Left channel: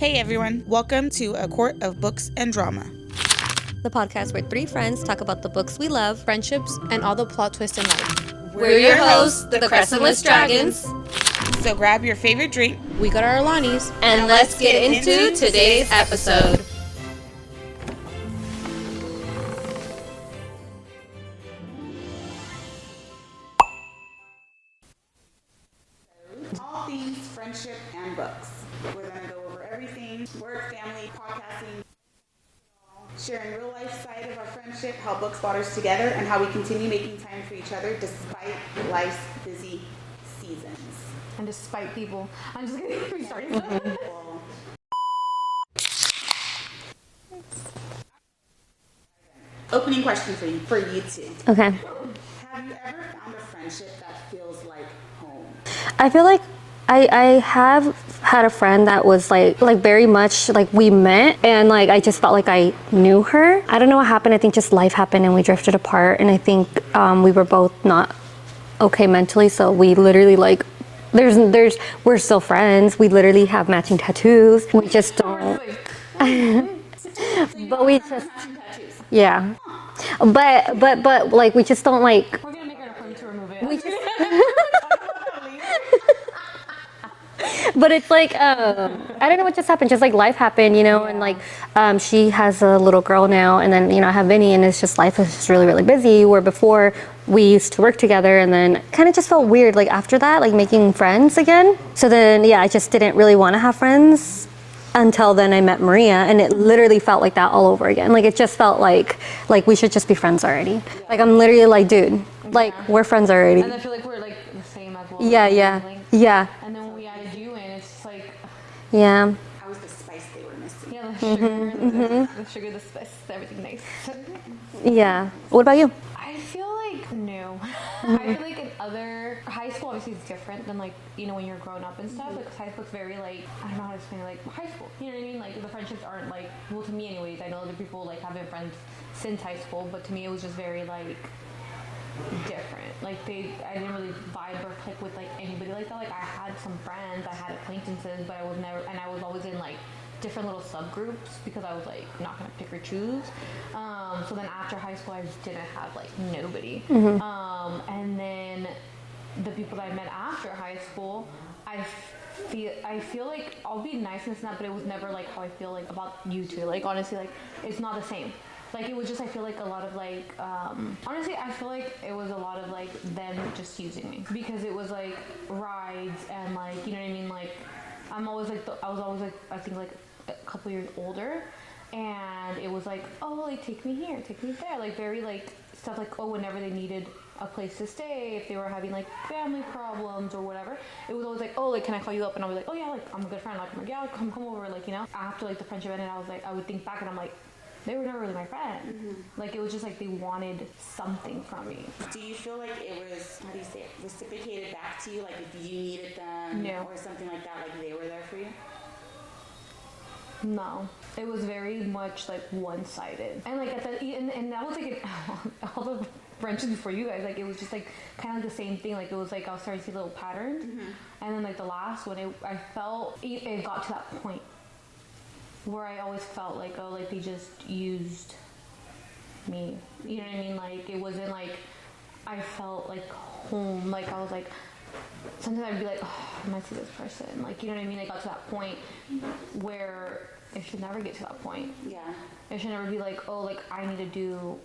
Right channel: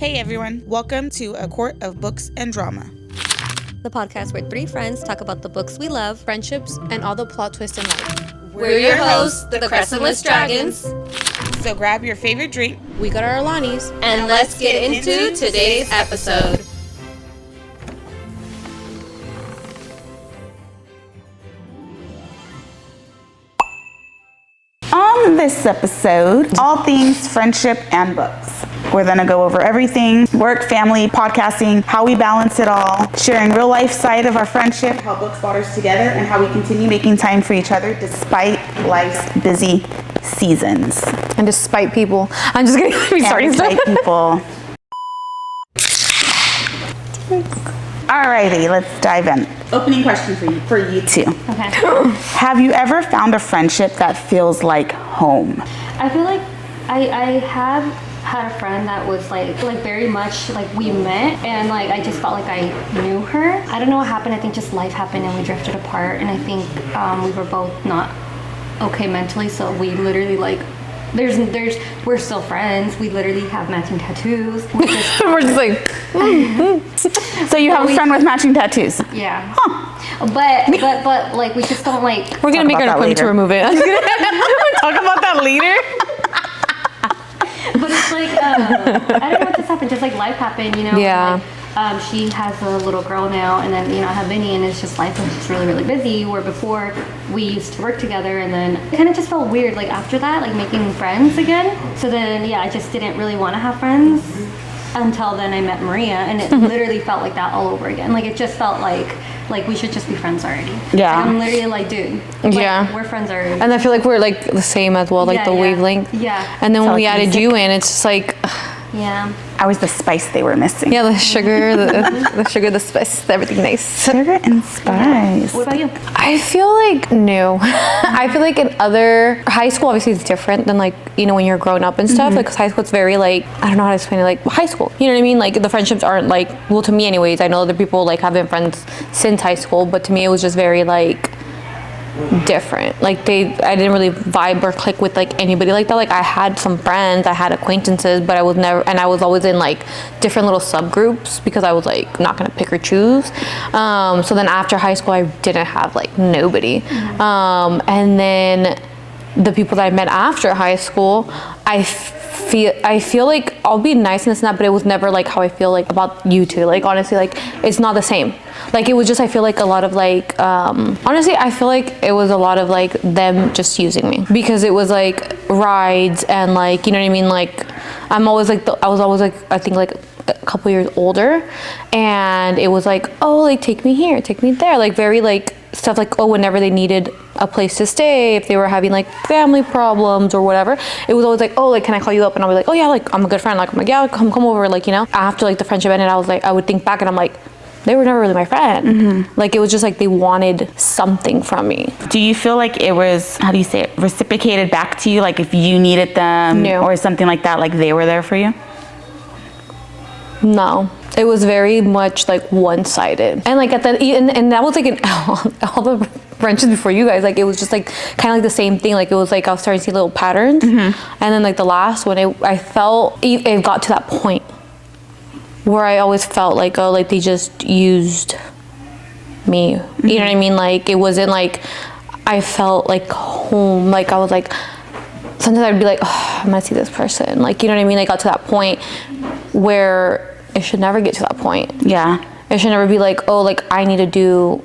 Hey everyone, welcome to A Court of Books and Drama. The podcast where three friends talk about the books we love, friendships, and all the plot twists in life. We're your hosts, the Crescentless Dragons. So grab your favorite drink. We got our Alanis. And let's get into today's episode. On this episode, all things friendship and books. We're gonna go over everything, work, family, podcasting, how we balance it all, sharing real life side of our friendship, how books brought us together, and how we continue making time for each other despite life's busy seasons. And despite people. I'm just gonna be starting stuff. Despite people. Alrighty, let's dive in. Opening question for you two. Okay. Have you ever found a friendship that feels like home? I feel like I have had a friend that was like very much like we met and like I just felt like I knew her. I don't know what happened. I think just life happened and we drifted apart, and I think we were both not okay mentally, so we literally like we're still friends. We literally have matching tattoos. We're just like So you have a friend with matching tattoos? Yeah. Huh. But like we just don't like. We're gonna make an appointment to remove it. Talk about that later. But it's like I don't know what just happened. Just like life happened, you know. Yeah. And like she has a little girl now, and then I have Vinny, and it's just life is just really really busy. Where before we used to work together, and then kind of just felt weird like after that, like making friends again. So then I just didn't really want to have friends until then I met Maria, and it literally felt like that all over again. Like it just felt like we should just be friends already. Yeah. Like I'm literally like, dude, like we're friends already. And I feel like we're like the same as well, like the wavelength. Yeah. And then when we like added music. you in, it's just like Yeah. I was the spice they were missing. the sugar, the sugar, the spice, everything nice. Sugar and spice. Yeah. What about you? I feel like no. I feel like in other high school, obviously it's different than like when you're growing up and stuff. Like 'cause high school, it's very like I don't know how to explain it. Like high school, you know what I mean? Like the friendships aren't like to me anyways. I know other people like have been friends since high school, but to me it was just very like different. Like I didn't really vibe or click with like anybody like that. Like I had some friends, I had acquaintances, but I was always in like different little subgroups because I was like not gonna pick or choose. So then after high school I didn't have like nobody. And then the people that I met after high school, I feel like I'll be nice and this and that, but it was never like how I feel like about you two. Like honestly, like it's not the same. Like it was just I feel like a lot of like honestly I feel like it was a lot of like them just using me because it was like rides and like you know what I mean. Like I was always like I think like a couple years older, and it was like like take me here, take me there, like very like stuff like whenever they needed a place to stay, if they were having like family problems or whatever, it was always like like can I call you up, and I'll be like yeah, like I'm a good friend, like I'm like yeah, come over, like after like the friendship ended, I would think back and I'm like they were never really my friend. Like it was just like they wanted something from me. Do you feel like it was, how do you say it, reciprocated back to you? Like if you needed them or something like that, like they were there for you? No, it was very much like one-sided, and like and that was like in all the friendships before you guys, like it was just like kind of like the same thing. Like it was like I was starting to see little patterns, and then like the last one, I felt it got to that point where I always felt like like they just used me. You know what I mean? Like it wasn't like I felt like home. Like I was like sometimes I'd be like I'm gonna see this person. Like you know what I mean? I got to that point where it should never get to that point. Yeah. It should never be like like I need to do.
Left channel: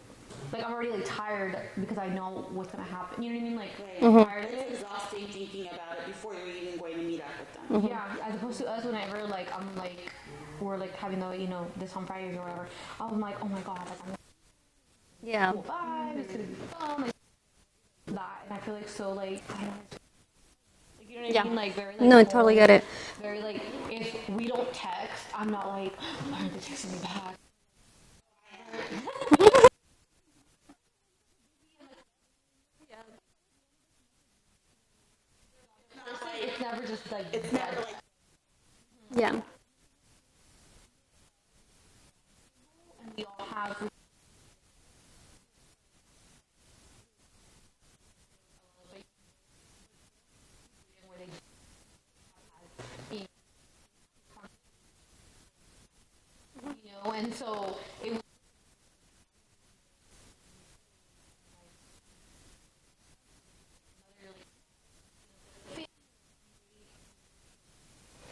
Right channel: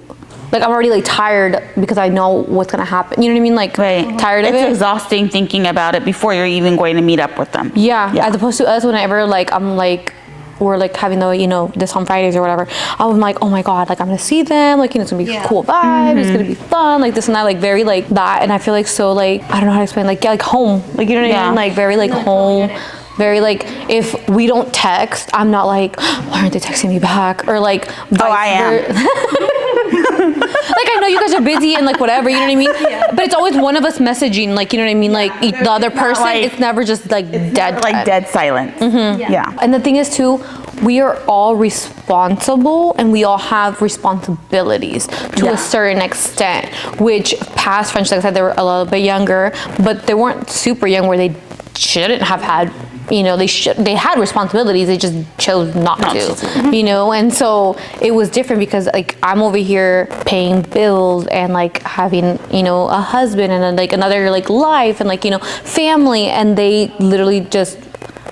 Like I'm already like tired because I know what's gonna happen. You know what I mean? Like tired of it. It's exhausting thinking about it before you're even going to meet up with them. Yeah. As opposed to us, whenever like I'm like we're like having the this on Fridays or whatever, I'm like oh my god, like I'm gonna see them, like it's gonna be cool vibe, it's gonna be fun, like this and that, like very like that. And I feel like so like I don't know how to explain, like like home, like you know what I mean, like very like home. Totally get it. Very like if we don't text, I'm not like why aren't they texting me back, or like I am. like I know you guys are busy and like whatever, you know what I mean? But it's always one of us messaging, like you know what I mean, like the other person. Like, it's never just like dead, like dead silence. Yeah. And the thing is too, we are all responsible and we all have responsibilities to a certain extent, which past friends, like I said, they were a little bit younger, but they weren't super young where they shouldn't have had you know, they had responsibilities, they just chose not to, you know. And so it was different because like I'm over here paying bills and like having, you know, a husband and then like another like life and like, you know, family, and they literally just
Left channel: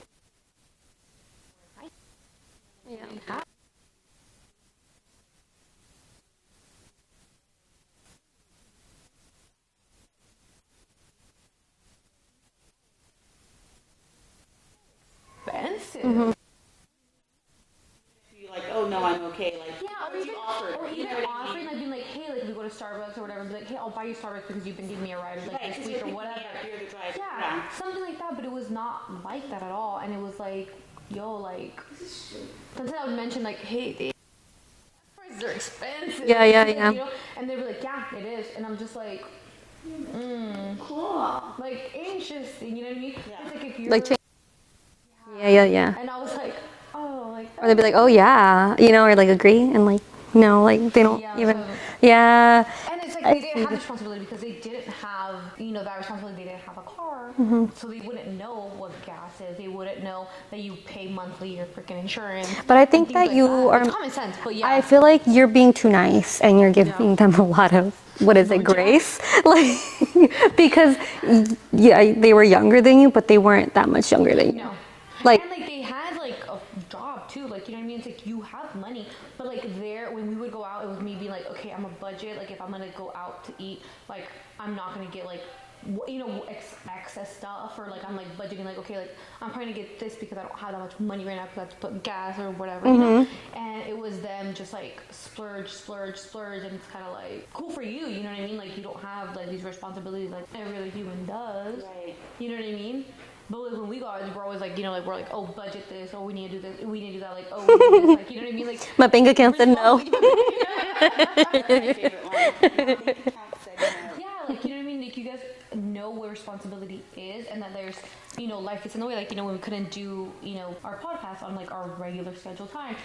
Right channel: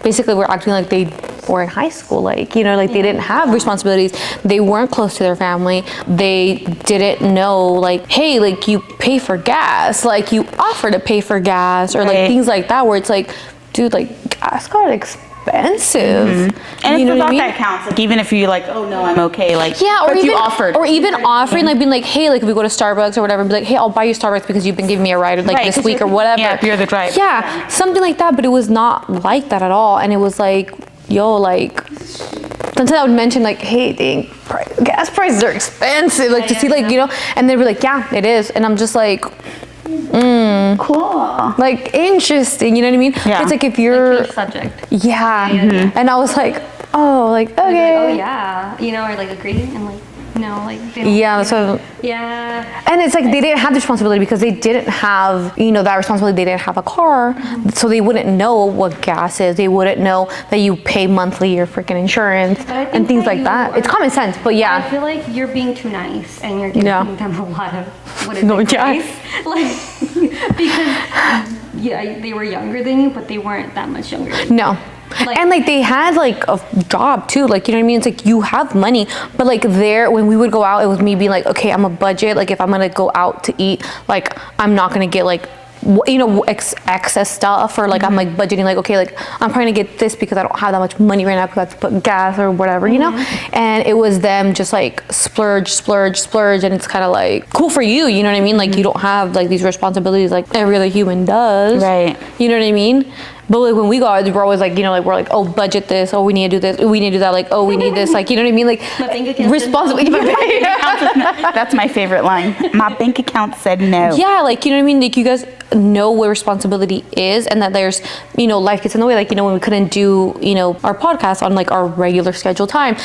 basically were acting like they were in high school, like, you know, like they didn't have responsibilities, they weren't close to their family, they didn't know like, hey, like you pay for gas, like you offer to pay for gas, or like things like that, where it's like, dude, like gas got expensive. And you it's know the what I thought mean? that counts. Like even if you like, oh no, I'm okay. Like Yeah, but you offered. or even offering, like being like, hey, like if we go to Starbucks or whatever, be like, hey, I'll buy you Starbucks because you've been giving me a ride like this week or whatever. Yeah, if you're the driver. Yeah, something like that. But it was not like that at all, and it was like, yo, like sometimes I would mention like, hey, dang, gas prices are expensive, like to see like, you know, and they'd be like, yeah, it is, and I'm just like, cool. like interesting, you know what I mean? Yeah. It's like if you're Like change subject. yeah, and I was like, oh, like okay. They'd be like, oh yeah, you know, or like agree, and like no, like they don't. Yeah, you know. so Yeah. and it's like they didn't have the responsibility because they didn't have, you know, that responsibility. They didn't have a car, so they wouldn't know what gas is. They wouldn't know that you pay monthly your freaking insurance But I think and things that like you that. are- It's common sense, but yeah. I feel like you're being too nice and you're giving them a lot of what is No, it, yeah. grace? Like because yeah, they were younger than you, but they weren't that much younger than you. No. Like- and like they had like a job too, like, you know what I mean? It's like you have money, but like there, when we would go out, it was me being like, okay, I'm a budget. Like if I'm gonna go out to eat, like I'm not gonna get like, you know, excess stuff, or like I'm like budgeting, like, okay, like I'm trying to get this because I don't have that much money right now because I have to put gas or whatever, you know? And it was them just like splurge, and it's kind of like cool for you, you know what I mean? Like you don't have like these responsibilities like every other human does. Right. You know what I mean? But like when we go out, we're always like, you know, like we're like, oh, budget this, oh, we need to do this, we need to do that, like, oh, we need this, like, you know what I mean? Like My bank account said no. That's my favorite line. My bank account said no. Yeah, like, you know what I mean? Like you guys know what responsibility is, and that there's, you know, life gets in the way. Like, you know, when we couldn't do, you know, our podcast on like our regular scheduled time,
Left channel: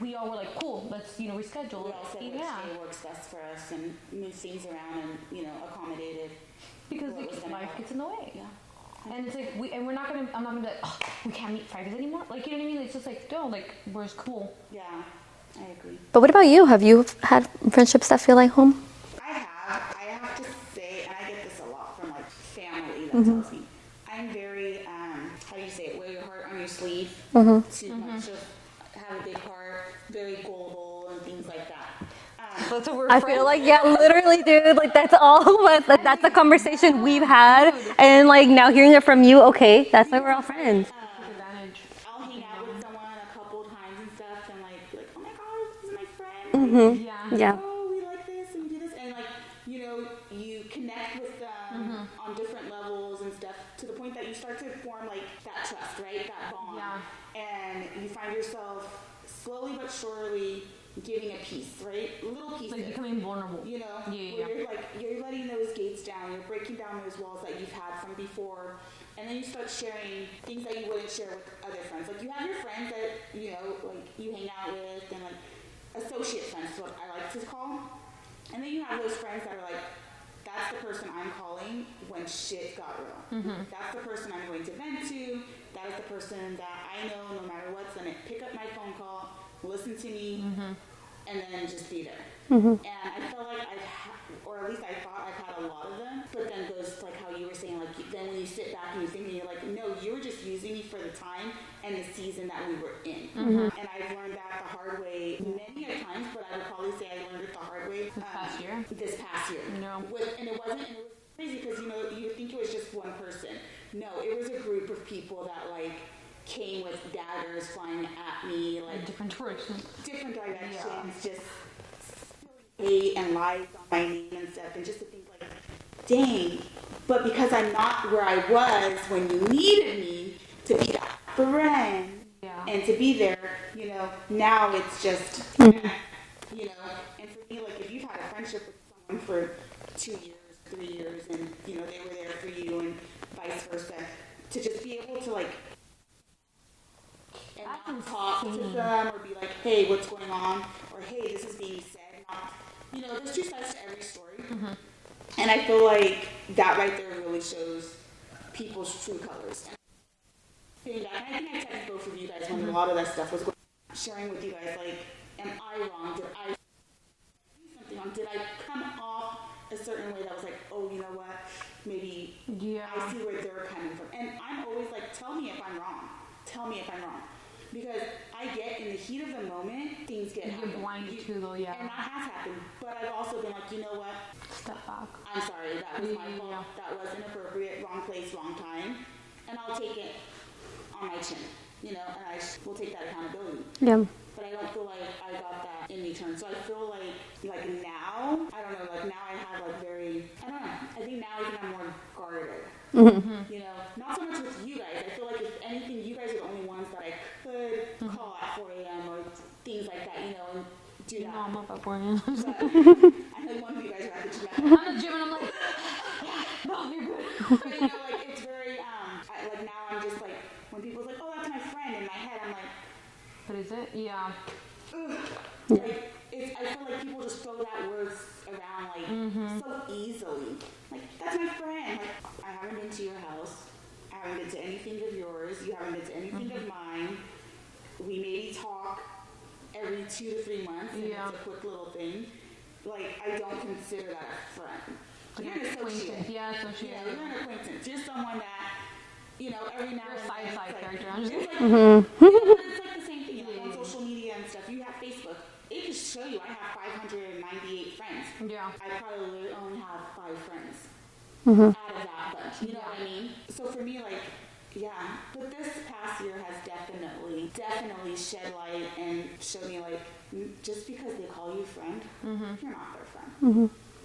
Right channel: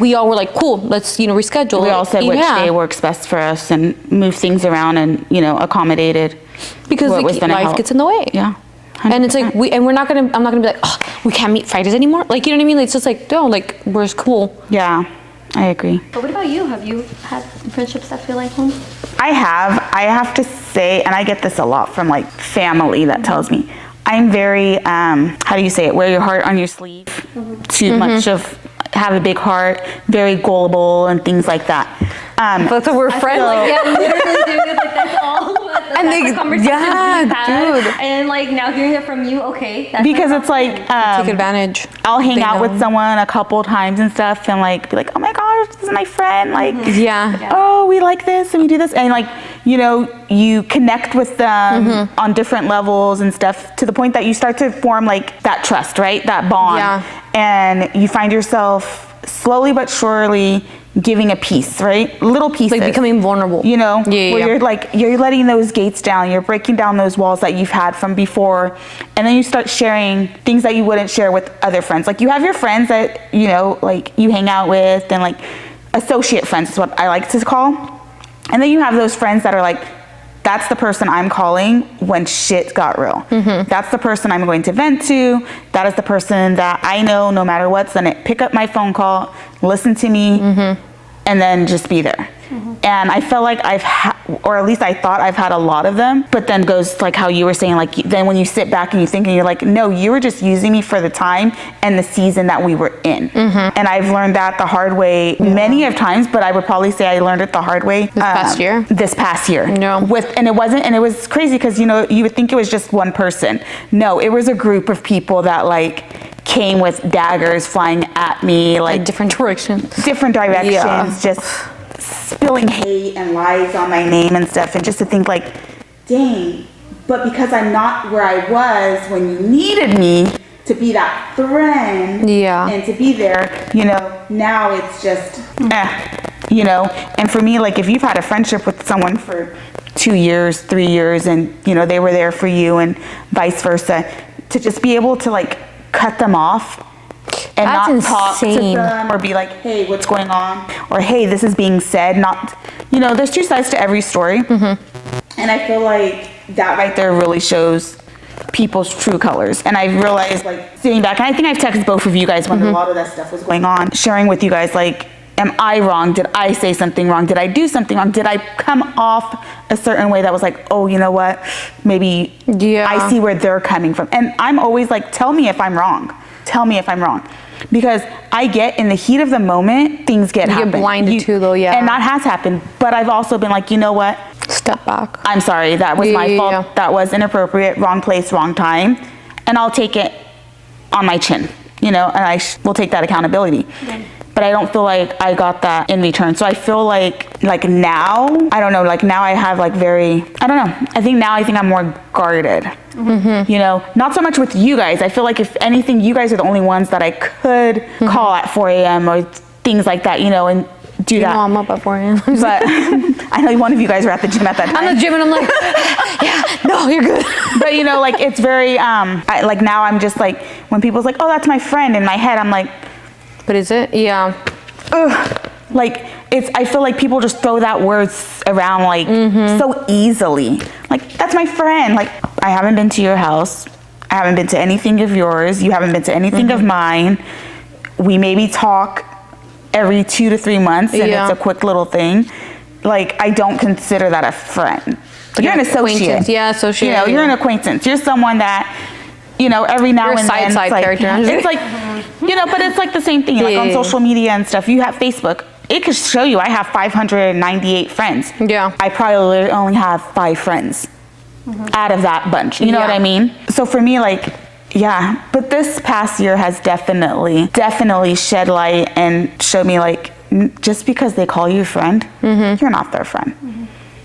we all were like, cool, let's, you know, reschedule. We all said which Yeah. day works best for us and move things around and, you know, accommodated. Because what like, was gonna life help. gets in the way. Yeah. And it's like 100%. I'm not gonna be like, oh, we can't meet Fridays anymore. Like, you know what I mean? Like, it's just like, no, like we're just cool. Yeah, I agree. But what about you? Have you had friendships that feel like home? I have to say, and I get this a lot from like family that tells me, I'm very, how do you say it? Wear your heart on your sleeve. Too much of, have a big heart, very gullible and things like that. That's what we're I friends. feel like, yeah, literally, dude, like that's all what like, And that's they- the conversations yeah, we had. dude. And like now hearing it from you, okay. That's Because not it's like, Take advantage. I'll hang They out with know. someone a couple times and stuff and like be like, oh my gosh, this is my friend. Like, Yeah. Yeah. oh, we like this and we do this. And like, you know, you connect with them on different levels and stuff to the point that you start to form like that trust, right? That bond. Yeah. And you find yourself slowly but surely giving a piece, right? Little pieces. Like becoming vulnerable. You know, Yeah. where you're like, you're letting those gates down, you're breaking down those walls that you've had from before, and then you start sharing things that you wouldn't share with other friends. Like you have your friends that, you know, like you hang out with, and like associate friends is what I like to call. And then you have those friends that are like, that's the person I'm calling when shit got real. That's the person I'm going to vent to. That is the person that I know no matter what's gonna pick up my phone call, listen to me, and then just be there. And I felt like or at least I thought I've had a lot of them, but then goes like how you were saying, like then when you sit back and you think and you're like, no, you were just using me for the time and the season that we were in. And I've learned that the hard way many of times, but I would probably say I learned it the hard way. This past year. No. And it was crazy because, you know, you would think it was just one person. No, it was a group of people that like came with daggers flying at me, like different directions. Yeah. Just spilling hate and lies on my name and stuff, and just to think like, dang, but because I'm not where I was when you needed me to be that friend and to be there, you know, now it's just you know. And for me, like if you've had a friendship with someone for 2 years, 3 years, and you know they were there for you and vice versa, to just be able to like cut them off and That's not talk to insane. them or be like, hey, what's going on? Or hey, this is being said. Not, you know, there's two sides to every story. And I feel like that right there really shows people's true colors. And I realized, like, sitting back, and I think I've texted both of you guys when a lot of that stuff was going on, sharing with you guys, like, am I wrong? Did I say something wrong? Did I do something wrong? Did I come off a certain way that was like, oh, you know what? Maybe I see where they're coming from. And I'm always like, tell me if I'm wrong. Tell me if I'm wrong. Because I get in the heat of the moment, things get You get blinded too, though, yeah. And that has happened. But I've also been like, you know what? Step back. I'm sorry. That was my fault. Yeah. That was inappropriate. Wrong place, wrong time. And I'll take it on my chin, you know, and I will take that accountability. Yeah. But I don't feel like I got that in return. So I feel like now, I don't know, like now I have like I don't know. I think I'm more guarded, you know, not so much with you guys. I feel like if anything, you guys are the only ones that I could call at 4 a.m. or things like that, you know, and do that. No, I'm up at 4 a.m. But I know one of you guys were at the gym at that time. I'm at the gym and I'm like, yeah, no, you're good. But you know, like it's very, like now I'm just like, when people's like, oh, that's my friend, in my head, I'm like, but is it? Yeah. Ugh. Like I feel like people just throw that word around like so easily. Like, that's my friend. Like, I haven't been to your house. I haven't been to anything of yours. You haven't been to anything of mine. We maybe talk every 2 to 3 months and it's a quick little thing. Like, I don't consider that a friend. You're an associate. Yeah, associate. You know, you're an acquaintance. You're someone that, you know, every now and then, side character. It's like, you know, but it's like the same thing. Like on social media and stuff, you have Facebook. It could show you I have 598 friends. Yeah. I probably only have 5 friends out of that bunch. You know what I mean? So for me, like, yeah. But this past year has definitely shed light and showed me like, just because they call you a friend, you're not their friend.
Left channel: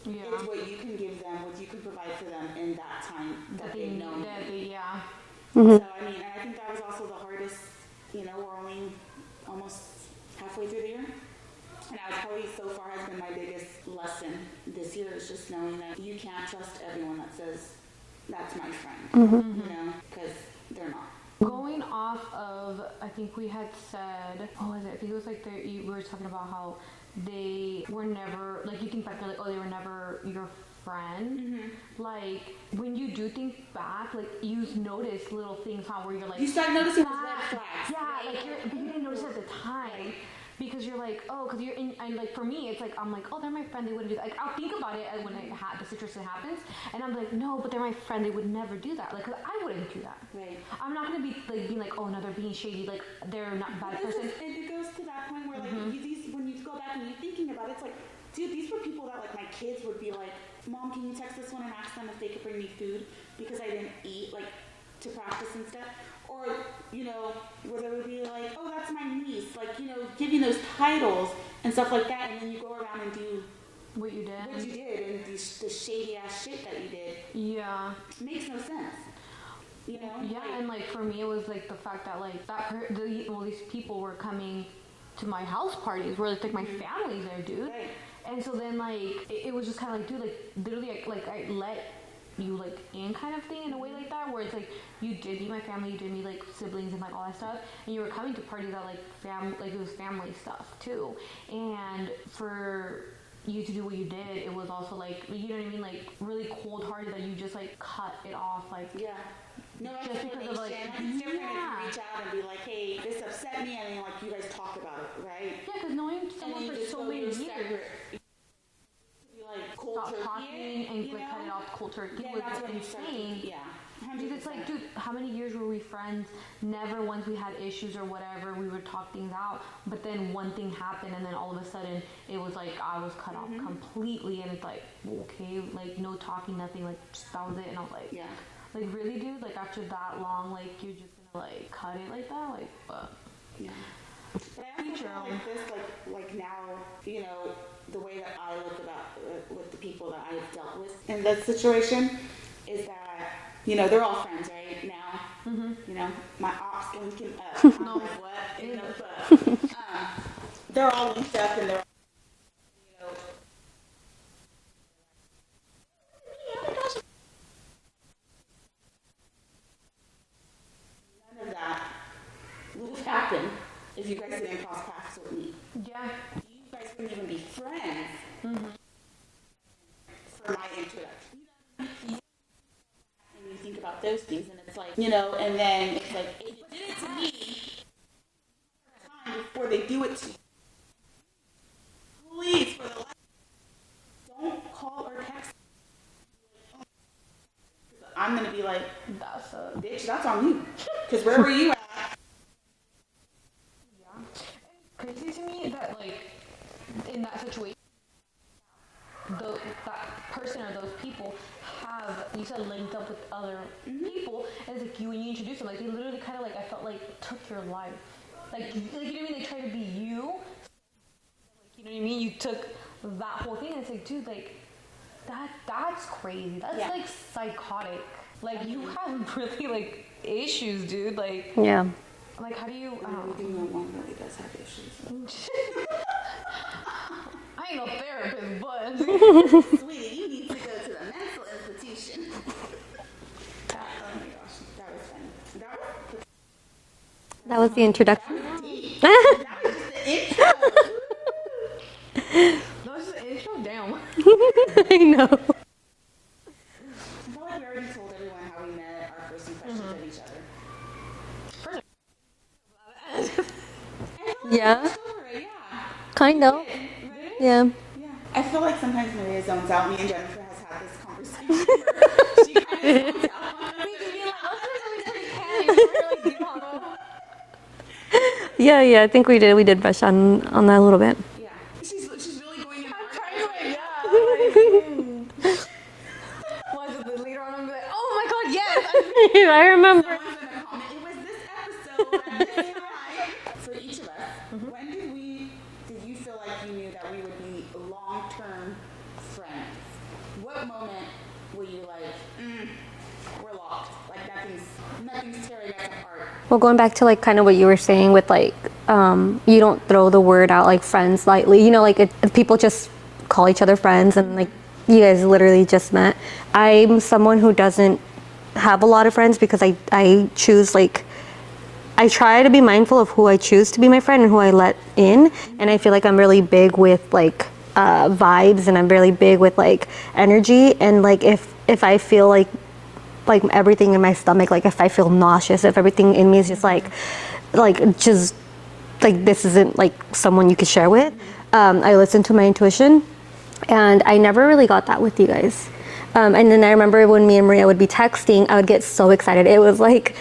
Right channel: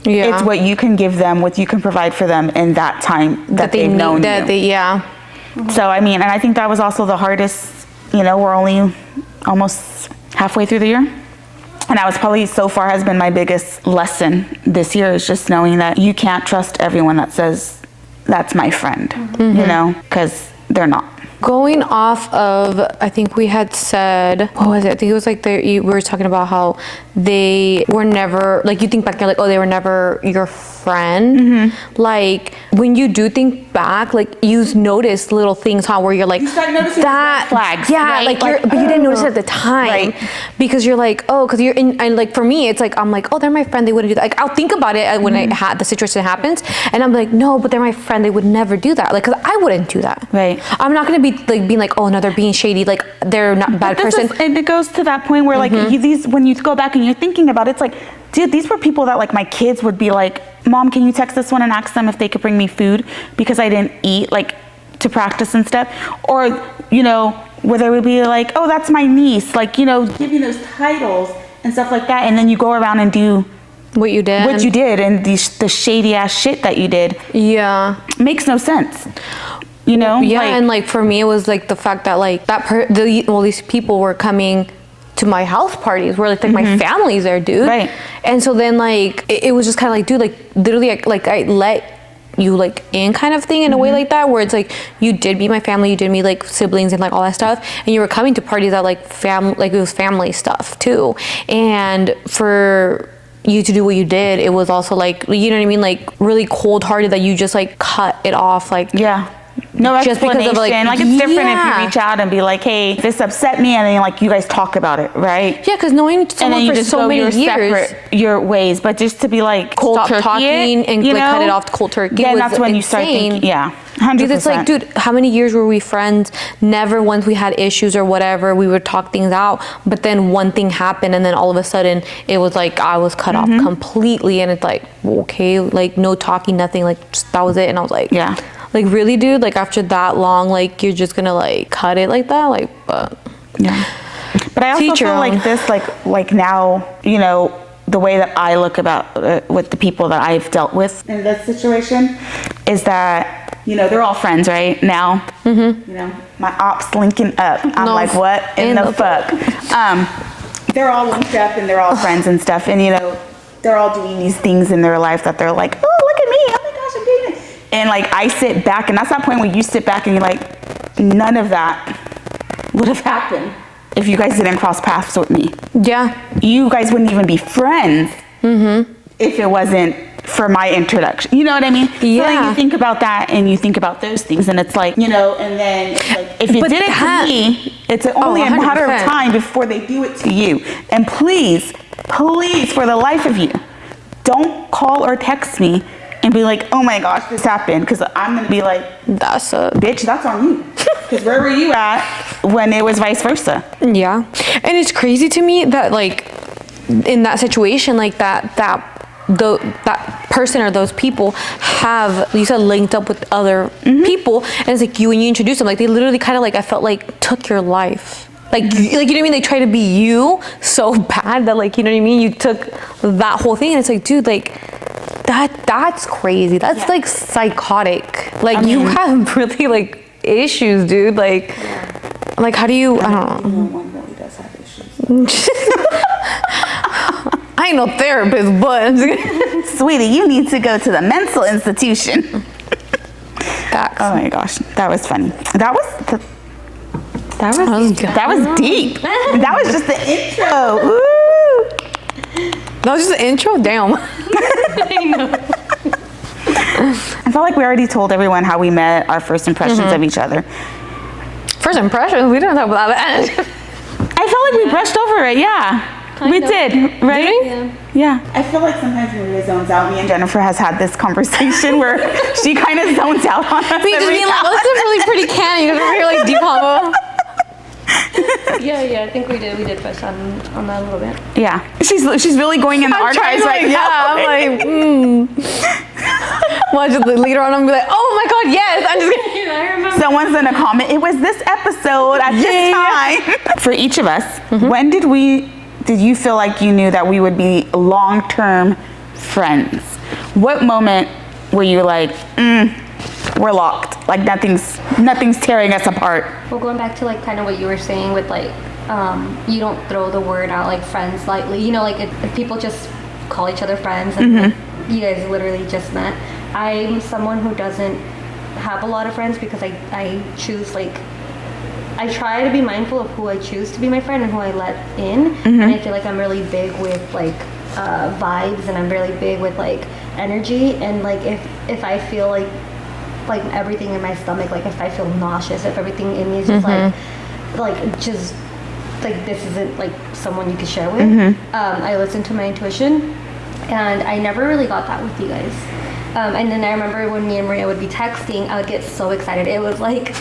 Yeah. It's what you can give them, what you can provide for them in that time that they've known you. So, I mean, and I think that was also the hardest, you know, we're only almost halfway through the year. And that was probably so far has been my biggest lesson this year, is just knowing that you can't trust everyone that says, that's my friend, you know, because they're not. Going off of, I think we had said, what was it? I think it was like we were talking about how they were never, like you think back, you're like, oh, they were never your friend. Like when you do think back, like you notice little things, how where you're like, you start noticing that flags. Yeah, right? like but you didn't notice it at the time, because you're like, oh, because you're in, and like for me, it's like I'm like, oh, they're my friend, they wouldn't do that. Like I'll think about it when I had the situation happens, and I'm like, no, but they're my friend, they would never do that. Like, because I wouldn't do that. Right. I'm not gonna be like being like, oh no, they're being shady, like they're not a bad person. And it goes to that point where like these, when you go back and you're thinking about it, it's like, dude, these were people that like my kids would be like, Mom, can you text this one and ask them if they could bring me food because I didn't eat, like to practice and stuff? Or, you know, where they would be like, oh, that's my niece, like, you know, giving those titles and stuff like that. And then you go around and do what you did and the shady ass shit that you did. Yeah. Makes no sense. You know? Yeah, like, and like for me, it was like the fact that like these people were coming to my house parties where like my family's there, dude. Right. And so then like it was just kind of like, dude, like literally like I let you like in kind of thing in a way like that, where it's like you did meet my family, you did meet like siblings and like all that stuff, and you were coming to parties that like like it was family stuff too. And for you to do what you did, it was also like, you know what I mean, like really cold hearted that you just like cut it off, like no explanation. Just because of like it's different if you reach out and be like, hey, this upset me, and then like you guys talk about it, right? Yeah, because knowing someone for so many years, separate your ways, but just to be like cold stop turkey talking and like cut it off to cold turkey. Yeah, that's when you start thinking, 100%. Because it's like, dude, how many years were we friends? Never once we had issues or whatever, we would talk things out. But then one thing happened, and then all of a sudden it was like I was cut off completely, and it's like, okay, like no talking, nothing, like just, that was it. And I was like, like really, dude, like after that long, like you're just gonna like cut it like that, like, but But I also feel like this, like now, you know, the way that I look about with the people that I've dealt with in this situation is that, you know, they're all friends right now. You know, my ops linking up. I'm like, what in the fuck? They're all linked up and they're all friends and stuff, and you know, they're all doing these things in their life that they're like, oh, look at me, oh my gosh, I'm doing it. And like I sit back, and that's that point where you sit back and you're like, none of that would have happened if you guys didn't cross paths with me. Yeah. You guys wouldn't even be friends if it wasn't for my introduction. You know what I mean? Yeah. So like you think about that and you think about those things, and it's like, you know, and then it's like, if you did it to me, it's only a matter of 100%. time before they do it to you. And please, for the life of you, don't call or text me and be like, oh my gosh, this happened. Because I'm going to be like, bitch, that's on you. Because where were you at when it was vice versa? Yeah. And it's crazy to me that like in that situation, like that person or those people have, you said, linked up with other people, and it's like when you introduce them, like they literally kind of like, I felt like took your life. Like, like, you know what I mean? They try to be you so bad that, like, you know what I mean? You took that whole thing, and it's like, dude, like, that's crazy. That's like psychotic. Like, you have really like issues, dude. Like, like, how do you? I don't know. One really does have issues. I ain't no therapist, but Sweetie, you need to go to the mental institution. Facts. Oh my gosh, that was funny. That was deep. That was just the intro. Woo. That was just the intro. Damn. I felt like we already told everyone how we met, our first impressions of each other. First impressions, we didn't talk about that. I felt like we brushed over it. Yeah, we did, right? Yeah. Yeah. I feel like sometimes Maria zones out. Me and Jennifer has had this conversation where she kind of zones out on us. We just being like, oh, this is a really pretty can. You guys are like deep combo. Yeah, I think we did. We did brush on that a little bit. Yeah, she's really going in the archives right now. I'm like, Watch it later on, I'm gonna be like, oh my god, yes. I'm just gonna. I remember. Someone's gonna comment, it was this episode at this time. For each of us, when did you feel like you knew that we would be long-term friends? What moment were you like, we're locked, like nothing's tearing us apart? Well, going back to like kind of what you were saying with like, you don't throw the word out like friends lightly. You know, like if people just call each other friends and like, you guys literally just met. I'm someone who doesn't have a lot of friends because I choose like, I try to be mindful of who I choose to be my friend and who I let in. And I feel like I'm really big with like vibes, and I'm really big with like energy. And like if I feel like everything in my stomach, like if I feel nauseous, if everything in me is just just like this isn't like someone you could share with, I listen to my intuition, and I never really got that with you guys. And then I remember when me and Maria would be texting, I would get so excited. It was like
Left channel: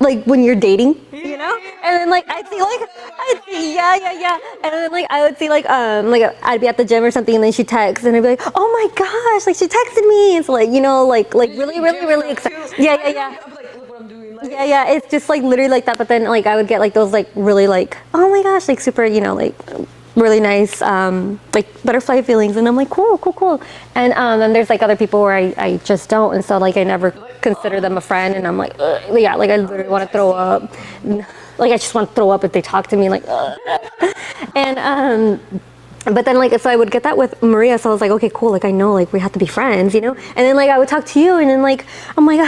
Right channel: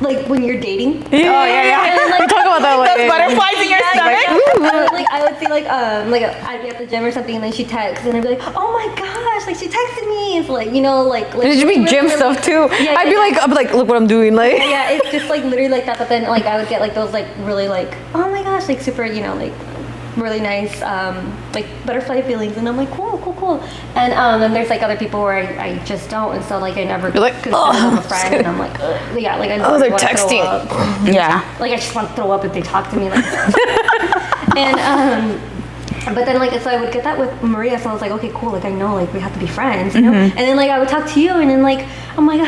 like when you're dating. Oh yeah. And then, like, Talk about that Those later. butterflies in your stomach. Like I would see like I'd be at the gym or something, and then she'd text, and I'd be like, oh my gosh, like she texted me. It's like, you know, like Did you really, be gym really, stuff too? Yeah, I'd be like, look what I'm doing, like. yeah, it's just like literally like that. But then like I would get like those like really like, oh my gosh, like super, you know, like really nice like butterfly feelings, and I'm like cool. And then there's like other people where I just don't, and so like I never consider them a friend, and I'm like yeah, like I literally they're want to throw texting. up. Yeah. Like I just want to throw up if they talk to me like and but then like so I would get that with Maria, so I was like, okay, cool, like I know like we have to be friends, you know. And then like I would talk to you, and then like I'm like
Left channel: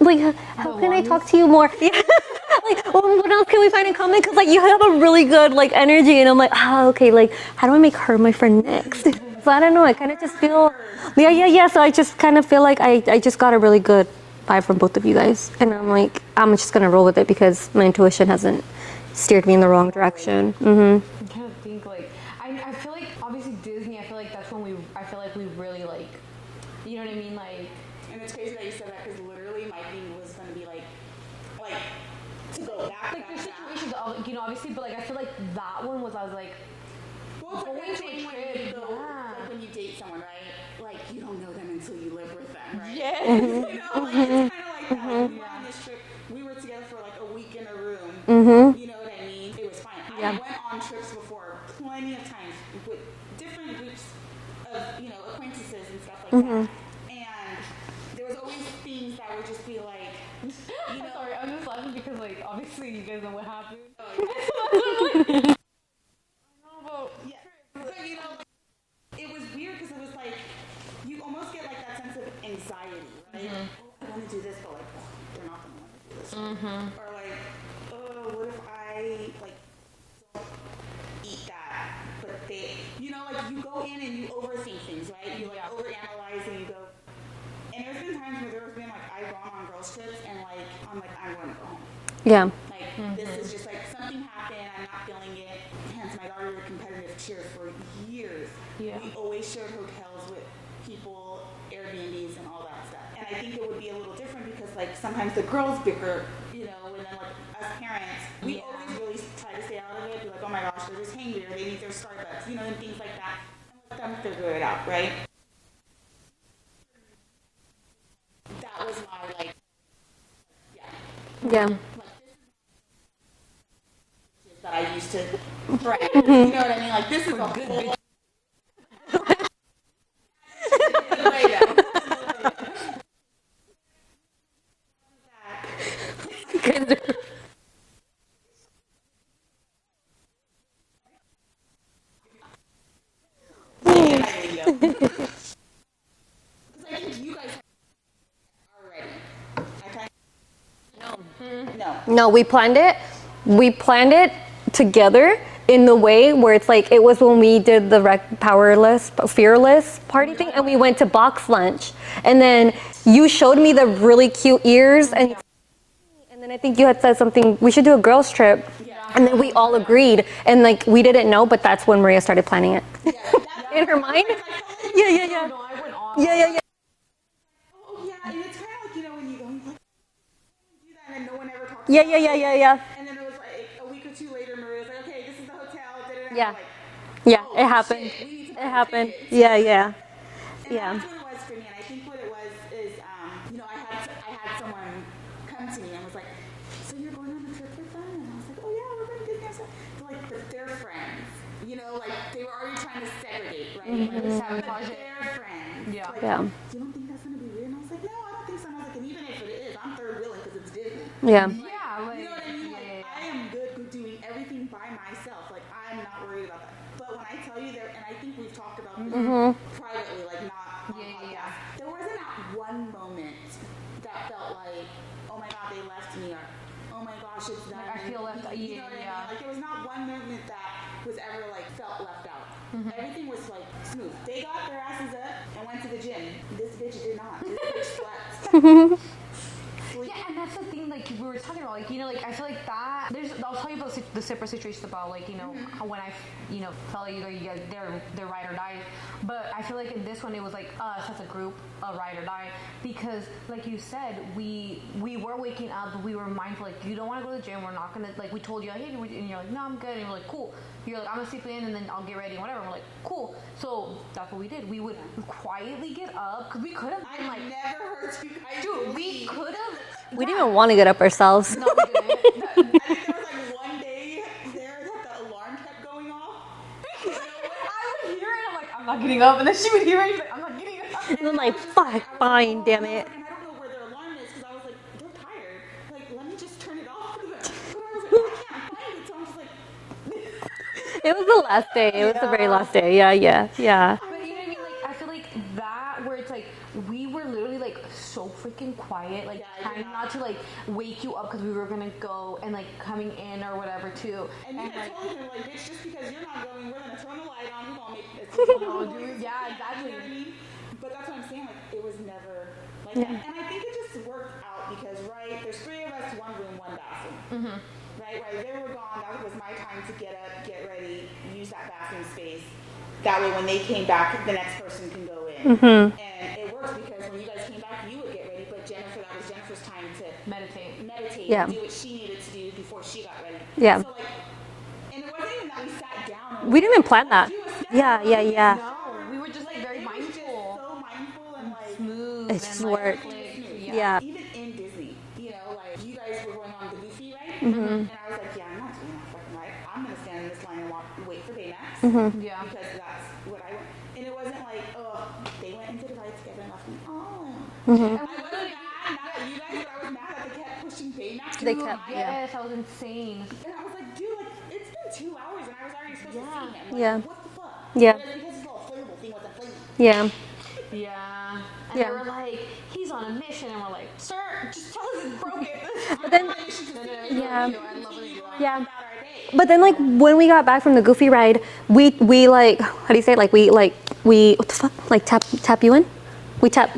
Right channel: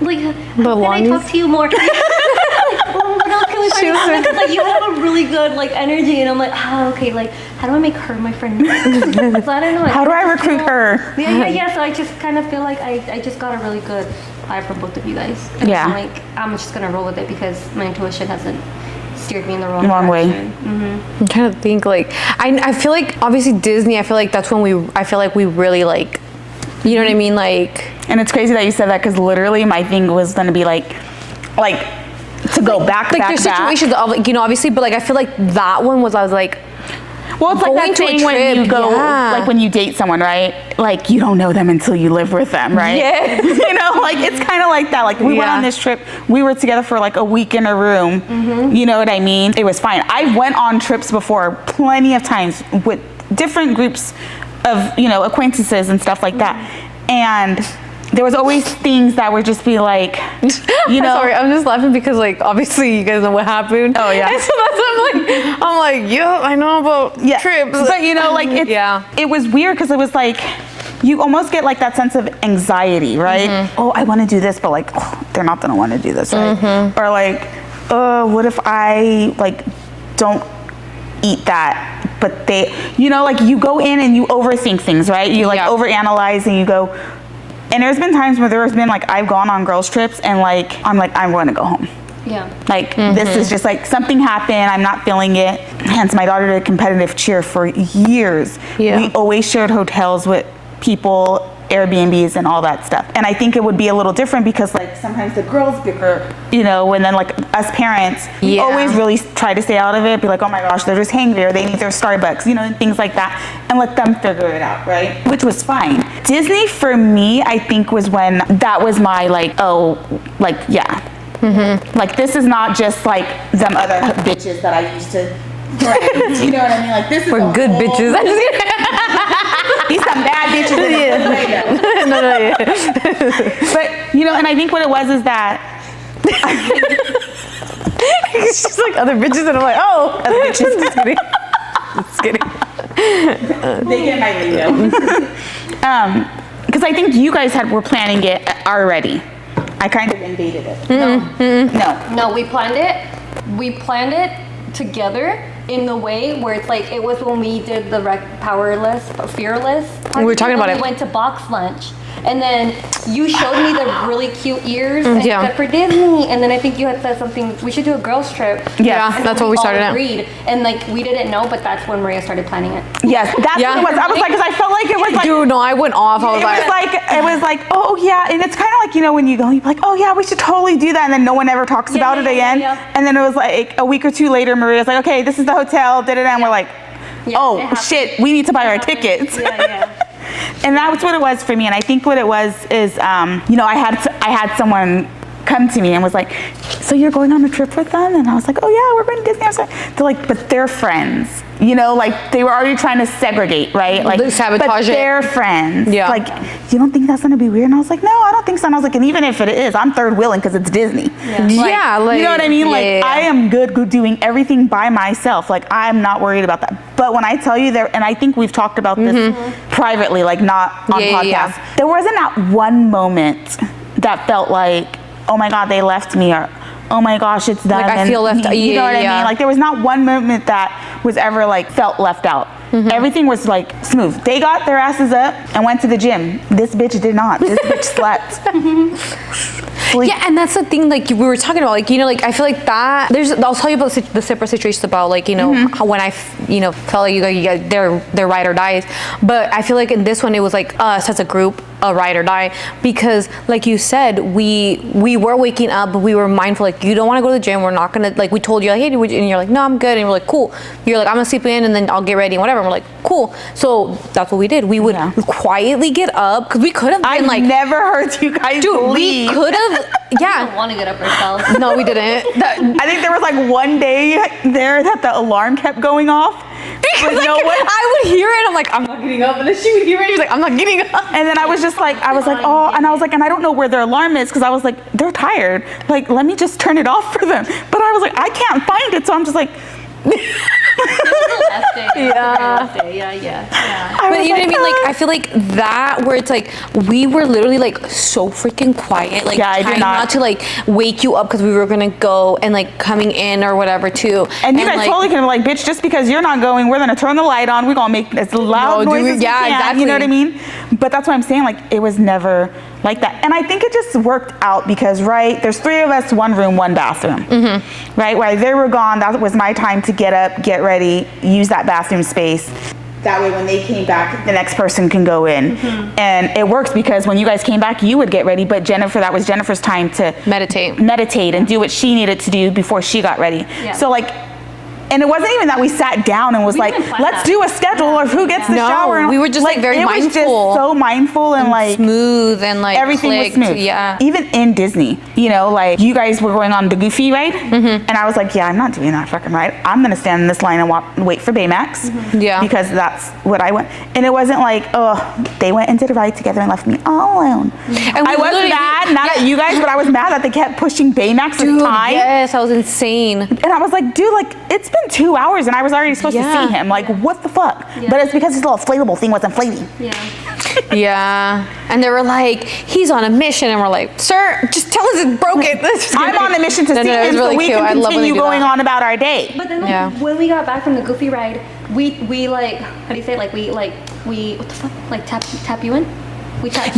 like how can I talk to you more? Like, what else can we talk about? Because like you have a really good like energy, and I'm like, okay, like how do I make her my friend next? So I don't know. Like, How do I recruit her? Yeah. So I just kind of feel like I just got a really good vibe from both of you guys, and Yeah. I'm like I'm just gonna roll with it because my intuition hasn't steered me in the wrong way. direction. I'm trying to think, like, I feel like obviously Disney, I feel like that's when I feel like we really like, you know what I mean, like. And it's crazy that you said that, because literally my thing was gonna be like to go back. There's situations of, like, you know, obviously, but like I feel like that one was, I was like, Well, it's like going that to a thing when you trip, go, yeah. like when you date someone, right? Like you don't know them until you live with them, right? Yes. You know, like it's kind of like that. Like we went on this trip, we were together for like a week in a room. You know what I mean? It was fine. I went on trips before plenty of times with different groups of, you know, acquaintances and stuff like that. And there was always things that would just be like, you know. Sorry, I'm just laughing because like obviously you guys know what happened. Oh yeah. And so I'm like, yeah, I know about trips. But you know, like it was weird because it was like, you almost get like that sense of anxiety, right? Oh, I want to do this, but like, oh, they're not gonna want to do this, right? Or like, what if I like don't eat that, but they, you know, like you go in and you overthink things, right? You like overanalyze and you go, and there's been times where there's been like, I've gone on girls trips and like, I'm going to go home. Yeah. Like this is just like something happened, I'm not feeling it. Hence my daughter did competitive cheer for years. We always shared hotels with people, Airbnbs and all that stuff. And I think it would be a little different because like sometimes the girls bicker, you know, and then like us parents always really try to stay out of it, be like, oh my gosh, they're just hangry, or they need their Starbucks, you know, and things like that, and let them figure it out, right? Which was fine. Disney for me, I think was when that was my like, oh, like, yeah. Like this is not just like them other bitches that I used to, right? You know what I mean? Like this is we're good bitches. These some bad bitches. But you know, and I think what it was is that it's just like other bitches, and I'm like, oh, other bitches. Just kidding. Just kidding. They get my lingo. Because I think you guys were planning it already. I kind of invaded it. No, we planned it. We planned it together in the way where it's like, it was when we did the fearless party. We were talking about it. We went to box lunch. And then you showed me the really cute ears and said for Disney. And then I think you had said something, we should do a girls trip. Yeah, and that's what we started all agreed. And like, we didn't know, but that's when Maria started planning it. Yes, that's what it was. I was like, because I felt like it was like, dude, no, I went off. It was like, oh yeah. And it's kind of like, you know, when you go, you're like, oh yeah, we should totally do that. And then no one ever talks about it again. And then it was like a week or two later, Maria's like, okay, this is the hotel, and we're like, oh shit, we need to buy our tickets. And that's what it was for me. And I think what it was is, you know, I had someone come to me and was like, so you're going on a trip with them? And I was like, oh yeah, we're going to Disney. They're like, but they're friends. You know, like they were already trying to segregate, right? Like, sabotage but they're friends. Yeah. Like, you don't think that's going to be weird? And I was like, no, I don't think so. And I was like, and even if it is, I'm third wheeling because it's Disney. Yeah. Like, you know what I mean? I am good doing everything by myself. Like, I'm not worried about that. But when I tell you there, and I think we've talked about this privately, like not on podcasts, there wasn't that one moment that felt like, oh my God, they left me, or oh my gosh, it's them. Like I feel left out. You know what I mean? Like there was not one moment that was ever like felt left out. Everything was like smooth. They got their asses up and went to the gym. This bitch did not. This bitch slept. Yeah, and that's the thing, like we were talking about, like, you know, like I feel like that I'll tell you about the separate situations about, like, you know, how when I you know, felt like you guys they're ride or dies, but I feel like in this one it was like us as a group, a ride or die, because like you said, we were waking up, but we were mindful, like, you don't want to go to the gym, we're not gonna, like, we told you, like, hey, and you're like, no, I'm good, and we're like, cool. You're like, I'm gonna sleep in and then I'll get ready and whatever, and we're like, cool. So that's what we did. We would quietly get up, because we could have been like, never heard you guys leave. We could have. We don't want to get up ourselves. No, we didn't. I think there was like one day there that the alarm kept going off. Like, I would hear it. I'm like, I'm not getting up, and then she would hear it. She's like, I'm not getting up. And then I was just like, oh, and I was like, and I don't know where their alarm is, because I was like, they're tired. Like, let me just turn it off for them. But I was like, I can't find it, so I'm just like. It was the last day. It was the very last day. Yeah. But you know what I mean? Like, I feel like that, where it's like, we were literally like so freaking quiet. Like, trying not to like wake you up because we were gonna go, and like coming in or whatever too. And you guys like, totally can be like, bitch, just because you're not going, we're gonna turn the light on. We're gonna make as loud noise as we can. Exactly. You know what I mean? But that's what I'm saying. Like, it was never like that. And I think it just worked out because, right, there's 3 of us, 1 room, 1 bathroom. Right? While they were gone, that was my time to get up, get ready, use that bathroom space. That way when they came back, the next person can go in. And it works because when you guys came back, you would get ready, but that was Jennifer's time to meditate and do what she needed to do before she got ready. So like, and it wasn't even that we sat down and was like, let's do a schedule of who gets the shower. And we were just like very mindful. It was just so mindful and like smooth and like everything was smooth. Even in Disney, you know, like you guys were going on the Goofy ride, and I was like, yeah, I'm not doing that fucking ride. I'm gonna stand in this line and wait for Baymax, because that's what I went. And it wasn't like, oh, they went and did a ride together and left me all alone. And I was mad, not at you guys, but I was mad that they kept pushing Baymax at the time. Yes, that was insane. And I was like, dude, like it's been 2 hours and I was already supposed to see him. Like, what the fuck? But it's because his little inflatable thing was inflating. Yeah. And they were like, he's on a mission. And we're like, sir, just tell us it's broken. I'm on a mission to see him so we can continue going on about our day. But then when we got back from the Goofy ride, we like, how do you say it? Like we what the fuck? Like tap you in? We tap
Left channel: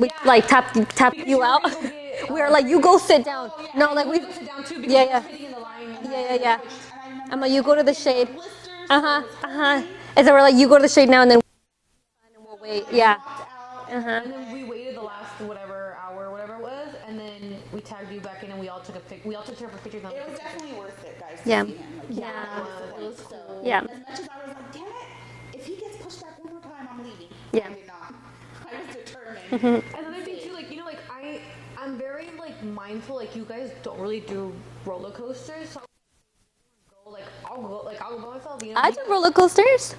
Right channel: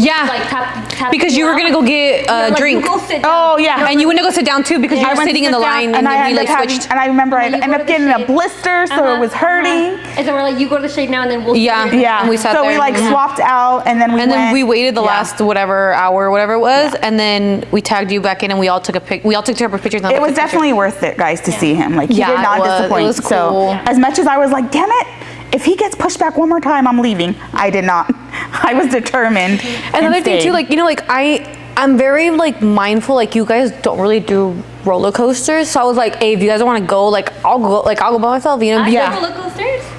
because you were gonna go get a drink. You go sit down. Oh yeah, and you went to go sit down too because you were sitting in the line and then we like switched. And I remember I ended up getting a blister, so it was hurting. And so we're like, you go to the shade now, and then we'll. Yeah. And we sat so there. we like swapped out, and then we waited the last whatever hour, whatever it was, and then we tagged you back in, and we all took separate pictures. It was definitely worth it, guys, to see him. Like he did not disappoint. It was cool. So as much as I was like, damn it. If he gets pushed back one more time, I'm leaving. I did not. I was determined. Another thing too, like, you know, like I'm very like mindful, like you guys don't really do roller coasters. So I was like, hey, if you guys don't want to go, like I'll go by myself, you know? I do roller coasters.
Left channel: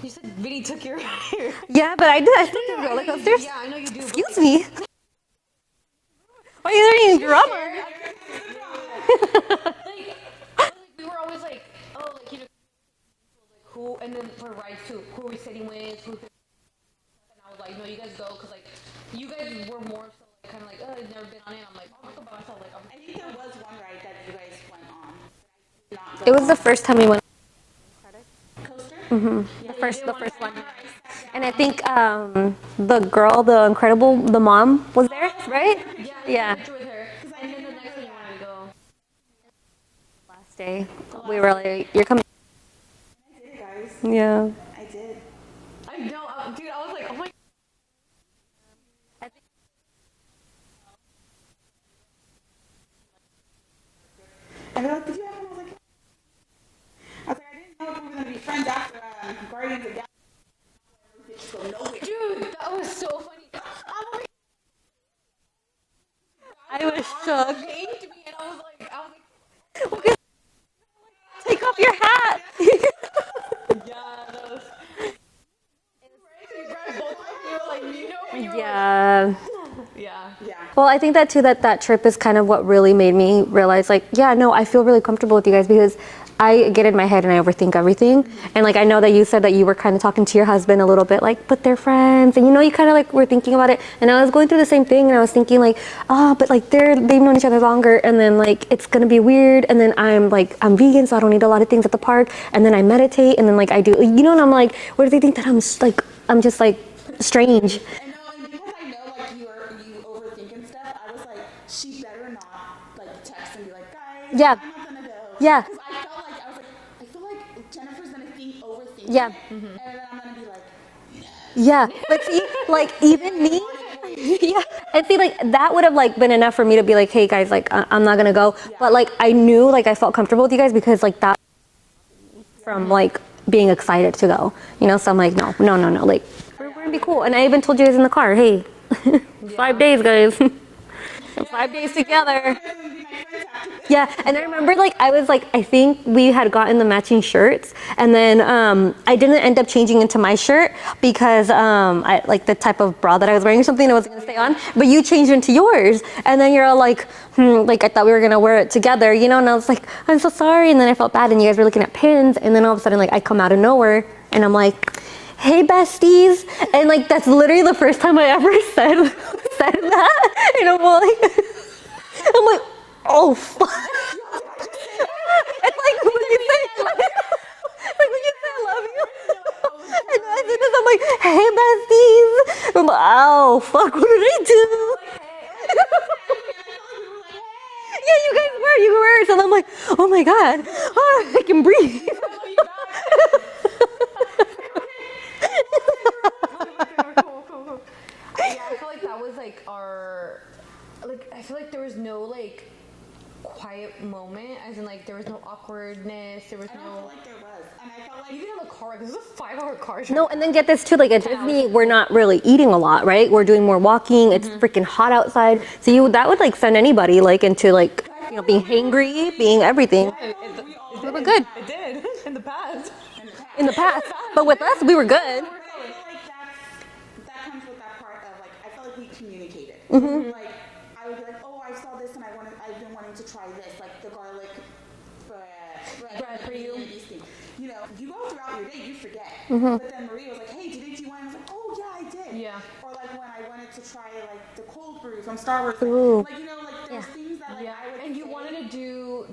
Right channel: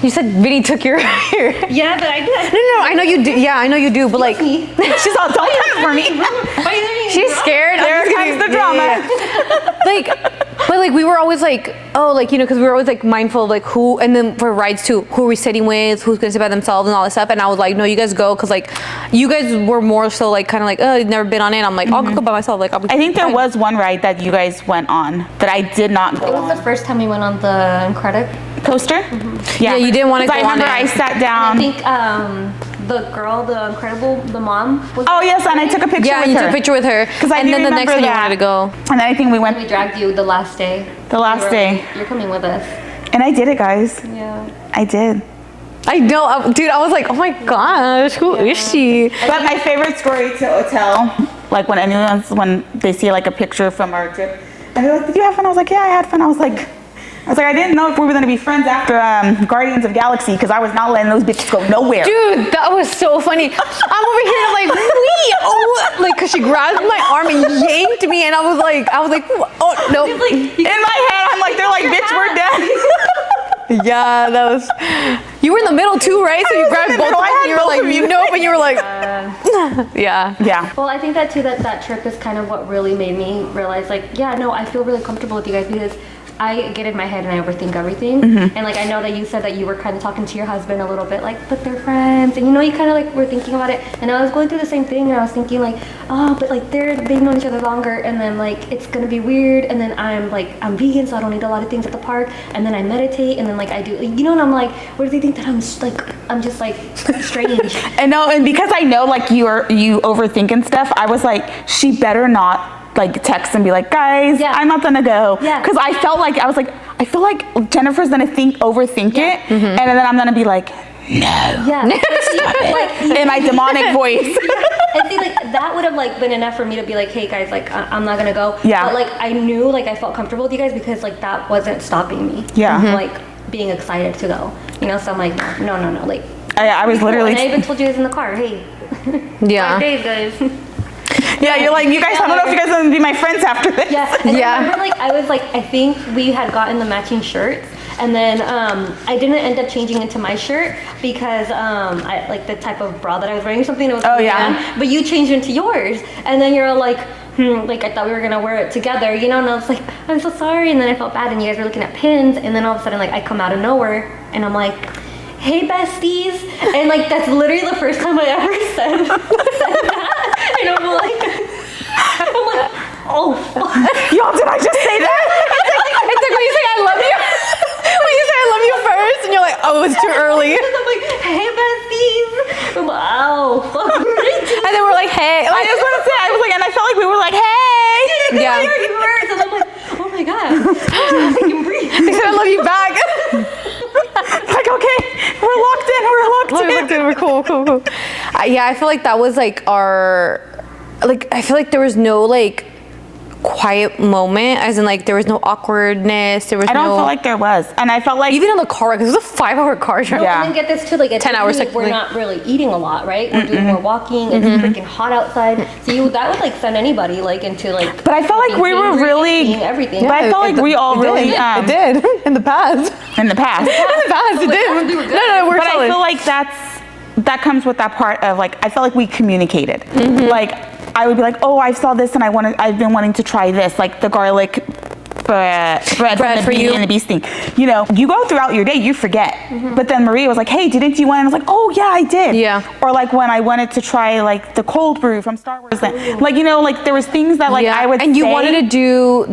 You said Vinny took your Yeah, but I did. No, I know you do. Yeah, I know you do, but like she's all, don't come for me. She's scared. There comes the drama. But like we were always like, oh, like, you know, because we were always like mindful of like who, and then for rides too, who are we sitting with, who's gonna sit by themselves and all this stuff. And I was like, no, you guys go, because like you guys were more so like kind of like, oh, you've never been on it. I'm like, I'll go by myself. Like I think there was one ride that you guys went on that I did not go It was the first time we went on the Incredible coaster. Yeah, you didn't want to go on it. I remember I sat down. And I think the girl, the Incredible, the mom was there, yes, and I took a picture with her. Yeah, you took a picture with her. And then the next time you wanted to go. And then I think we went. We dragged you the last day. The last day. You're coming with us. And I did it, guys. Yeah. I did. I know, dude. I was like, oh my gosh, who is she? But my favorite story to tell, like when they see like a picture from our trip, and they're like, "Did you have fun?" I was like, "Yeah, I had fun." I was like, I didn't know if we were gonna be friends after Guardians of Galaxy, because I was not letting those bitches go nowhere. Dude, that was so funny. I'm over here like, like, cause she grabbed my arm and yanked me, and I was like, oh no. In my head, I'm like, they're like, "Bitch, we're done." Yeah, that was. You were in the middle too, right? So you grabbed both of them. You were like, you know, but you were like, yeah. Yeah. Well, I think that too, that trip is kind of what really made me realize, like, yeah, no, I feel really comfortable with you guys, because I get in my head and I overthink everything. And like, I know that you said that you were kind of talking to your husband a little bit, like, but they're friends, and you know, you kind of like were thinking about it. And I was going through the same thing, and I was thinking like, oh, but like they've known each other longer, and then like it's gonna be weird. And then I'm vegan, so I don't eat a lot of things at the park. And then I meditate, and then like I do, you know, and I'm like, what do they think that I'm just like strange? And because I know like you overthink and stuff, I was like, she better not like text and be like, guys, I'm not gonna go. Yeah. Because I feel like Jennifer's gonna overthink it, and then I'm gonna be like, no. Yeah. But see, like in my demonic voice. And see, like that would have like been enough for me to be like, hey guys, like I'm not gonna go. Yeah. But like I knew, like I felt comfortable with you guys, because like that wasn't stopping me. Yeah. Like being excited to go. You know, so I'm like, no. Like I was literally. And I even told you guys in the car, hey. Yeah. 5 days, guys. Yeah, you're like, you guys, I don't know if you guys are gonna be my friends after this. Yeah, and I remember like I think we had gotten the matching shirts, and then I didn't end up changing into my shirt because I like the type of bra that I was wearing or something. It was down, but you changed into yours, and then you're all like, like I thought we were gonna wear it together, you know? And I was like, I'm so sorry, and then I felt bad, and you guys were looking at pins, and then all of a sudden like I come out of nowhere, and I'm like, hey besties, and like that's literally the first time I ever said that, and I'm like, oh fuck. Y'all, did I just say that? It's like when you say I love you. When you say I love you first, and you're like, oh, it's too early. And I'm like, hey besties. I'm like, oh fuck, what did I do? And then we're like, hey. I just want to say, I was like, and I felt like we were like, hey. Yeah. You were, and I'm like, oh my god, I can breathe. They said I love you back. Like, okay, we're locked in. We're cool. Yeah, I feel like that was like I feel like there was no like quiet moment, as in like there was no awkwardness. I don't feel like there was, and I felt like even in the car, because it was a 5-hour car trip. And then get this too, like at 10 hours. Disney, we're not really eating a lot, right? We're doing more walking. It's freaking hot outside, so that would like send anybody like into like. But I felt like we were really eating everything. But I felt like we all really it did in the past. In the past, But it did. We were good. No, we're but solid. I feel like that comes with that part of like, I felt like we communicated. Like I would be like, oh, I saw this and I've been wanting to try this, like the garlic bread for from the you. Beauty and the Beast thing. You know, you go throughout your day, you forget. But then Maria was like, hey, didn't you want? And I was like, oh yeah, I did. Yeah. Or like when I wanted to try like the cold brew from Star Wars, like, you know, like there was things that like I would and you say, wanted to do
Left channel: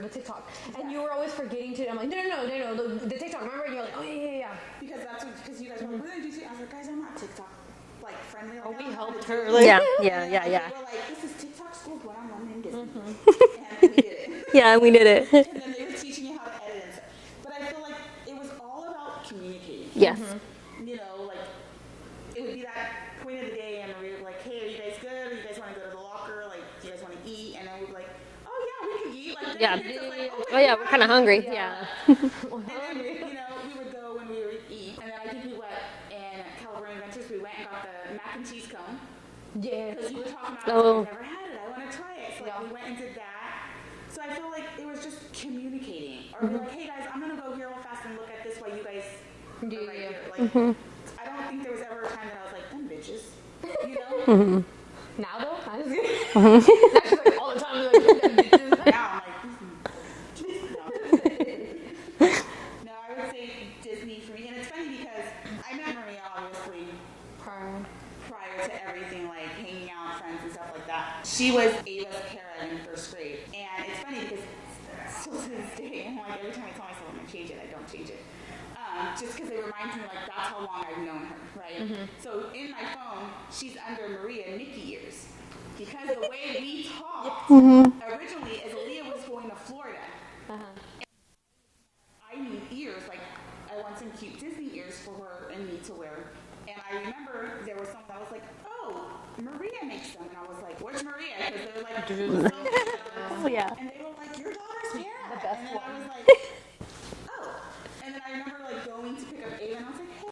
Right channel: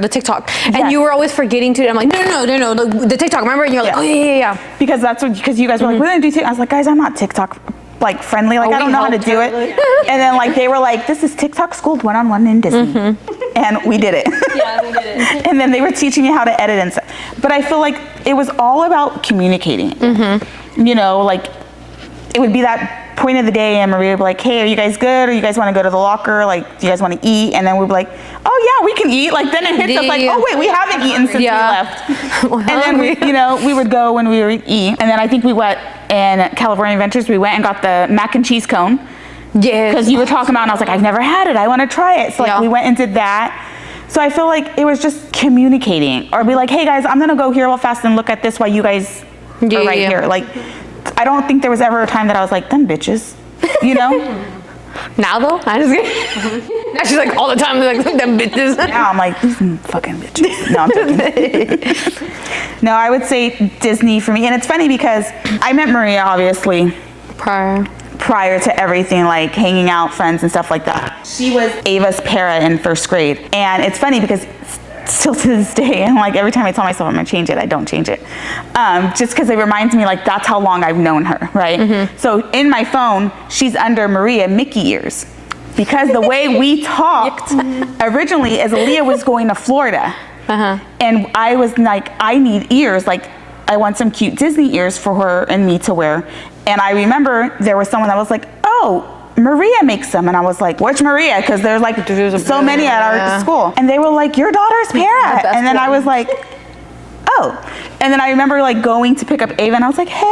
the TikTok, and Yes. you were always forgetting to. I'm like, no, the TikTok. Remember? And you're like, Yeah. oh yeah. because you guys were like, we're gonna do TikTok. I was like, guys, I'm not TikTok like friendly. Like I don't know how to do it. Yeah. And then like they were like, this is TikTok schooled one-on-one in Disney, and we did it. Yeah, we did it. And then they were teaching me how to edit and stuff. But I feel like it was all about communicating. You know, like it would be that point of the day and Maria would be like, hey, are you guys good? Or you guys want to go to the locker? Like, do you guys want to eat? And then we'd be like, oh yeah, we can eat. Like then it hits us like, oh wait, we haven't eaten since we left. And then we, you know, we would go when we were eat. And then I think we went in California Adventures, we went and got the mac and cheese cone. Yeah. Because you were talking about it, and I was like, I've never had it. I want to try it. So like we went and did that. So I feel like it was just communicating, or be like, hey guys, I'm gonna go here real fast and look at this while you guys are right here. Like, I don't think there was ever a time that I was like, them bitches, you know? Now though, I just now she's like all the time like them bitches. Now I'm like, these fucking bitches. No, I'm joking. No, I would say Disney for me. And it's funny because I met Maria obviously prior to everything, like hanging out, friends and stuff like that. She was Ava's para in first grade. And it's funny because still to this day, and like every time I tell myself I'm gonna change it, I don't change it. Just because it reminds me like that's how long I've known her, right? So in my phone, she's under Maria Mickey ears. Because the way we talked originally is Aaliyah was going to Florida. And I was like, I need ears, like I want some cute Disney ears for her and me to wear. And I remember there was someone that was like, oh, Maria makes them. And I was like, which Maria? Because there's like so many at our school. And they were like, your daughter's para. And then I was like, oh. And then I remember like going to pick up Ava and I was like, hey.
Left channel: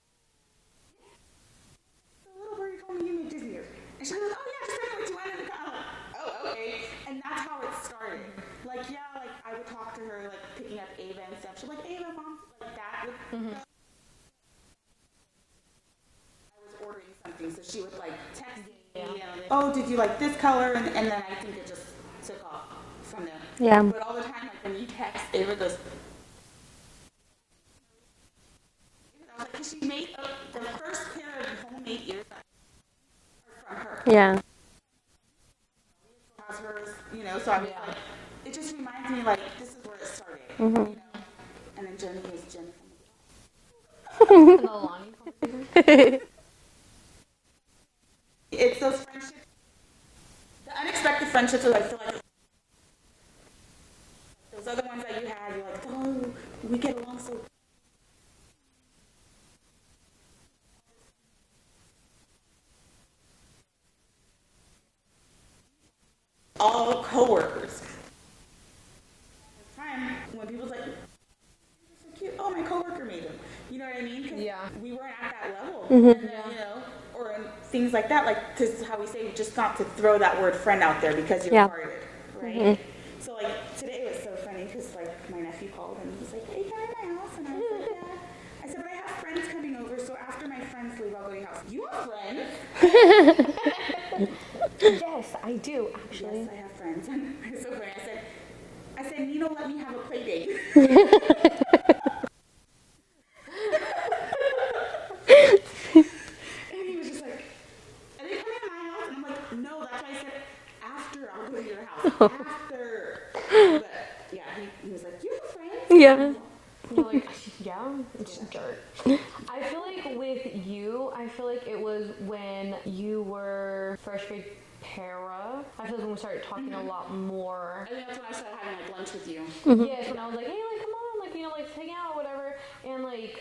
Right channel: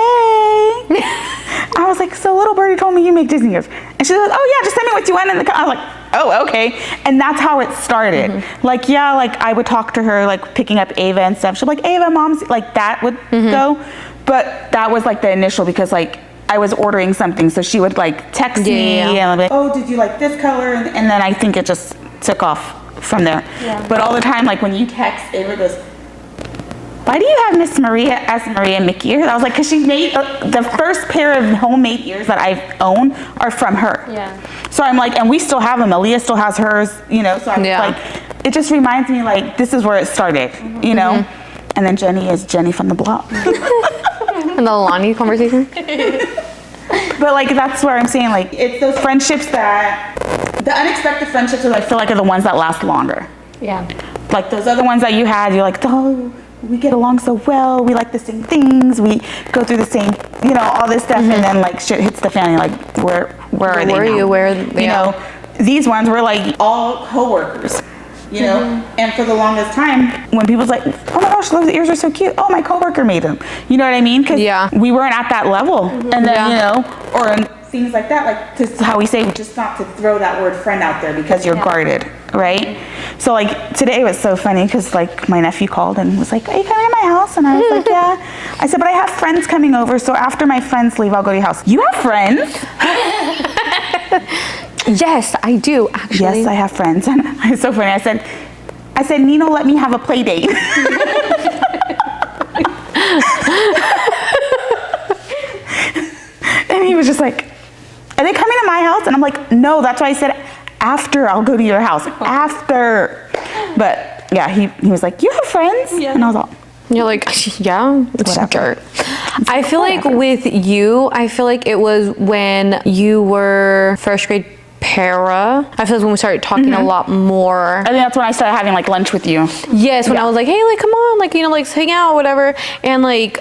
I was like, so little birdie told me you make Disney ears. And she was like, oh yeah, just send me what you want in the I was like, oh, okay. And that's how it started. Like, yeah, like I would talk to her, like picking up Ava and stuff. She'd be like, Ava, mom's, like that would go. But that was like the initial because like I was ordering something. So she would like text me and I'd be like, oh, did you like this color? And then I think it just took off from there. But all the time, like when you text, Ava goes, why do you have Miss Maria as Maria Mickey ears? I was like, because she made the first pair of homemade ears that I own are from her. So I'm like, and we still have them. Aaliyah still has hers, you know. So I'm like, it just reminds me like this is where it started, you know. And then Jenny is Jenny from the block. And the Lonnie conversation. But like that's where I'm saying like it's those friendships that the unexpected friendships that I feel like are the ones that last longer. Like those other ones that you had, you're like, oh, we get along so well, we like the same things, we go through the same, you know, all this stuff, and then like shit hits the fan, you're like, where are they now? You know, these ones were like all coworkers, you know, and for the longest time, when people's like, oh my gosh, those ears are so cute, oh my coworker made them, you know what I mean? Because we weren't at that level, and then, you know, or things like that, like this is how we say, just not to throw that word friend out there because you're guarded, right? So like today was so funny because like my nephew called and was like, are you coming to my house? And I was like, yeah. I said, but I have friends coming over, so after my friends leave, I'll go to your house. You have friends? Yes, I do, actually. Yes, I have friends. And it's so funny. I said, Nino, let me have a play date. And he was just like, are they coming to my house? And I'm like, no, that's why I said after I'll go to your house. After. But yeah, he was like, you have friends? And I was like, you're like, yeah, it's dirt. I feel like with you, I feel like it was when you were first grade para. I feel like when we started talking a lot more. I think that's when I started having like lunch with you. Yes, when I was like, hey, like, come on, like, you know, like, let's hang out, whatever. And like,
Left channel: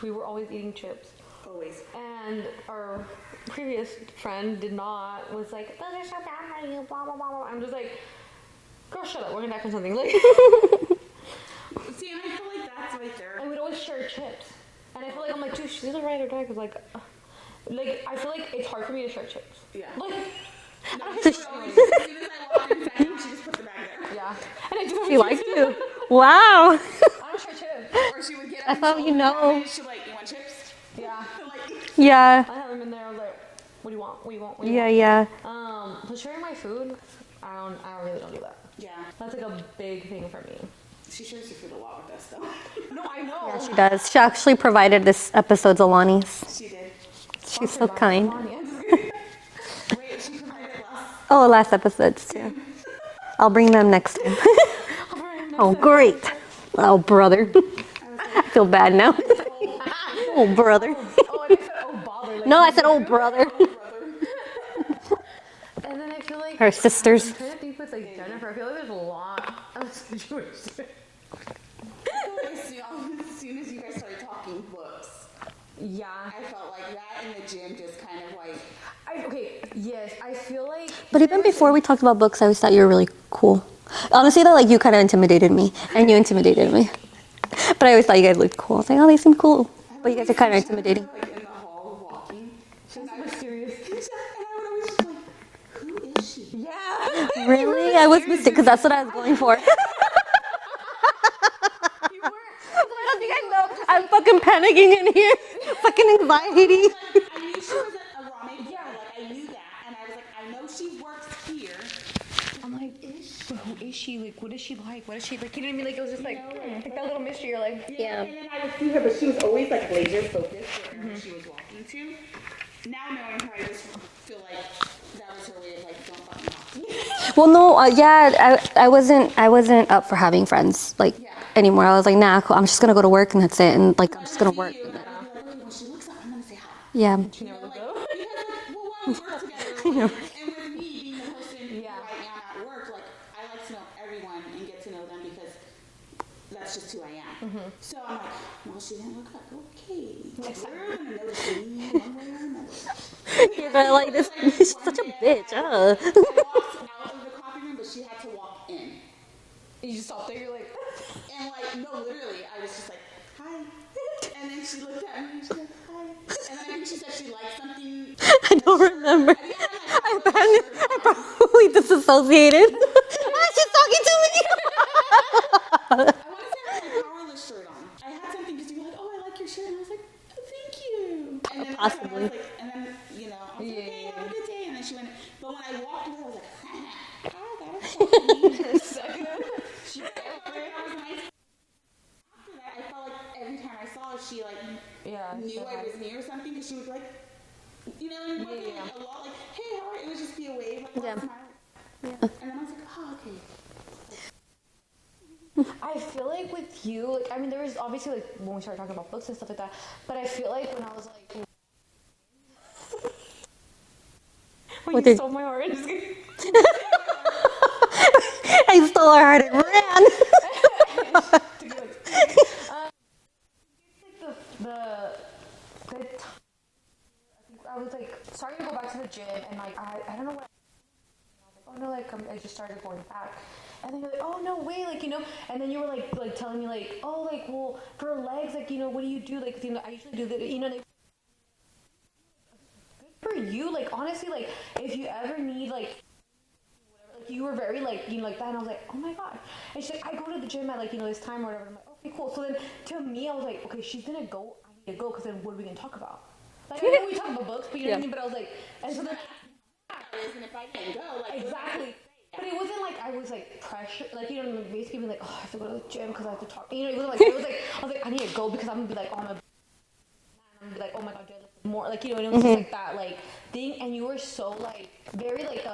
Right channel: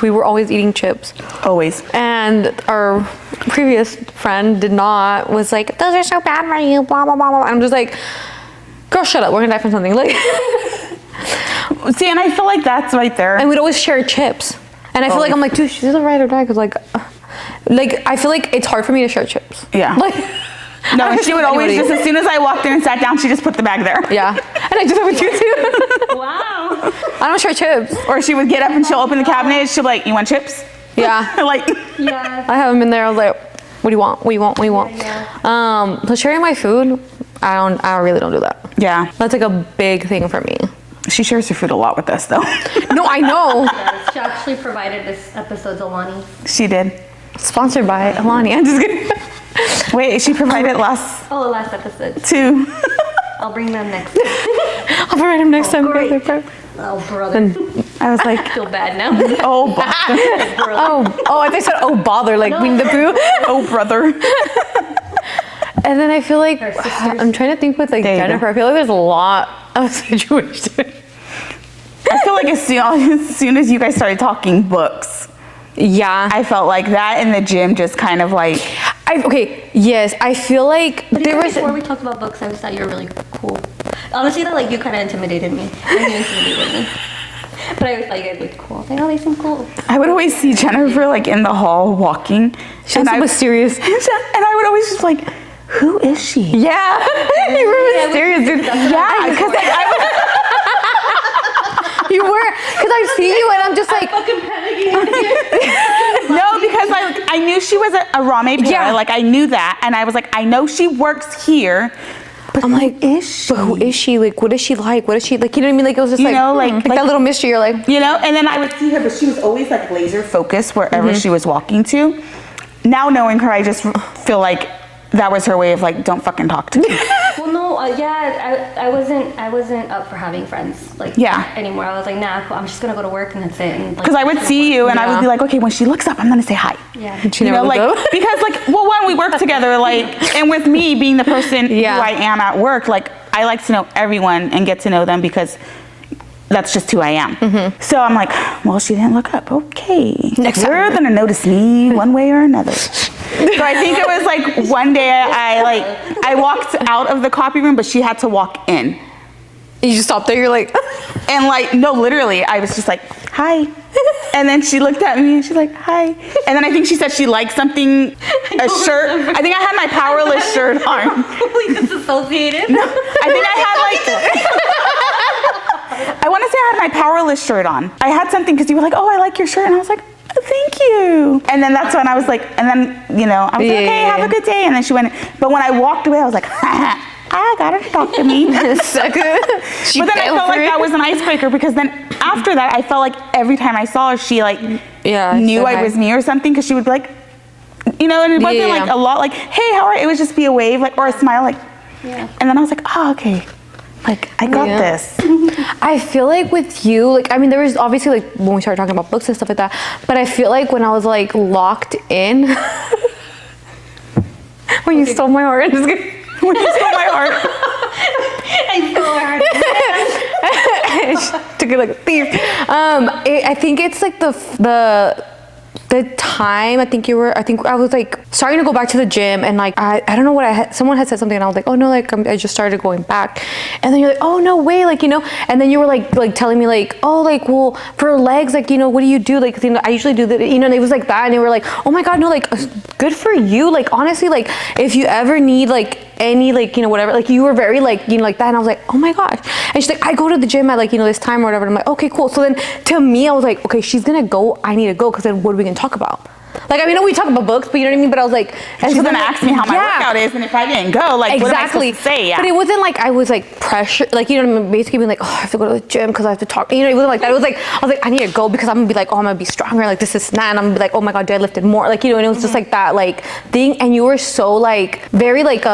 we were always eating chips. Always. And our previous friend was like, those are so bad for you, blah, blah, blah, blah. I'm just like, girl, shut up, we're gonna die from something. Like, see, and I feel like that's right there. and we'd always share chips. And I feel like I'm like, dude, she's a ride or die, because like I feel like it's hard for me to share chips. Yeah. Like, no, and she would always just, as soon as I walked in and sat down, she just put the bag there. Yeah. And I do that with you too. Wow. I don't share chips. Or she would get up and she'll open the cabinet. She'll be like, you want chips? Yeah. Like, Yeah. I have them in there. I was like, what do you want? What do you want? What do you want? Yeah. So sharing my food, I really don't do that. Yeah. That's like a big thing for me. She shares her food a lot with us, though. No, I know. She does. She actually provided this episode's Alani's. She did. Sponsored by Alani. I'm just kidding. Wait, she provided last last episode. 2. I'll bring them next time. I'll provide him next time. Great. Oh, brother. I was like, I feel bad now. oh, brother. Oh, brother. I think I said, oh, bother, like No, I Winnie the said, Pooh. Oh, brother. And then I feel like, Her sisters. I'm trying to think with like There you go. Jennifer, I feel like there's a lot of situations. I feel like as soon as you guys started talking books, Yeah. I felt like that in the gym just kind of like, Yes, I feel like But there even was, before we talked about books, I always thought you were really cool. Honestly, that like you kind of intimidated me, and you intimidated me. But I always thought you guys looked cool. I was like, oh, they seem cool. I would always Kinda see Jennifer like in the hall walking. she was so mysterious. And I would always just like, who is she? Yeah. You were Yeah, I was mysterious. because that's what I was Yeah, because before. You were, because I see you and I'm just like, fucking panicking. No, because I knew she was a Rame Para. Yeah. Like I knew that, and I was like, I know she works here. But I'm like, is she? but who is she? Like, what is she like? What is she like? You know what I mean? Like, it was just You like, know, like that little mystery. You're like, you know. And then I would see her, but she was always like laser focused wherever she was walking to. Now knowing her, I just feel like that was her way of like, don't fucking talk to me. Well, no, I wasn't up for having friends like anymore. I was like, nah, cool. I'm just gonna go to work and that's it. And like, Because I I'm would just gonna see work. you, and I would Yeah. be like, okay, when she looks up, I'm gonna say hi. Yeah. she You never know, looked like up. because like, well, one, we work together, like, and with me being the person Yeah. who I am at work, like, I like to know everyone and get to know them because that's just who I am. So I'm like, well, she didn't look up. Okay, you're gonna notice me one way or another. So I think it was like one day I walked out of the copy room, but she had to walk in. You just stopped there. You're like, And like, no, literally, I was just like, hi. And then she looked at me and she's like, hi. And then I think she said she liked something, a shirt. I think I had my powerless shirt on. We disassociated. I think I had like, I want to say I had my powerless shirt on. I had something because you were like, oh, I like your shirt. And I was like, oh, thank you. And then that's when I was like, and then, you know, I was like, okay, have a good day. And then she went, but when I walked away, I was like, I got her to talk to me. But then I felt like that was an icebreaker because then after that, I felt like every time I saw her, she like knew I was me or something because she would be like, you know, and it wasn't like a lot like, hey, how are you? It would just be a wave like or a smile like, and then I was like, oh, okay. Like, I got this. I feel like with you, like, I mean, there was obviously like when we started talking about books and stuff like that, but I feel like when I was like locked in, when you stole my heart, just kidding. When you stole my heart. I stole her. Took it like a thief. I think it's like the time I think I was like starting to go back to the gym and like I don't know what someone had said something and I was like, oh no, like I just started going back, and then you're like, oh no way, like, you know, and then you were like telling me like, oh, like, well, for legs, like, you know, what do you do, like, you know, I usually do that, you know, and it was like that, and they were like, oh my god, no, like, good for you, like, honestly, like, if you ever need like any, like, you know, whatever, like, you were very like, you know, like that, and I was like, oh my gosh, and she's like, I go to the gym at like, you know, this time or whatever, and I'm like, okay, cool. So then to me I was like, okay, she's gonna go, I need to go, because then what are we gonna talk about? Like, I mean, we talk about books, but you know what I mean? But I was like, and She's gonna ask me how my workout is, and if I didn't go, like, what am I supposed to say? Yeah. But it wasn't like I was like pressured, like, you know what I mean? Basically being like, oh, I have to go to the gym because I have to talk. You know, it wasn't like that. It was like, I was like, I need to go because I'm gonna be like, oh, I'm gonna be stronger. Like, this is that. And I'm gonna be like, oh my God, I lifted more. Like, you know, and it was just like that, like, thing. And you were so like, very like,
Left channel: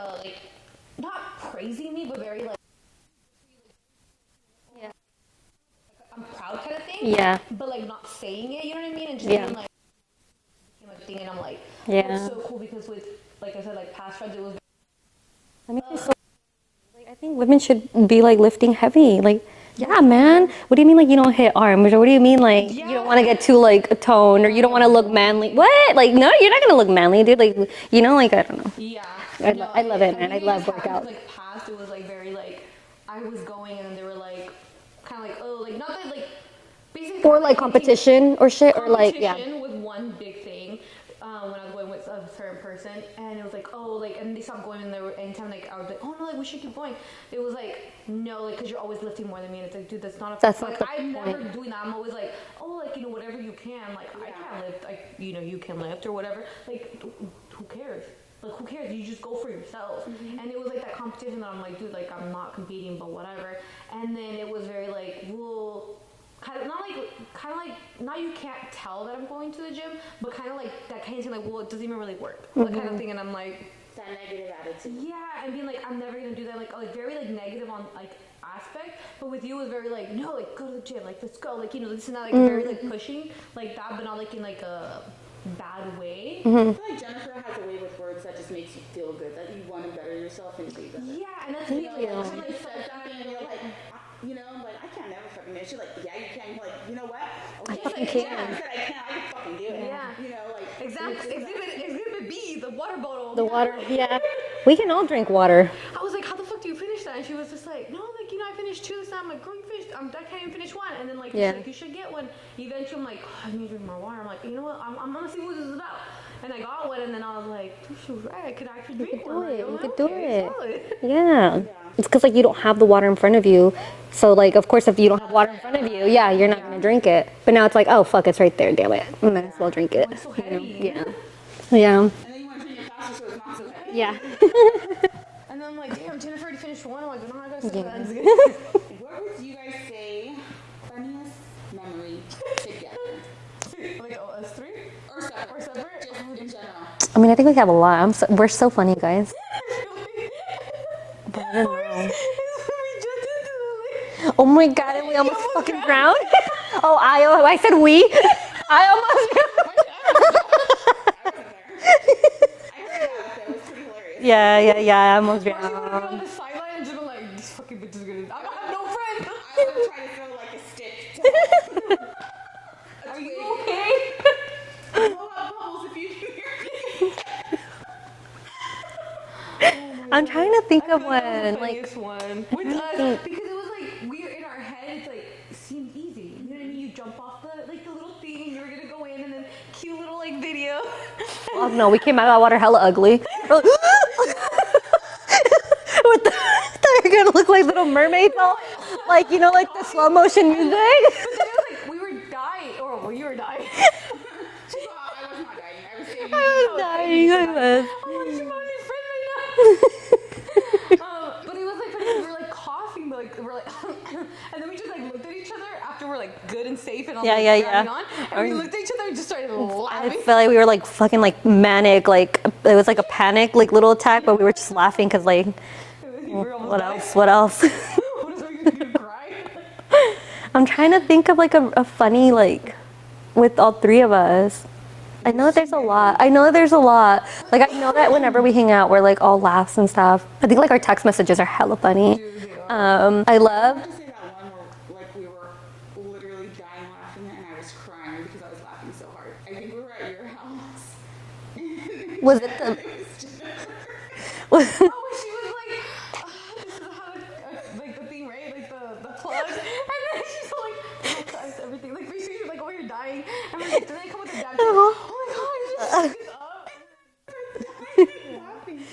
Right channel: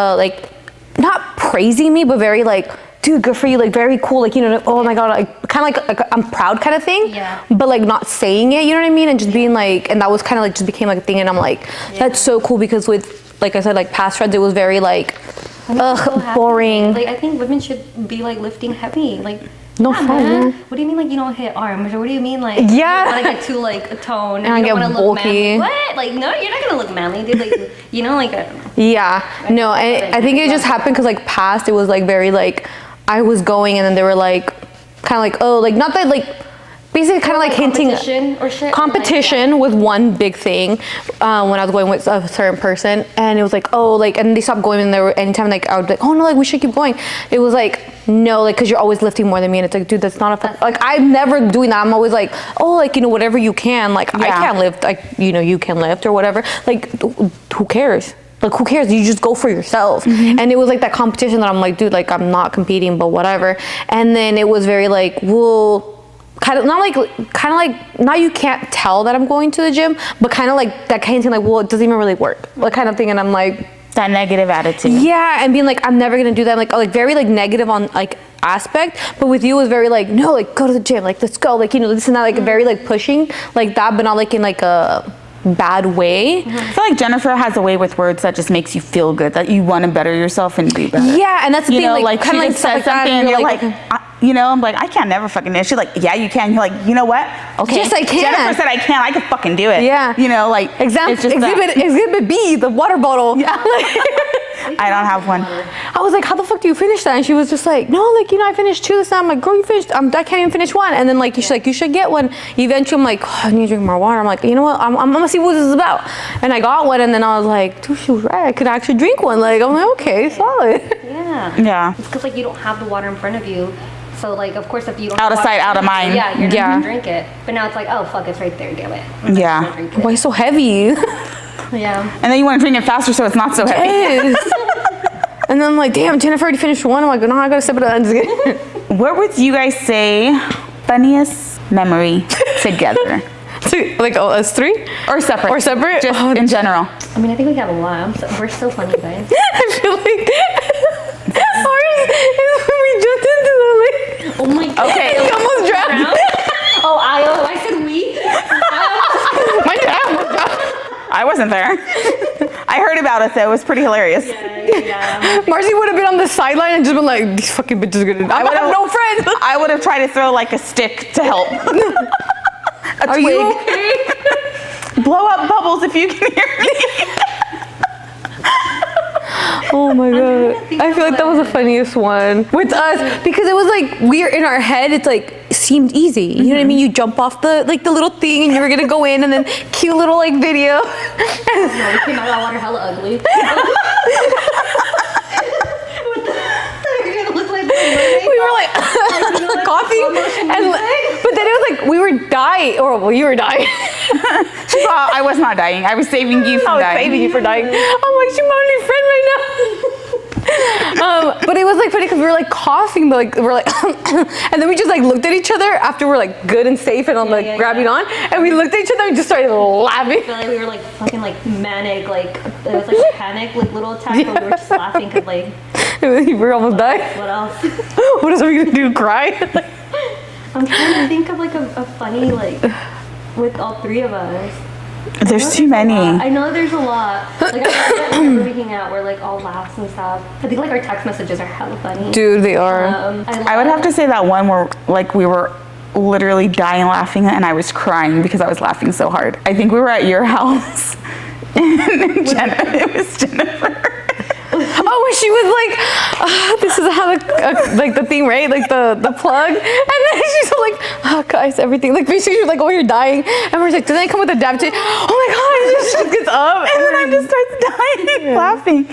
not praising me, but very like, dude, good for you, like, very cool, like, you know, oh my God, like, kind of like I'm proud kind of thing, yeah, but like not saying it, you know what I mean, and just being like, and that was kind of like just became like a thing, and I'm like, that's so cool, because with, like I said, like past friends, it was very like, boring. Like, I think women should be like lifting heavy, like, No, yeah, man. What do you mean, like, you don't hit arms? Or what do you mean, like, you don't want to get too, like, toned? Or And you don't want to look bulky. manly? What? Like, no, you're not going to look manly, dude. Like, you know, like, I don't know. Yeah, no, and I think it just happened because like past, it was like very like, I was going and then they were like, kind of like, oh, like, not that like, basically kind of like hinting competition or shit. competition was one big thing when I was going with a certain person, and it was like, oh, like, and they stopped going, and there were anytime like I would be like, oh no, like, we should keep going. It was like, no, like, because you're always lifting more than me, and it's like, dude, that's not a like, I'm never doing that. I'm always like, oh, like, you know, whatever you can, like, I can't lift, like, you know, you can lift or whatever, like, who cares? like who cares? You just go for yourself. And it was like that competition that I'm like, dude, like I'm not competing, but whatever. And then it was very like, well, kind of like now you can't tell that I'm going to the gym, but kind of like that kind of thing, like, well, it doesn't even really work, like kind of thing. And I'm like, that negative attitude. yeah, and being like, I'm never gonna do that, like very like negative on like aspect. But with you it was very like, no, like go to the gym, like let's go, like, you know, this and that, like very like pushing like that, but not like in like a bad way. I feel like Jennifer has a way with words that just makes you feel good, that you want to better yourself and do better. Yeah, and that's the You thing, know, like kind of she like just stuff says like that, something and you're like, you know, I'm like, I can't never fucking do it. She's like, yeah, you can. You're like, you know what? Okay. Yes, I can. Jennifer said I can. I can fucking do it. Yeah. You know, like, example, it's just that. exhibit B, the water bottle. Yeah. We can I don't all have drink one. water. I was like, how the fuck do you finish that? And she was just like, no, like, you know, I finished 2 this time. I'm like, girl, you finished, I can't even finish 1. And then like, she's like, you should get one. Eventually I'm like, oh, I need to drink more water. I'm like, you know what? I'm gonna see what this is about. And I got one, and then I was like, dude, she was right. I could actually drink one. Like, I'm like, okay, solid. Yeah. Yeah. It's because like you don't have the water in front of you. So like, of course, if you don't Out have of water sight, in out of front you, mind. yeah, you're not Yeah. gonna drink it. But now it's like, oh fuck, it's right there. Get it. I'm just Yeah. gonna drink it. Why so heavy? Yeah. And then you want to drink it faster so it's not so heavy. Yes. And then I'm like, damn, Jennifer already finished 1. I'm like, no, I gotta sip it up. What would you guys say funniest memory together? Like, oh, us 3? Or separate? Or separate? Just Oh, in general. I mean, I think we have a lot. We're so funny, guys. I feel like ours is when we jumped into the lake. Oh my god. Okay. We almost drowned. Oh, I said we. My dad almost drowned. I wasn't there. I heard about it though. It was pretty hilarious. Yeah. Marcy would have been on the sideline and just been like, these fucking bitches are gonna. I would have no friends. I would have tried to throw like a stick to help. A Are twig. you okay? Blow up bubbles if you can hear me. Oh my god. trying to think I feel of like that was the one. funniest one with us, because it was like we're in our head, it's like it seemed easy. You know what I mean? You jump off the little thing and you were gonna go in, and then cute little like video. No, we came out of that water hella ugly. We're gonna look like little mermaids. We were like you know, like coffee slow motion and music. but then it was like we were dying, or well, you were dying. She thought I was not dying. I was saving you from I was dying. saving you for dying. I'm like, she's my only friend right now. But it was like funny because we were like coughing, but like we're like, and then we just like looked at each other after we're like good and safe and I'm like grabbing on, and we looked at each other and just started laughing. I felt like we were like fucking like manic, like it was like a panic like little attack, but we were just laughing because like We were almost dying. what else? What else are we gonna do? Cry? I'm trying to think of like a funny like with all 3 of us. There's too many. I know there's a lot. Like I know that whenever we hang out, we're like all laughs and stuff. I think like our text messages are hella funny. Dude, they are. I would have to say that one where like we were literally dying laughing and I was crying because I was laughing so hard. I think we were at your house. And it was Jennifer. Oh, when she was like, this is how the like the thing, right? Like the plug, and then she's like, oh guys, everything. Like basically, she was like, oh, you're dying, and we're like, did they come with a dab tape? Oh my god! She just gets up, And then I just started dying laughing.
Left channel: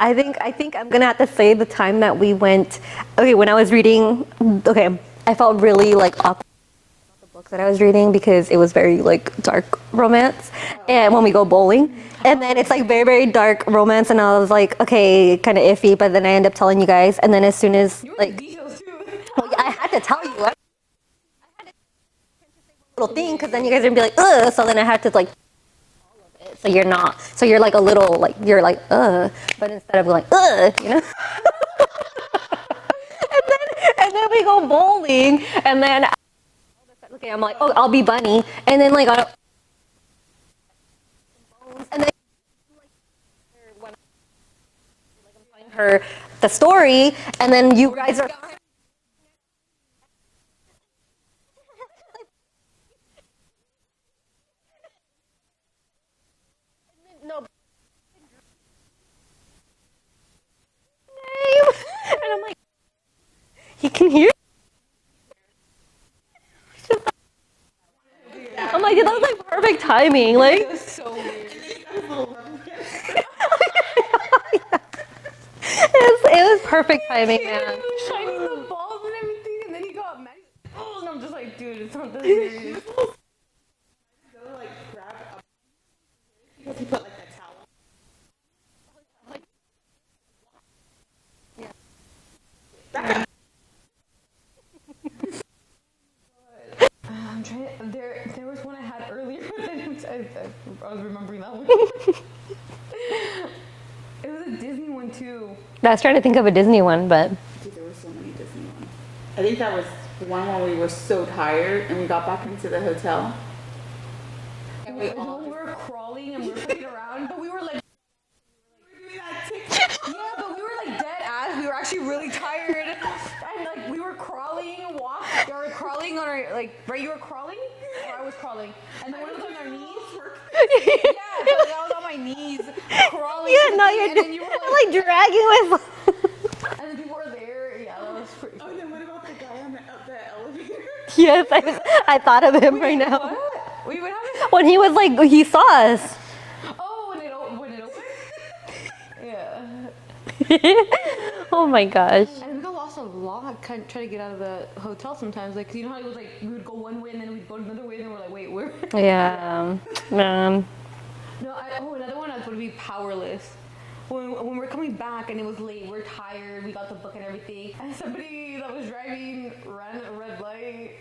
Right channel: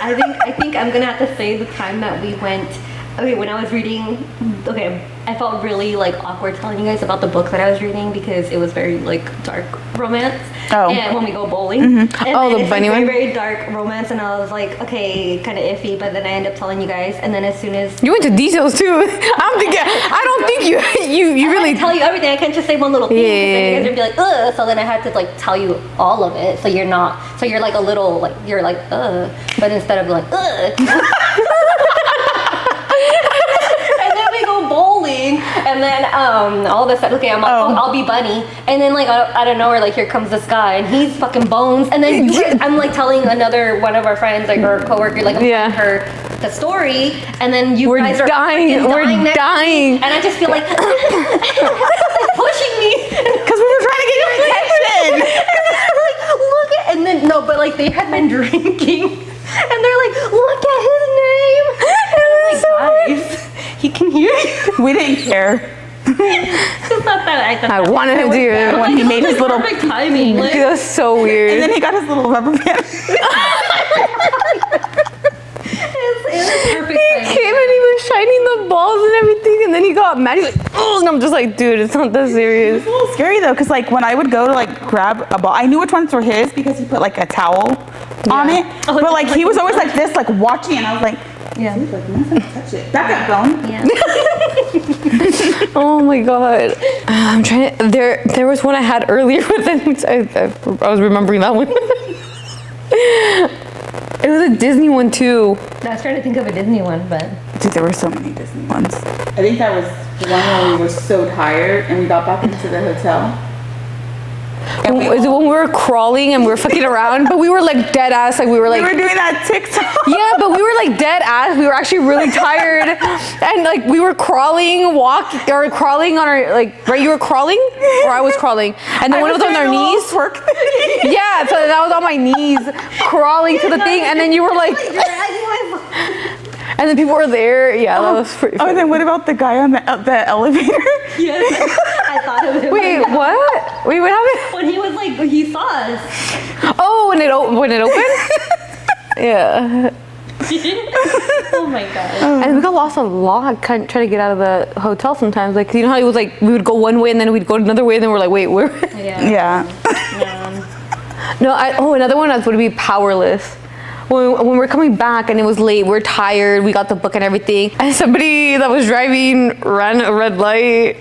I think I'm gonna have to say the time that we went. Okay, when I was reading, okay, I felt really like awkward telling you guys about the book that I was reading because it was very like dark romance. Oh. And when we go bowling, and Oh, then the it's like bunny very one? very dark romance, and I was like, okay, kind of iffy. But then I end up telling you guys, and then as soon as You went to details too. I don't think you I really. tell you everything. I can't just say one little thing because then you guys would be like, ugh. So then I had to like tell you all of it. So you're not. So you're like a little like you're like ugh. But instead of like ugh. And then we go bowling, and then all of a sudden, okay, I'm like, oh, I'll be Bunny, and then like out of nowhere, like here comes this guy, and he's fucking Bones, and then I'm like telling another one of our friends, like or coworker, like I'm telling her the story, and then you We're guys are dying. freaking We're next to me, dying. and I just feel like pushing me. Because we were trying to get your attention. Like, look at, and then no, but like they had been drinking, and they're like, look at his name, and I'm like, guys, he can hear you. We didn't care. It's not that I wanted him to do it. I'm like, He it made was his like little- perfect timing. Like, It was so weird. And then he got his little rubber band. it was perfect He timing. came and he was shining the balls and everything, and and then he got mad. He's like, oh, and I'm just like, dude, it's not that serious. It's a little scary though, because like when I would go to like grab a ball, I knew which ones were his because he put like a towel on it. Oh, But like he was always like this, like watching, and I was like, yeah, he's like, I'm not gonna touch it. That got bone. Yeah. Oh my god. I'm trying to, there was one I had earlier, but then I was remembering that one. It was a Disney one too. I was trying to think of a Disney one, but Dude, there were so many Disney ones. I think that was one where we were so tired and we got back into the hotel. Is it when we were crawling and we were fucking around, but we were like dead ass, like we were like. We were doing that TikTok. Yeah, but we were like dead ass. We were actually really tired, and like we were crawling on our like. Right, you were crawling, or I was crawling, and then one of us on our knees. Yeah, so that was on my knees, crawling to the thing, and then you were like dragging my. and then people were there. Yeah, that was pretty. Oh, and then what about the guy on the elevator? Yes, I thought of it. Wait, right now. what? Wait, what happened? When he was like, he saw us. Oh, when it opened? Yeah. Oh my god. And we got lost a lot trying to get out of the hotel sometimes. Like, you know how it was like, we would go one way and then we'd go another way and then we're like, wait, where? Yeah. Yeah. Man. No, another one would be powerless. When we're coming back and it was late, we're tired, we got the book and everything, and somebody that was driving ran a red light.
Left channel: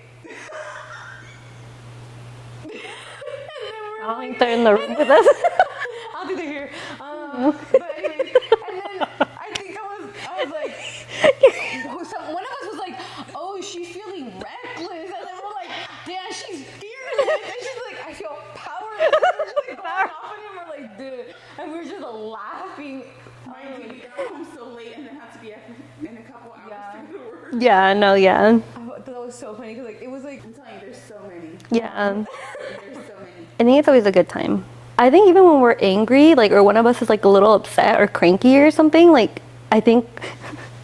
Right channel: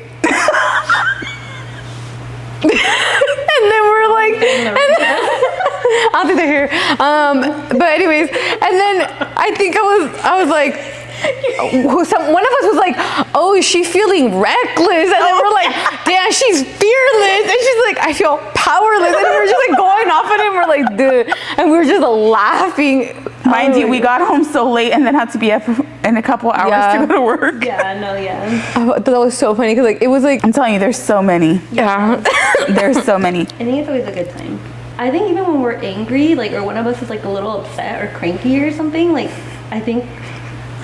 And then we're like, I don't think they're here. But anyways, and then I think I was like, one of us was like, oh, is she feeling reckless? And then we're like, damn, she's fearless. And she's like, I feel powerless. And we're just like going off at him. We're like, dude. And we were just laughing. Mind you, we got home so late and then had to be up in a couple hours to go to work. Yeah, no, yeah. I thought that was so funny because like it was like, I'm telling you, there's so many. yeah. There's so many. I think it's always a good time. I think even when we're angry, like, or one of us is like a little upset or cranky or something, like, I think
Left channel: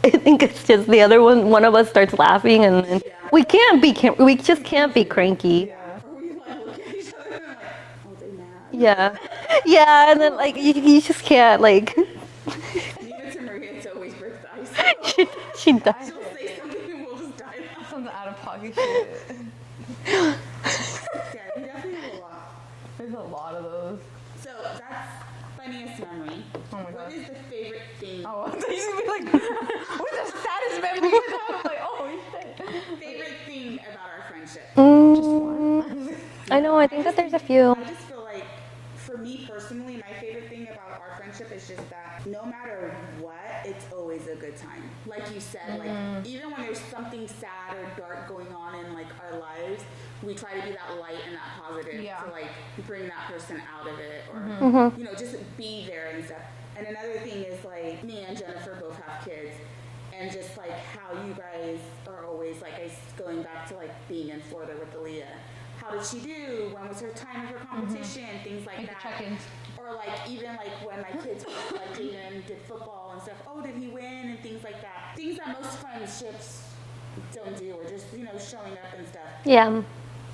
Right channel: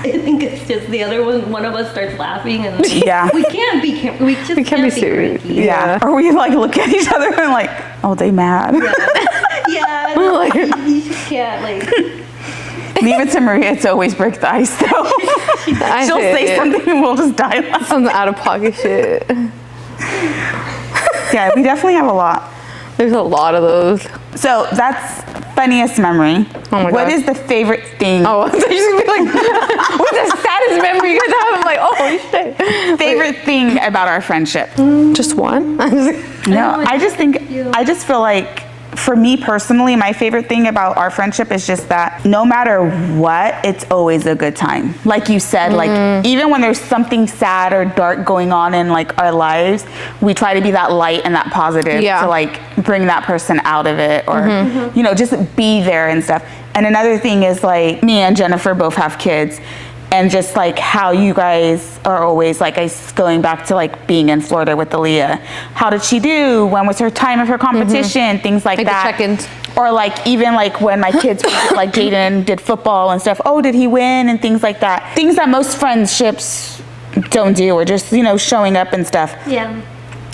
it's just the other one of us starts laughing and Yeah. we can't be can't be serious. cranky. Yeah. Or we like look at each other and like, oh, they mad. Yeah, and then, like you just can't like. Leave it to Maria to always break the ice though. She'll say something and we'll just die laughing. Some out of pocket shit. Yeah, we definitely have a lot. There's a lot of those. So that's funniest memory. Oh my What God. is the favorite thing? Oh, so you're just gonna be like, what's the saddest memory you guys have? I'm like, oh shit. Favorite thing about our friendship? Just one? No, I just feel like, for me personally, my favorite thing about our friendship is just that no matter what, it's always a good time. Like you said, like even when there's something sad or dark going on in like our lives, we try to be that light and that positive to like bring that person out of it, or you know, just be there and stuff. And another thing is like me and Jennifer both have kids. And just like how you guys are always like, going back to like being in Florida with Aaliyah. How did she do? When was her time of her competition? Things like that. The check-ins. Or like even like when my kids like Jaden did football and stuff. Oh, did he win? And things like that. Things that most friendships don't do, or just, you know, showing up and stuff. Yeah.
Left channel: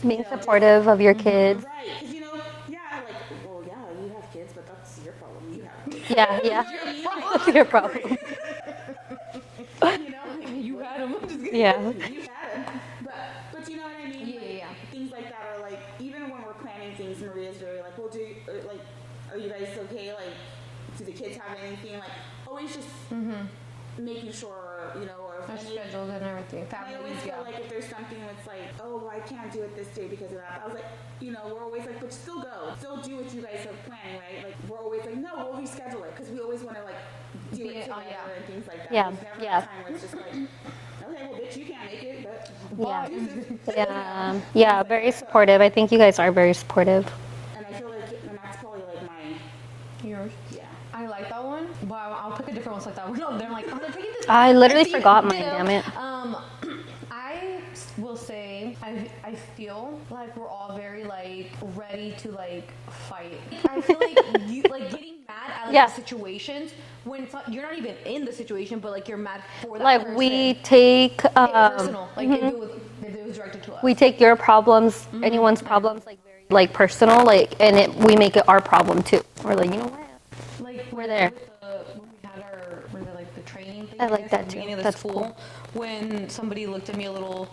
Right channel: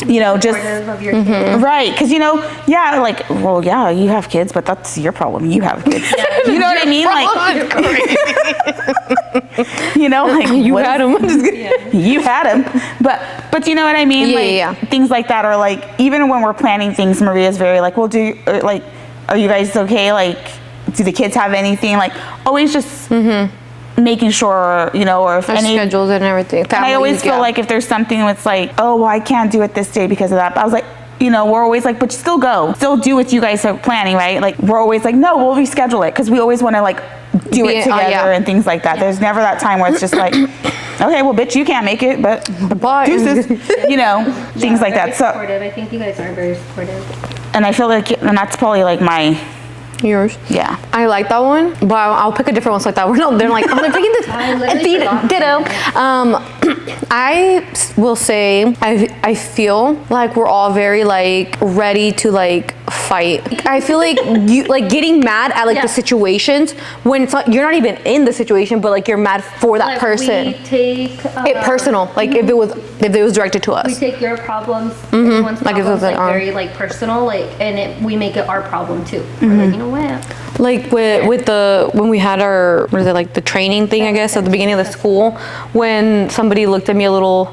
You know, just Supportive of your kids. right, because you know, yeah, like, well, yeah, you have kids, but that's your problem. You have kids. You know what I mean? Like, you know, like You what had is- them. Yeah. You had them, but you know what I mean? Yeah, Like things like that, or like even when we're planning things, Maria's very like, well, are you guys okay? Like, do the kids have anything? Like, always just making sure, you know, or if Our any schedules and everything. and I always feel like if there's something that's like, oh, well, I can't do it this day because of that. But I was like, you know, we're always like, but still go. Still do what you guys are planning, right? Like, we're always like, no, we'll reschedule it because we always want to like do it together and things like that. Yeah. There's never that time where it's just like, okay, well, bitch, you can't make it, but Bye. deuces, you know, things like very that. So, supportive. I think you guys are very supportive. and I feel like, and that's probably like my, Yours. yeah. I like that one, but I'll pick a different one so like that. We're not. They're like, I'm picking this. I literally forgot Ditto. mine. I will say I feel like we're all very like ready to like fight. I feel like you like getting mad at like the situations when it's not, you're not even in the situation, but like you're mad for that Like, person. we take It personal, like if it was directed to we us. take your problems, anyone's Like if it problems, was like like, very like personal, like, and we make it our problem too. We're like, you know what? Like with the when we had our what is it like the training thing I guess at the beginning of the school, when somebody looked at me a little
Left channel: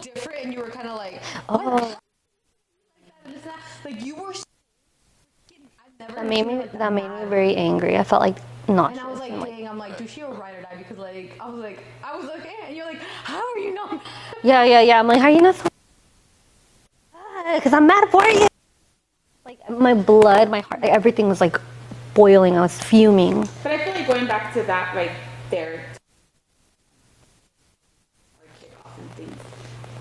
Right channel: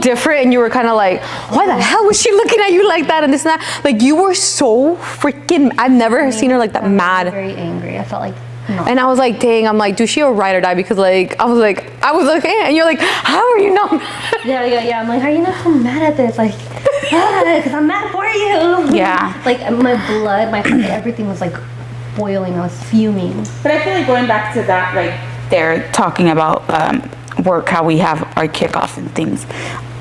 different and you were kind of like, why the hell was she looking at you like that and this and that, like you were so freaking, I've never seen her like that mad. Very angry. I felt like no. And I was like, dang, I'm like, dude, she a ride or die, because like I was okay, and you're like, how are you not mad? Yeah. I'm like, how are you not so mad at this? Like, because I'm mad for you. Yeah. Like my blood, my heart, everything was like boiling. I was fuming. But I feel like going back to that right there, talking about work, how we have our kickoffs and things.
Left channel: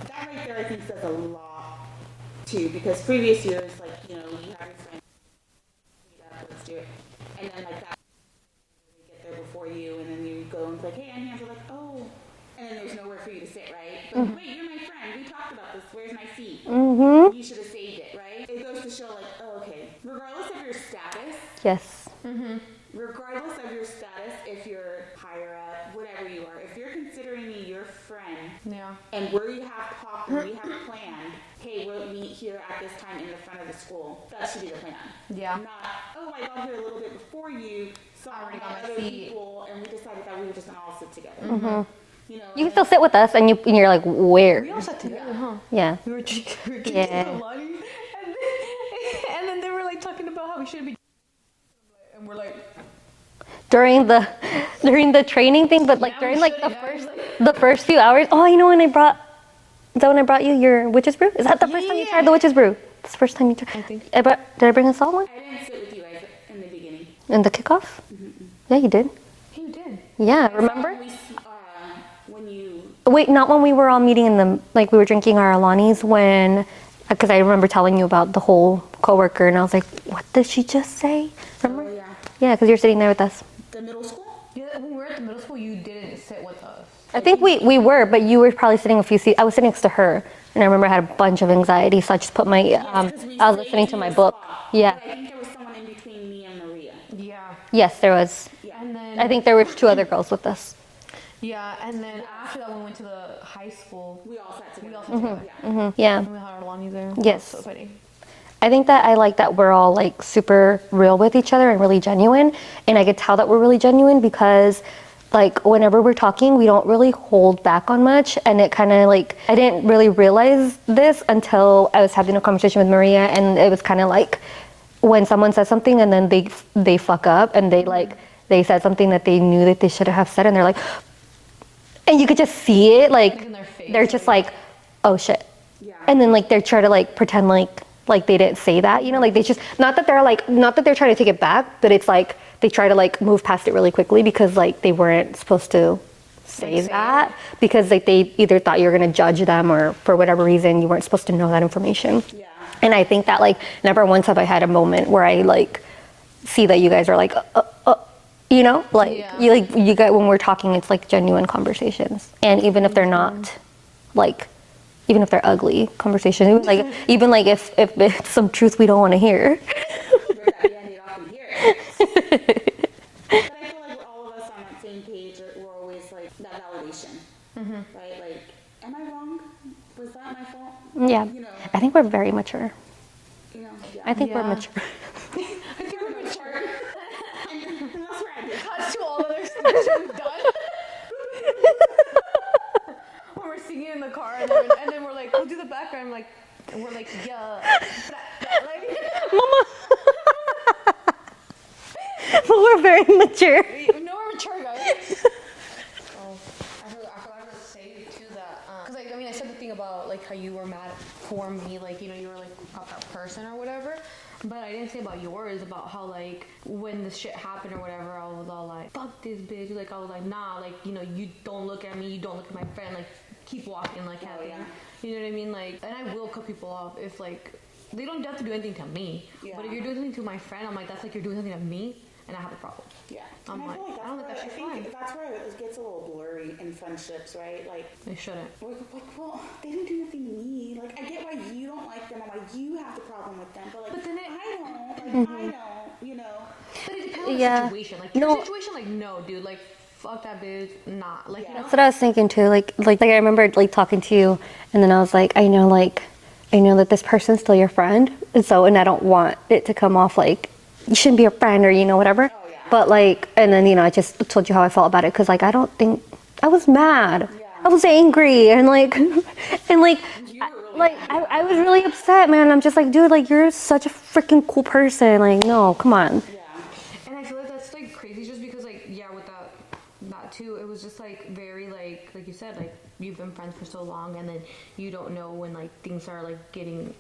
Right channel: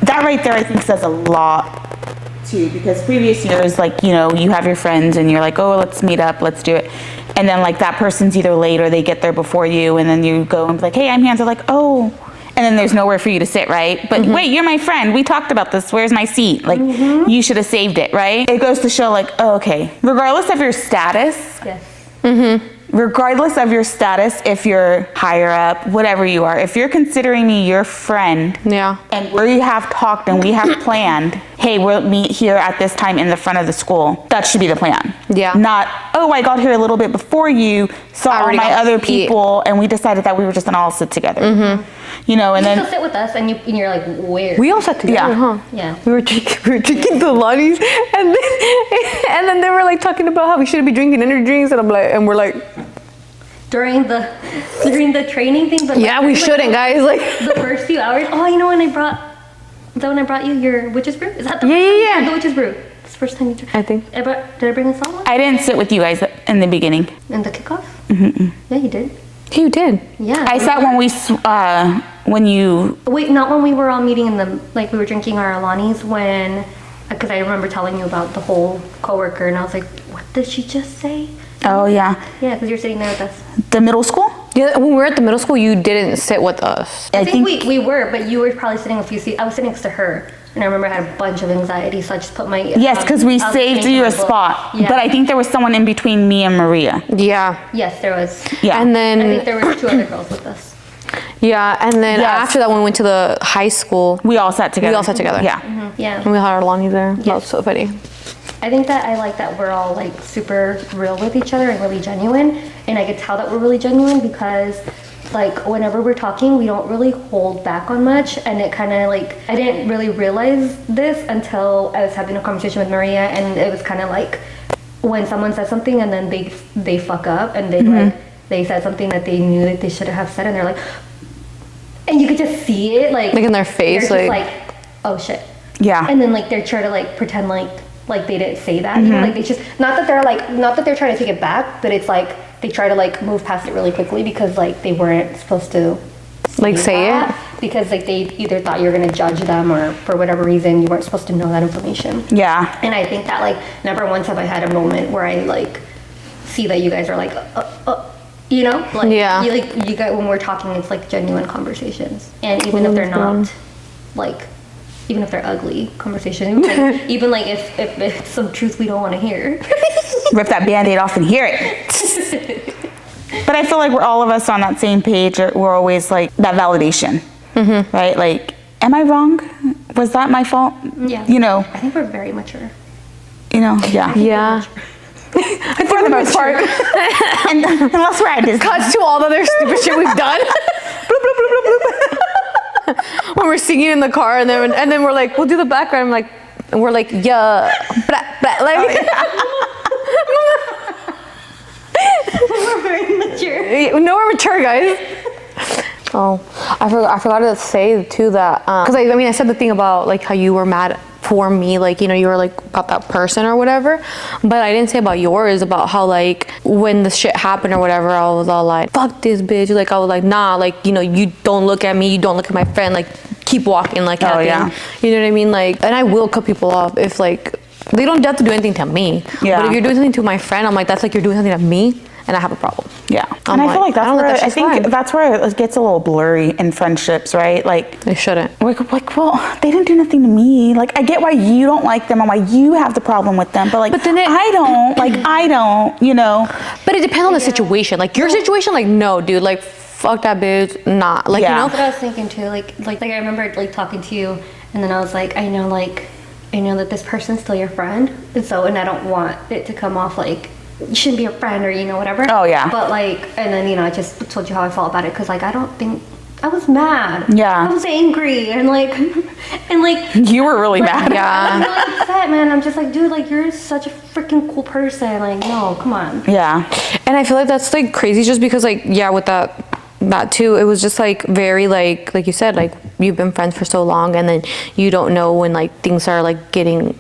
That right there, I think, says a lot too, because previous years, like, you know, you have your friends and you're like, oh, let's meet up, let's do it. And then like that person's either late or they get there before you, and then you go and be like, hey, I'm here. And they're like, oh. And then there's nowhere for you to sit, right? But wait, you're my friend. We talked about this. Where's my seat? Like, you should have saved it, right? It goes to show like, oh, okay. Regardless of your status. Yes. Regardless of your status, if you're higher up, whatever you are, if you're considering me your friend, Yeah. and we have talked and we have planned, hey, we'll meet here at this time in the front of the school, that should be the plan. Yeah. Not, oh, I got here a little bit before you, saw all already my got other to see it. people, and we decided that we were just gonna all sit together. You know, and You then still sit with us, and you're like, where? We all sat together, Yeah. huh? Yeah. We were drinking the Lonnies, and then they were like talking about how we shouldn't be drinking energy drinks, and I'm like, and we're like, during the training thing. But yeah, we shouldn't, guys. Like the first few hours. Oh, you know when I brought you your witch's brew? Is that the first time you tried the witch's brew? It's the first time you tried. I think. Did I bring a salt one? I didn't sit with you guys in the beginning. In the kickoff? Yeah, you did. You did. Yeah. I sat when you. Wait, not when we were all meeting in the, like we were drinking our Alani's because I remember telling you about the whole coworker, and I was like, what did she just say? Oh yeah, Yeah, because you're sitting there with us. the middle school. Yeah, when we were at the middle school, you didn't sit with us. I think we were, but you were probably sitting a few seats. I was sitting next to her, and I remember I had a bunch of anxiety, so I just put my Yes, because we I was saved listening to you my a book. spot. Yeah. But I think there was someone in between me and Maria. Yeah. Yes, there was. Yeah. And then I think there were 2 other girls with us. yeah, and then Yes. after that, when we went to the high school, We all sat together. Yeah. Yeah. And we had our Lonnies there. That was Yes. so funny. I think that I like that we're all like super real with each other and really genuine, and I could tell that we're really genuine because like whenever we're talking, we don't really hold back on much, and it kind of like I didn't really realize this until I was having a conversation with Maria, and it was kind of like when someone says something and then they fuck up and they said something that they knew that they should have said, and they're like, and you could just see it like Like in their face, they're just like oh shit. Yeah. And then like they're trying to like pretend like they didn't say that, you know, like they just not that they're trying to take it back, but it's like they try to like move past it really quickly because like they weren't supposed to Say that, it? because like they either thought you were gonna judge them or for whatever reason you weren't supposed to know that information. Yeah. And I think that like never once have I had a moment where I like see that you guys are like you know, like Yeah. you guys when we're talking, it's like genuine conversations, and even if they're not like. Even if they're ugly conversations, like even like if it's some truth we don't want to hear. Rip that Band-Aid off and hear it. But I feel like we're all of us on that same page. We're always like that validation, right? Like, am I wrong? Was that my fault? Yeah. You know. I think we're very mature. You know. Yeah. Yeah. For the most part. And unless we're at Disney. Cuts to all the other stupid shit we've done. When we're singing in the car, and then we're like, we'll do the background. I'm like, and we're like, yeah, blah, blah, like, We're very mature. no, we're mature, guys. Oh, I forgot to say too that because I mean I said the thing about like how you were mad for me, like, you know, you were like about that person or whatever, but I didn't say about yours, about how like when the shit happened or whatever, I was all like, fuck this bitch, like I was like, nah, like, you know, you don't look at me, you don't look at my friend, like keep walking, like nothing. Yeah. You know what I mean? Like, and I will cut people off if like they don't have to do anything to me. Yeah. But if you're doing something to my friend, I'm like, that's like you're doing something to me, and I have a problem. Yeah. I'm And I feel like I don't let that I shit think slide. that's where it gets a little blurry in friendships, right? Like, They shouldn't. we're like, well, they didn't do nothing to me. Like, I get why you don't like them and why you have the problem with them, but like, But then I don't, you know. But it depends on the situation. Like your situation, like no, dude, like fuck that bitch, not like Yeah. you know. That's what I was thinking too. Like I remember like talking to you, and then I was like, I know that this person's still your friend, and I don't want it to come off like you shouldn't be a friend, or whatever. Oh, yeah. But like, and then I just told you how I felt about it, because like I don't think I was mad. Yeah. I was angry and like You were really mad. I was really upset, man. I'm just like, dude, like you're such a freaking cool person. Like, no, come on. Yeah. And I feel like that's like crazy, just because like, yeah, with that too, it was just like very like you said, like you've been friends for so long, and then you don't know when like things are like getting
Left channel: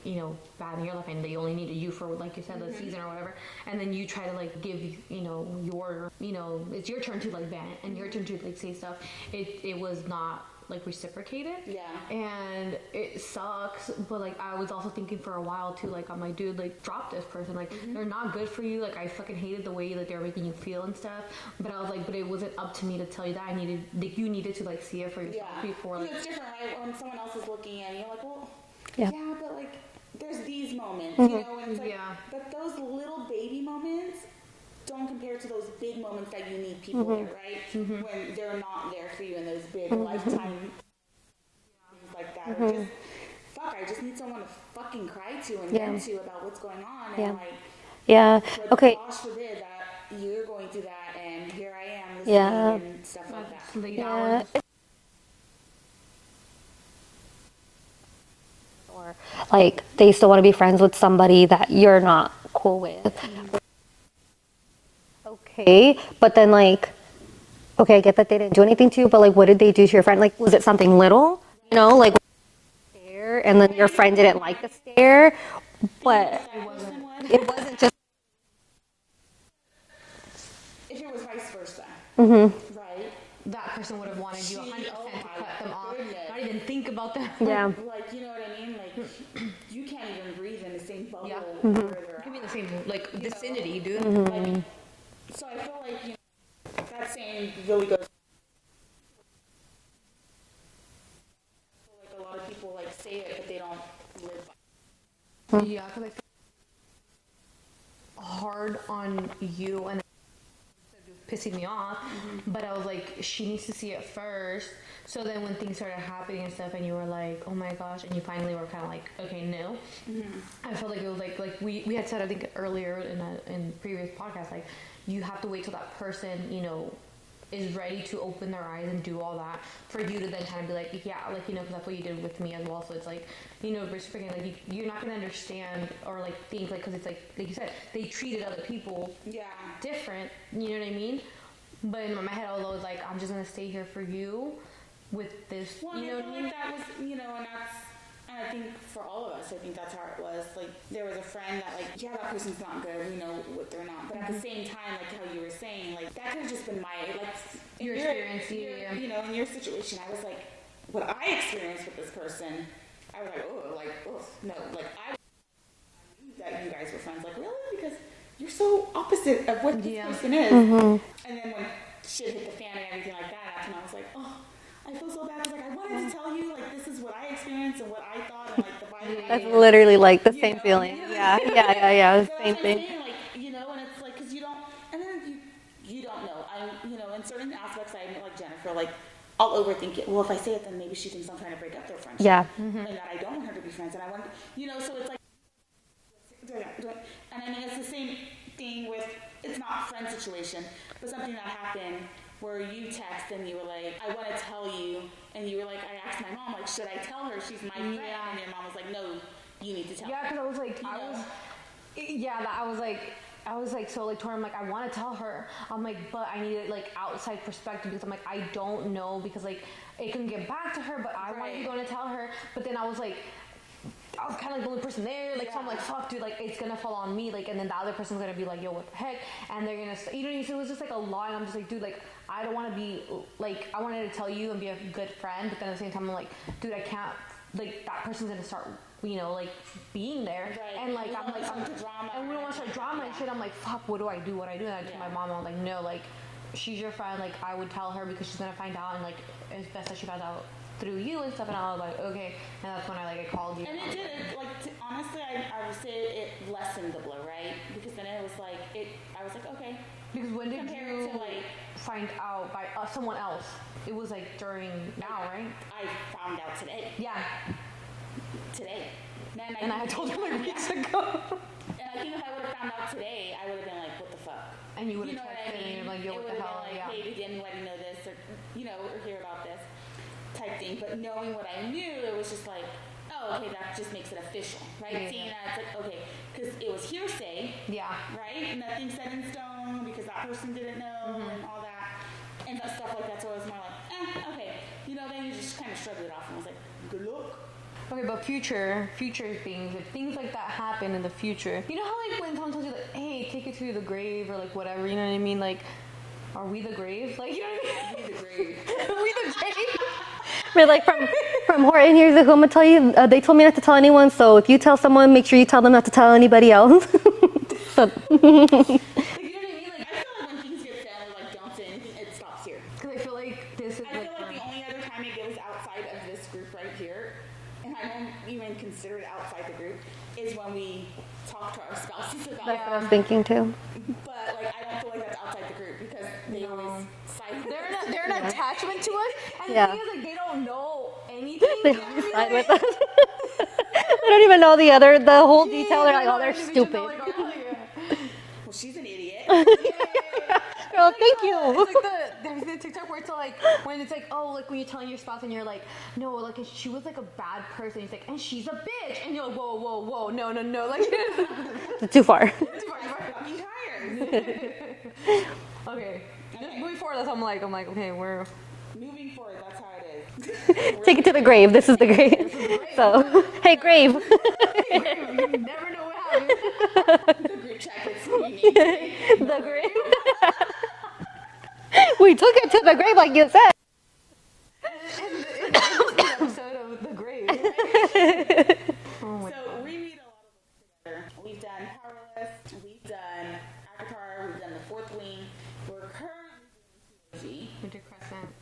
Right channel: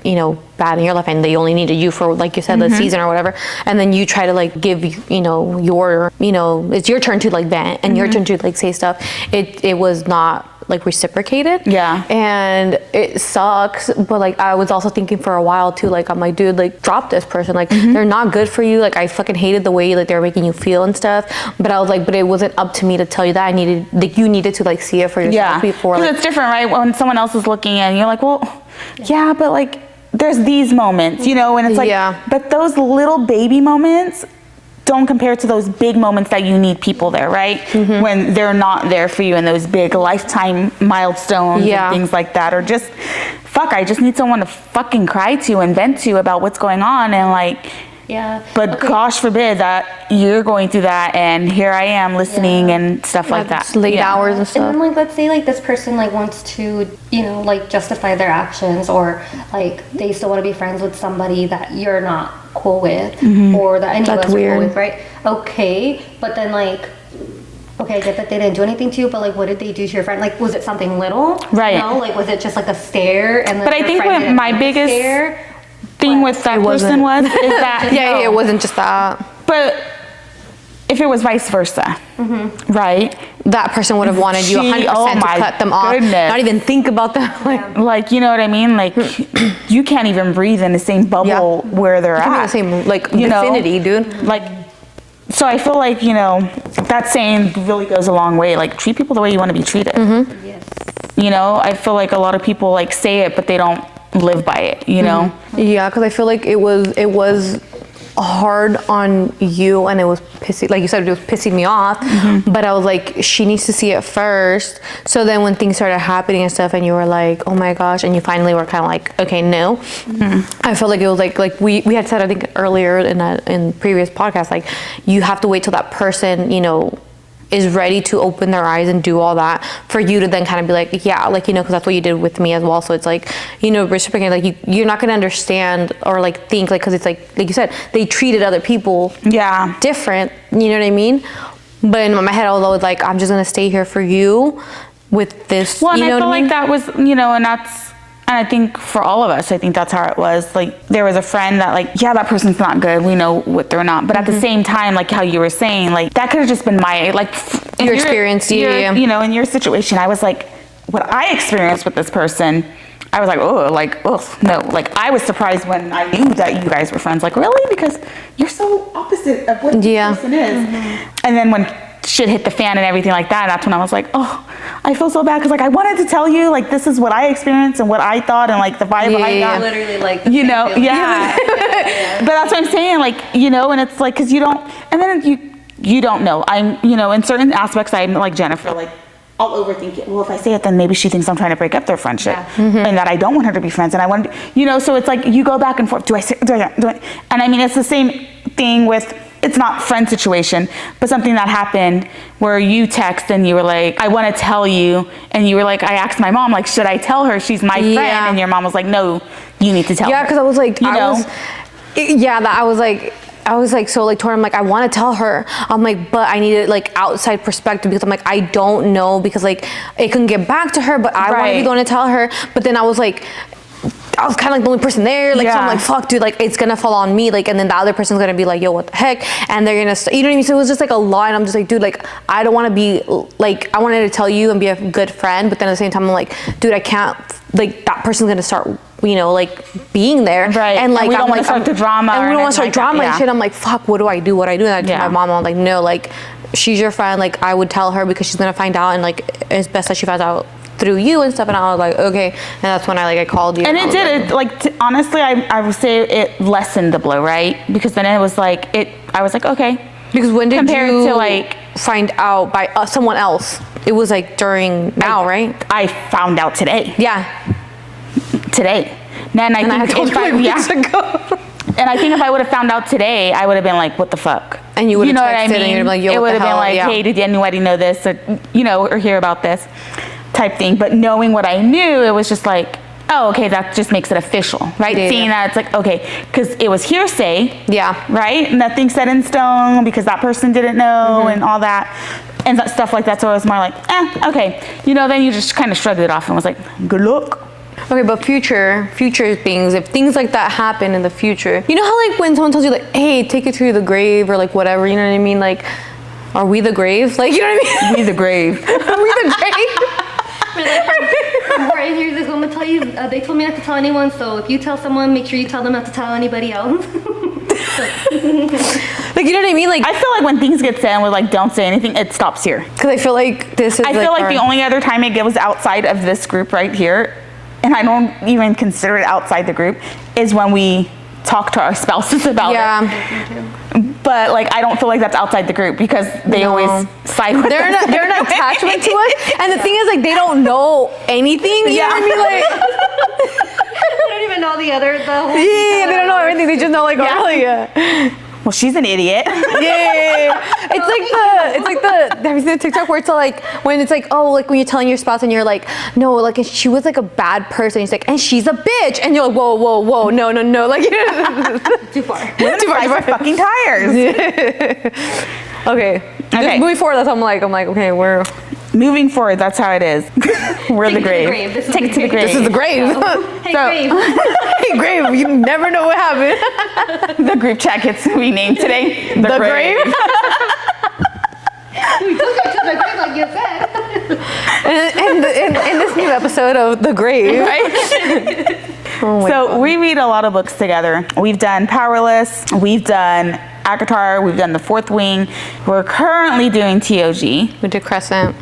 bad in your life, and they only needed you for, like you said, the season or whatever, and then you try to like give your it's your turn to like vent and your turn to like say stuff. It was not like reciprocated. Yeah. And it sucks, but like I was also thinking for a while too, like I'm like, dude, like drop this person, like they're not good for you. Like I fucking hated the way like they were making you feel and stuff, but I was like, but it wasn't up to me to tell you that. You needed to like see it for yourself before. Because Like, it's different, right? When someone else is looking and you're like, well, yeah, but like there's these moments, and it's like, but those little baby moments don't compare to those big moments that you need people there, right? When they're not there for you in those big lifetime milestones and things like that, or just, I just need someone to fucking cry to and vent to about what's going on, and like, but gosh forbid that you're going through that, and here I am listening and stuff like that. Late hours and stuff. And then like, let's say like this person like wants to, like justify their actions, or like they still want to be friends with somebody that you're not cool with, or that any of us are cool with, right? Okay, but then like, okay, I get that they didn't do anything to you, but like, what did they do to your friend? Like, was it something little? Right. Like, was it just like a stare? And then But I think what my biggest thing with that person was is that it wasn't just that. But if it was vice versa, right? That person would have wanted you 100% to cut them off, not even think about them. Like, you know what I mean? Like, you can't even breathe in the same bubble where they're at. The same like vicinity, dude. Like, so I feel like that saying really goes a long way. Like, treat people the way you want to be treated. I feel like a lot of people like say it, but they don't live by it. Yeah, because I feel like it was hard on you, and it was pissing, like you said, it was pissing me off, but I was like, she needs to see it first. So then when things started happening and stuff, and you were like, oh my gosh, and you finally were kind of like, okay, no. I felt like it was like we had said, I think earlier in previous podcasts, like you have to wait till that person is ready to open their eyes and do all that for you to then kind of be like, because that's what you did with me as well. So it's like, reciprocating, like you're not gonna understand or like think, like, because it's like you said, they treated other people different, you know what I mean? But in my head, I was always like, I'm just gonna stay here for you with this. Well, and you know I feel what I like mean? that was, and I think for all of us, I think that's how it was. Like, there was a friend that like, that person's not good. We know what they're not. But at the same time, like how you were saying, like that could have just been my, like, your experience. In your situation, I was like, what I experienced with this person, I was like, no. Like, I was surprised when I knew that you guys were friends. Like, really? Because you're so opposite of what this person is. And then when shit hit the fan and everything like that, that's when I was like, oh, I feel so bad, because like I wanted to tell you, like, this is what I experienced and what I thought, and like the vibe I got. Literally like the But that's what I'm saying, like, and it's like, because you don't, and then you don't know. I'm, in certain aspects, I'm like Jennifer, like, I'll overthink it. Well, if I say it, then maybe she thinks I'm trying to break up their friendship, and that I don't want her to be friends, and I want, so it's like you go back and forth. Do I say? Do I? And I mean, it's the same thing with. It's not friend situation, but something that happened where you text and you were like, I want to tell you, and you were like, I asked my mom, like, should I tell her she's my friend? And your mom was like, no, you need to tell her. Yeah, because I was like, I was like so like torn. I'm like, I want to tell her. I'm like, but I needed like outside perspective, because I'm like, I don't know, because like it can get back to her, but I want to be going to tell her. But then I was like, I was kind of like the only person there, like, so I'm like, fuck, dude, like, it's gonna fall on me, like, and then the other person's gonna be like, yo, what the heck, and they're gonna, you know what I mean? So it was just like a lot, and I'm just like, dude, like, I don't want to be, like, I wanted to tell you and be a good friend, but then at the same time, I'm like, dude, I can't, like, that person's gonna start, like, being there, and like, and we don't want to start the drama, and we don't want to start like drama and shit. I'm like, fuck, what do I do? And I told my mom, I'm like, no, like, she's your friend, like, I would tell her, because she's gonna find out, and like, it's best that she finds out through you and stuff. And I was like, okay. And that's when I called you. And it did. Honestly, I would say it lessened the blow, right? Because then it was like, I was like, okay. Because when did you to like find out by someone else? It was like during now, right? I found out today. Yeah. Today. Then I think I told you weeks ago. And I think if I would have found out today, I would have been like, what the fuck? And you would have know texted what I mean? and you'd be like, yo, it what would the have been hell? like, Yeah. hey, did anybody know this? Or, or hear about this type thing. But knowing what I knew, it was just like, oh, okay, that just makes it official, right? Yeah. Seeing that, it's like, okay, because it was hearsay. Yeah. Right? Nothing set in stone because that person didn't know and all that. And stuff like that. So it was more like, okay. Then you just kind of shrugged it off and was like, good luck. Okay, but future things, if things like that happen in the future, you know how like when someone tells you like, hey, take it to the grave or like whatever, you know what I mean? Like, are we the grave? Like, you know what I mean? We the grave. Are we the grave? We're like, from right here, I'm gonna tell you, they told me not to tell anyone, so if you tell someone, make sure you tell them not to tell anybody else. Like, you know what I mean? Like, I feel like when things get said and we're like, don't say anything, it stops here. because I feel like this is I feel like the only other time it goes outside of this group right here, and I don't even consider it outside the group, is when we talk to our spouses about Yeah. it. But like, I don't feel like that's outside the group because they No. always side with They're us. they're an attachment to us. And the thing is, like, they don't know anything. You know what I mean? Like, I don't even know the whole yeah, detail. they don't know everything. They just know, like, oh, yeah. Well, she's an idiot. Yeah. It's like the have you seen the TikTok where it's like when it's like, oh, like when you're telling your spouse and you're like, no, like she was like a bad person. He's like, and she's a bitch, and you're like, whoa, no, like Too far. Too far. Fucking tires. okay. Just moving forward, that's how I'm like, okay, we're Moving forward, that's how it is. We're Take the it to the grave. grave. This is Take the it to the grave. this is the grave. Hey, So- grave. Hey, grave, you never know what happened. The group chat gets renamed today. The grave. We took it to the grave, like you said. And in this new episode of The Grave, Right? oh my So God. we read a lot of books together. We've done Powerless. We've done Akatar. We've done The Fourth Wing. We're currently doing TOG. We did Crescent.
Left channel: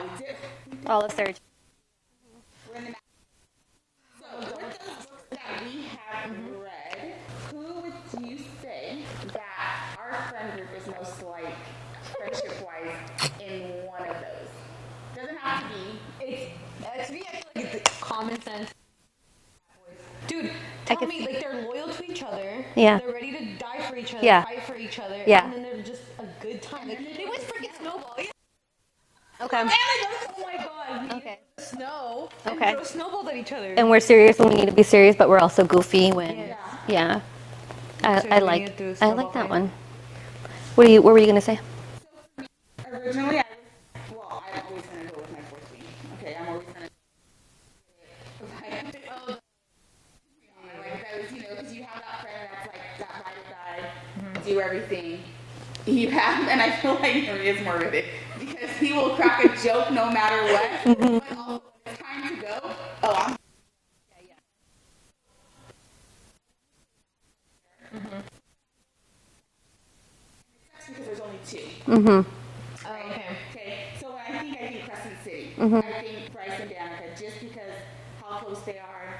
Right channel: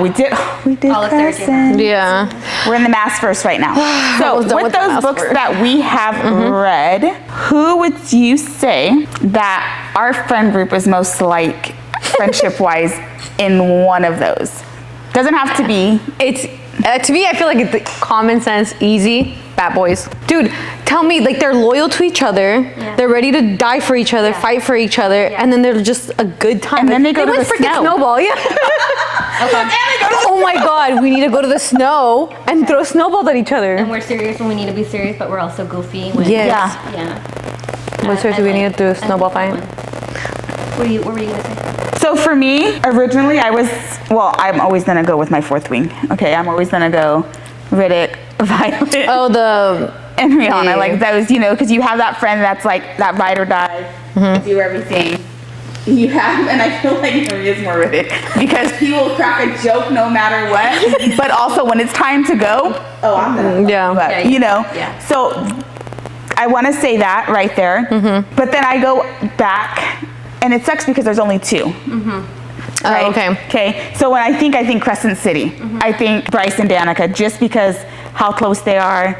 We did All of Sarah Crescent. Yeah. We're in the Mass first right now. So Almost done with with the those Mass books first. that we have read, who would you say that our friend group is most like friendship-wise in one of those? Doesn't have to be. It's to me, I feel like it's common sense, easy. Bad boys, dude. Tell me, like they're loyal to each other. Yeah. They're ready to die for each other, Yeah. fight for each other, Yeah. and then they're just a good time. And then they go to like the freaking snow. snowball. Yeah. Oh my God, we need to go to the snow and throw snowballs at each other. And we're serious when we need to be serious, but we're also goofy. When, Yes. Yeah. What seriously we need to do a I snowball like that fight? one. What were you gonna say? So for me, originally I'm always gonna go with my Fourth Wing. Okay, I'm always gonna go Riddick, Violet, Oh, the and Rihanna. yeah. Like those, because you have that friend that's like that ride or die, do everything. You have, and I feel like Maria's more Riddick because he will crack a joke no matter what. But also when it's time to go, I'm gonna. Yeah. But, Yeah, yeah. So I want to say that right there. But then I go back, and it sucks because there's only two. Right? Oh, okay. Okay. So when I think Crescent City. I think Bryce and Danica, just because how close they are,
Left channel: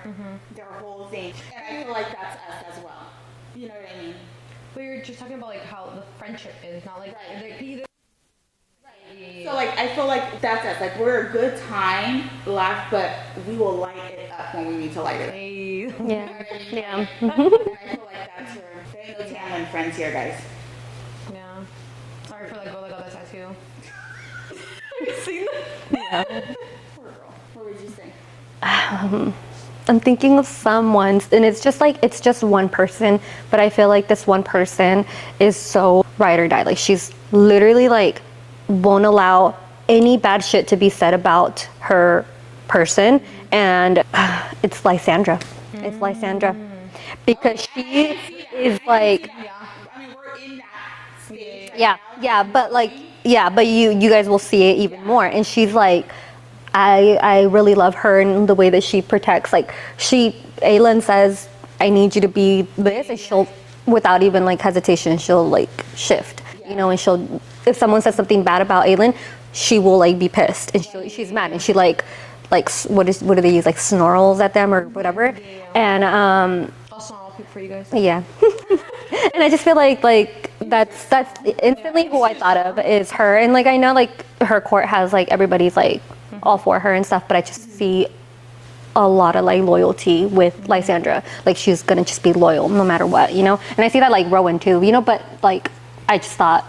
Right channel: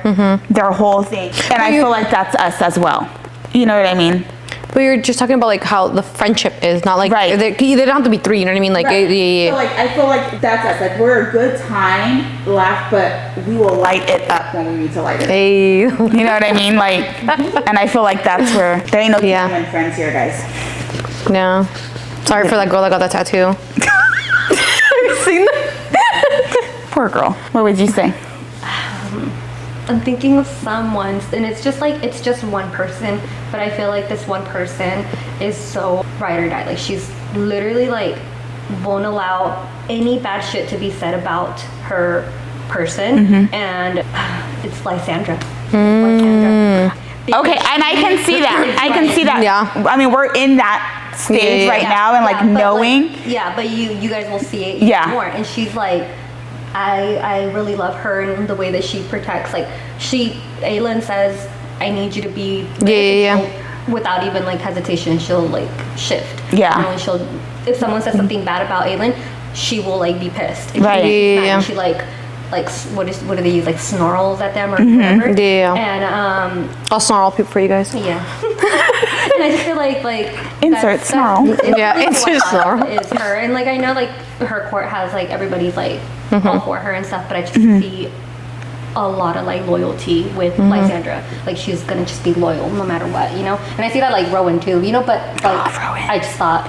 their whole thing, and I feel like that's us as well. You know what I mean? But you're just talking about like how the friendship is, not like Right. they don't have to be three. You know what I mean? Like yeah. So like I feel like that's us. Like we're a good time, laugh, but we will light it up when we need to light it up. Hey. You know what I mean? Like, and I feel like that's where there ain't no Yeah. genuine friends here, guys. No. Sorry for that girl that got that tattoo. Have you seen that? Poor girl. What would you say? I'm thinking of someone, and it's just one person, but I feel like this one person is so ride or die. Like she's literally like won't allow any bad shit to be said about her person, and it's Lysandra. It's Lysandra. Because Okay, and I can see that. is I can like- see that. Yeah. I mean, we're in that stage Yeah. right now, and like but, knowing. but you guys will see it even Yeah. more. And she's like, I really love her and the way that she protects. Like Aylin says, I need you to be this," Yeah. and she'll, without even like hesitation, she'll like shift. Yeah. And if someone says something bad about Aylin, she will like be pissed. And Right. she's mad, Yeah. and she what do they use, like snarls at them or whatever. Yeah. And I'll snarl people for you guys. yeah. And I just feel like Insert snarl. it's Yeah, really who I insert thought of snarl. is her. And like I know like her court has like everybody's like all for her and stuff, but I just see a lot of like loyalty with Lysandra. Like she was gonna just be loyal no matter what, you know. And I see that like Rowan too, you know. But like I just thought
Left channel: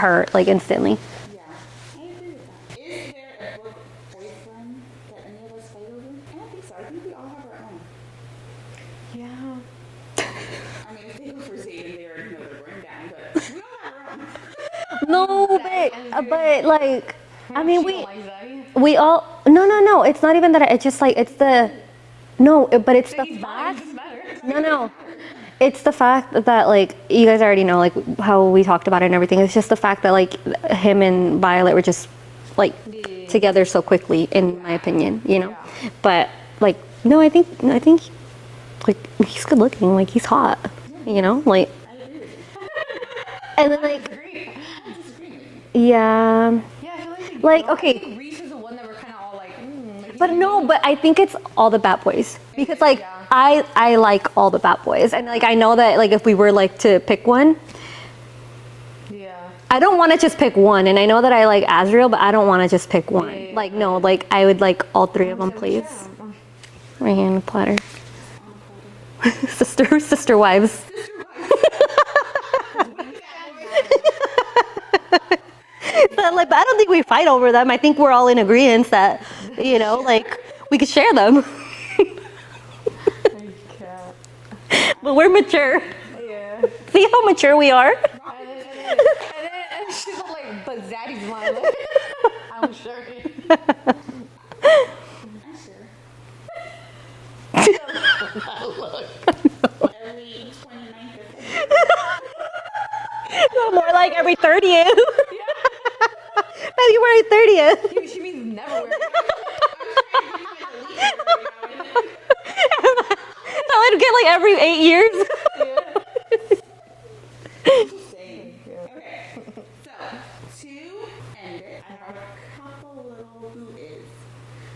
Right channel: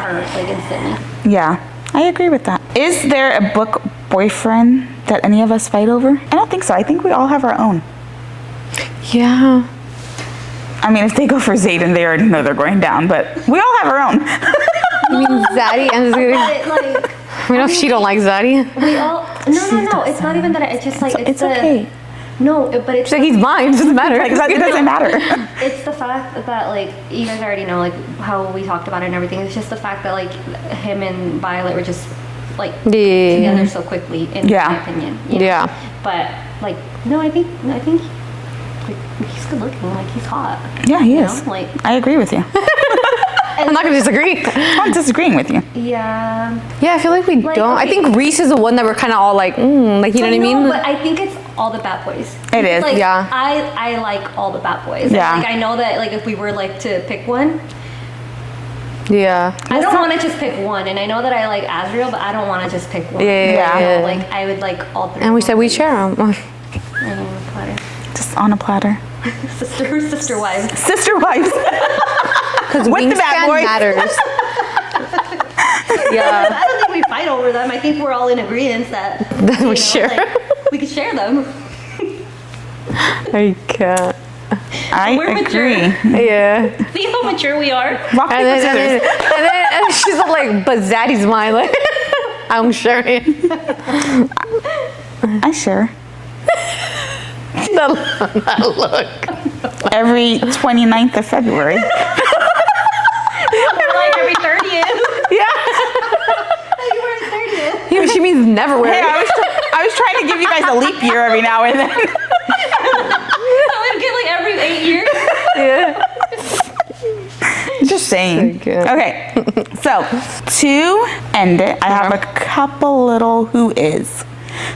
her like instantly. Yeah, I agree with that. Is there a book boyfriend that any of us fight over? I don't think so. I think we all have our own. Yeah. I mean, if they go for Zayden, they already know they're going down, but we all have our own. I mean, Zaddy and But, like, we know she don't like Zaddy. we all no. It's not even that. It's just like It's okay. No, but it's She's like, he's mine. It doesn't matter. Like, it doesn't matter. it's the fact that like you guys already know like how we talked about it and everything. It's just the fact that like him and Violet were just like together so quickly, in my opinion. You know? Yeah. But like no, I think like he's good looking. Like he's hot. Yeah, he is. You know, like I agree with you. I'm not gonna disagree. I'm not disagreeing with you. Yeah. Yeah, I feel like we don't. Okay. I think Reese is the one that we're kind of all like, like you know what I mean? But I think it's all the bad boys. It is. Like, yeah. I like all the bad boys. Yeah. And, like I know that like if we were like to pick one, Yeah. I don't want to just pick one. And I know that I like Azriel, but I don't want to just pick one. Yeah. No, like I would like all three. And we of said them, we please. share them. Right here in a platter. Just on a platter. Sister wives. Sister wives. With the bad boys. matters. Yeah. I don't think we fight over them. I think we're all in agreement that you know, share. like we could share them. I can't. We're mature. Yeah. See how mature we are? Rock, paper, scissors. And then she's like, but Zaddy's mine. Like, I'm sharing. I share. That look. Every 29th of February. More like every 30th. Yeah. February 30th. Yeah, she means never wear Hey, it. I was trying to give you guys a leap year every now and then. I would get like every 8 years. Yeah. Just saying. So good. Okay, so to end it, I have a couple little who is.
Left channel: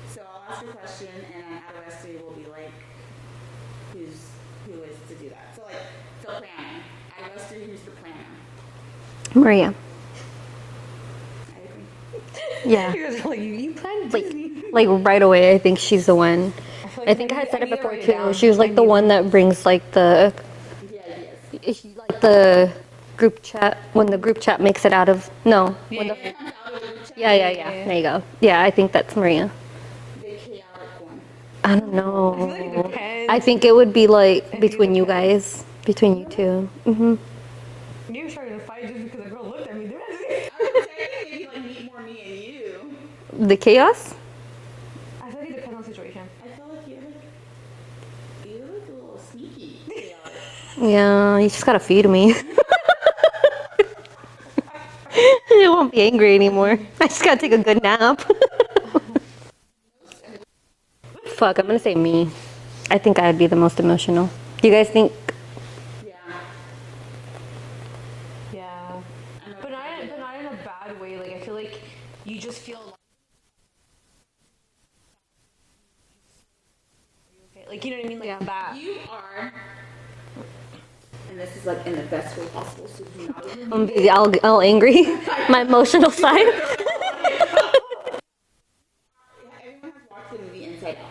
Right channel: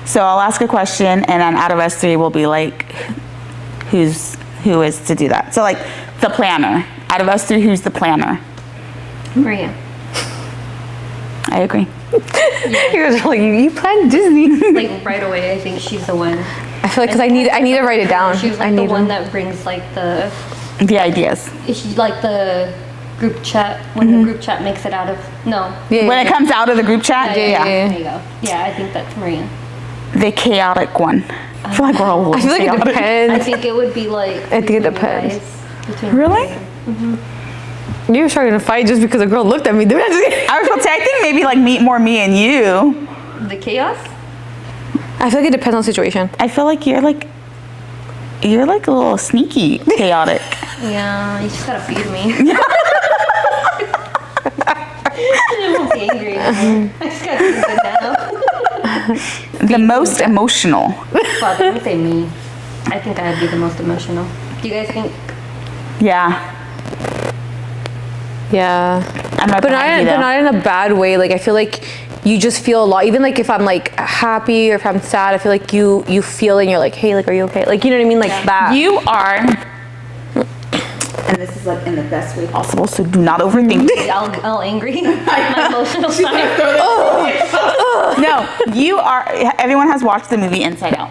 So I'll ask a question, and then out of us three, we'll be like, who is to do that? So like the planner. Out of us three, who's the planner? Maria. I agree. You guys are like, you planned Disney. Like right away, I think she's the one. I feel like because I need to write it down. She's like the one that brings like the ideas. she's like the group chat when the group chat makes it out of When it comes out of the group chat, yeah. There you go. Yeah, I think that's Maria. The chaotic one. I feel like we're all. I feel like it depends. I think it would be like I think between it you depends. guys. Between Really? you two. You were starting to fight just because a girl looked at me. I was gonna say, I think maybe like me and you. The chaos? I feel like it depends on the situation. I feel like you're like a little sneaky chaotic. Yeah, you just gotta feed me. I won't be angry anymore. I just gotta take a good nap. The most emotional. Fuck, I'm gonna say me. I think I'd be the most emotional. Do you guys think? Yeah. Yeah. I'm right But behind you, though. not in a bad way. Like I feel like you just feel a lot. Even like if I'm like happy or if I'm sad, I feel like you feel it and you're like, hey, like, are you okay? Like, you know what I mean? Like that. You are, and this is like in the best way possible, so do not overthink. All angry. My emotional side. No, you are, everyone has watched the movie Inside Out.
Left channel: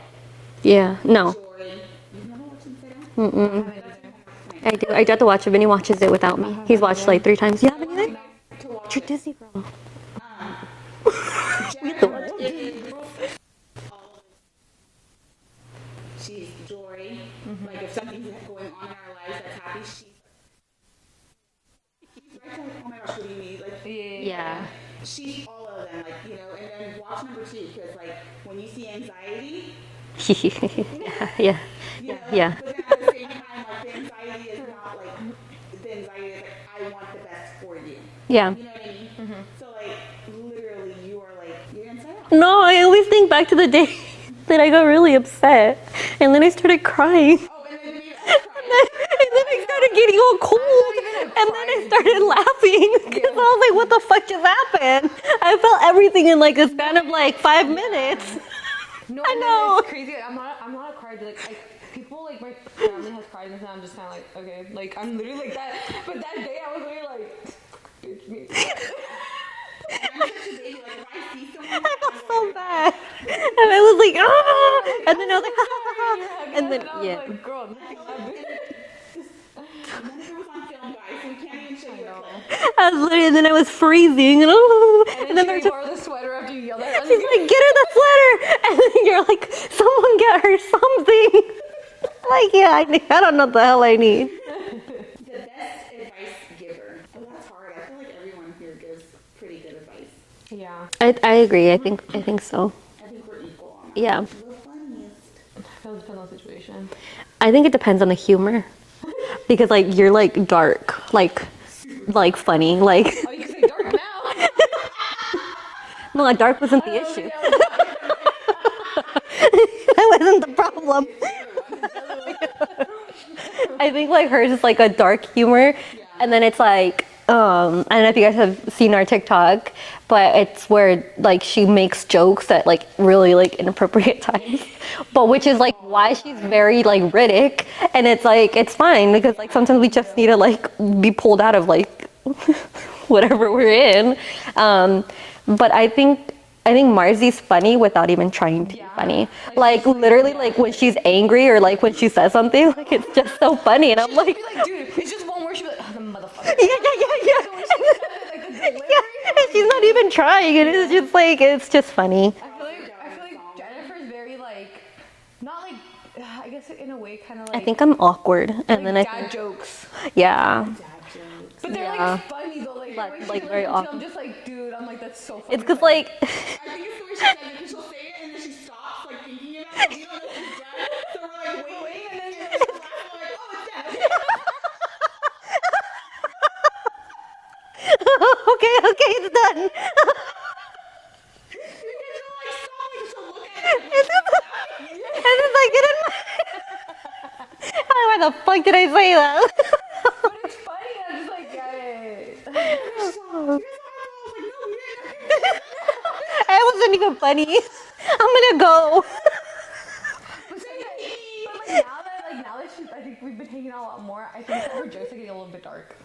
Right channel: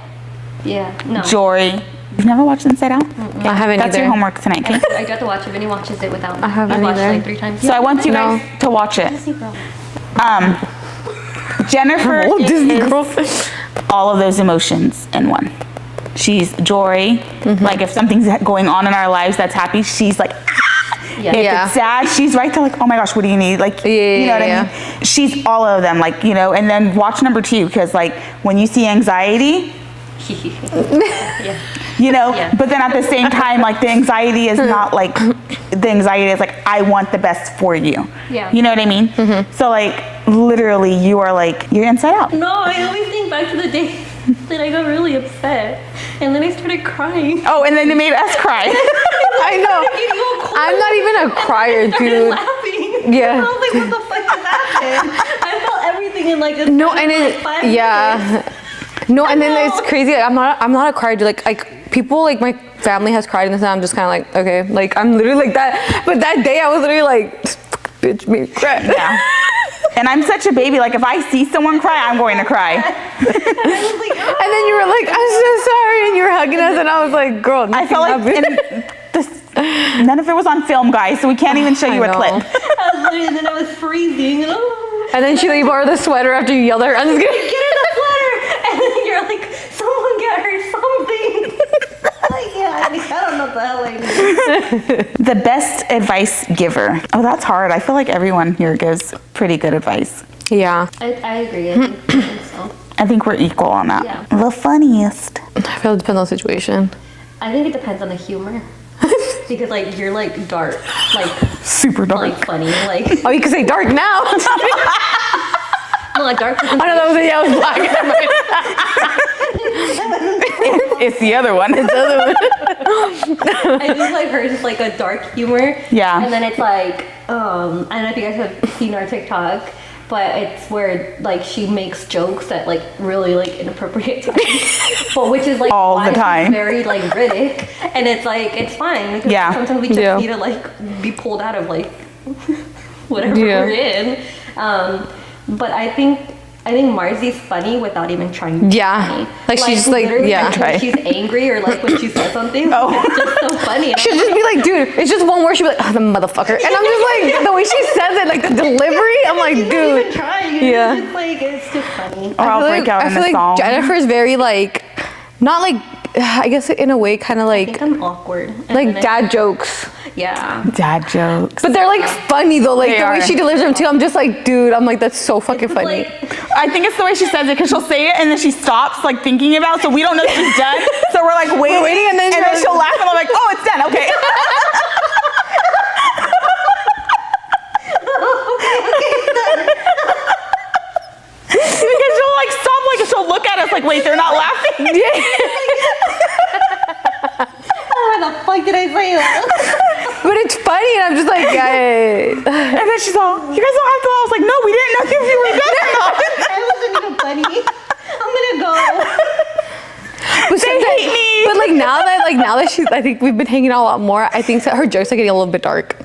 Yeah. No. Jory, you've never watched Inside Out? I haven't That's either. your homework tonight. I have to watch it. Vinny watches it without me. I haven't He's watched either. like 3 times. So I want you guys to watch it. Jennifer Disney is girl. all of those emotions in one. She's Jory. Like if something's going on in our lives that's happy, she's like, Yeah. If Yeah. it's sad, she's right there like, oh my gosh, what do you need? Like, you know what I mean? She's all of them, like, you know, and then watch number 2, because like when you see anxiety, Yeah. you know, Yeah. but then at the same time, like the anxiety is not like, the anxiety is like, I want the best for you. Yeah. You know what I mean? So like, literally you are like, you're inside out. No, I always think back to the day that I got really upset, and then I started crying. Oh, and then it made us cry. I know. started getting all cold. I'm not even a crier, I started dude. laughing. Yeah. And I was like, what the fuck just happened? I felt everything in like this No, span and of, like 5 minutes. yeah. No, and then know. it's crazy. I'm not a crier, dude. Like people, like my family has cried, and I'm just kind of like, okay, like I'm literally like that. But that day, I was literally like, bitch, me cry. Yeah. And I'm such a baby. Like, if I see someone cry, I'm going to cry. And I was like, oh. And then you were like, I'm so sorry, and you were hugging us, and I was like, girl, I felt like none of it was on film, guys, so we can't even show you a clip. I was literally, and then I was freezing. And then she borrowed the sweater after you yelled at her. I'm just gonna get her the sweater. And then you're like, someone get her something. Like, yeah, I don't know what the hell I need. The best advice giver. Oh, that's hard. I feel like everyone here gives pretty good advice. Yeah. I agree. I think so. I think we're equal on that. Yeah. The funniest. I feel it depends on the situation. I think it depends on the humor. Because, like, you're, like, dark. Like, super dark. Like, funny. Like, Oh, you can say dark now. well, dark was I know that was it. Yeah, it was black. It's the other one. It's the other one. I think, like, hers is, like, a dark humor. Yeah. And then it's, like, I don't know if you guys have seen our TikTok, but it's where, like, she makes jokes at, like, really, like, inappropriate times. But which is, like, all why the time. she's very, like, Riddick. And it's, like, it's fine. Because Yeah. like, sometimes we just Yeah. need to, like, be pulled out of, like, whatever Yeah. we're in. But I think Marzi's funny without even trying to be Yeah. funny. Like, she's, like, literally, yeah. when she's angry or, like, when she says something, it's just so funny. And She'll just be like, dude, it's just one word. She'll be like, oh, the motherfucker. And I'm just like, the way she says it, like the delivery, I'm like, she's dude. not even trying. Yeah. It's just like, it's just funny. Or I'll break out I in feel a like song. Jennifer's very like, not like, I guess in a way, kind of I like, think I'm awkward. And like then dad jokes. Yeah. Dad jokes. But they're like funny though. Like They the way are. she delivers them too. I'm just like, dude. I'm like, that's so fucking It's funny. like, I think it's the way she says it because she'll say it and then she stops like thinking about it, so we don't know if she's done. So we're like waiting and then she'll laugh and I'm like, oh, it's done. Okay. okay, it's done. Because she'll like stop, like she'll look at us like, wait, they're not laughing. Why the fuck did I say that? But it's funny, and I'm just like, hey. And then she's all, you guys don't have to. I was like, no, we didn't know if you were done or not. I wasn't even funny. I'm gonna go. But They hate me. But like now that she's, I think we've been hanging out a lot more. I think that her jokes are getting a little bit dark.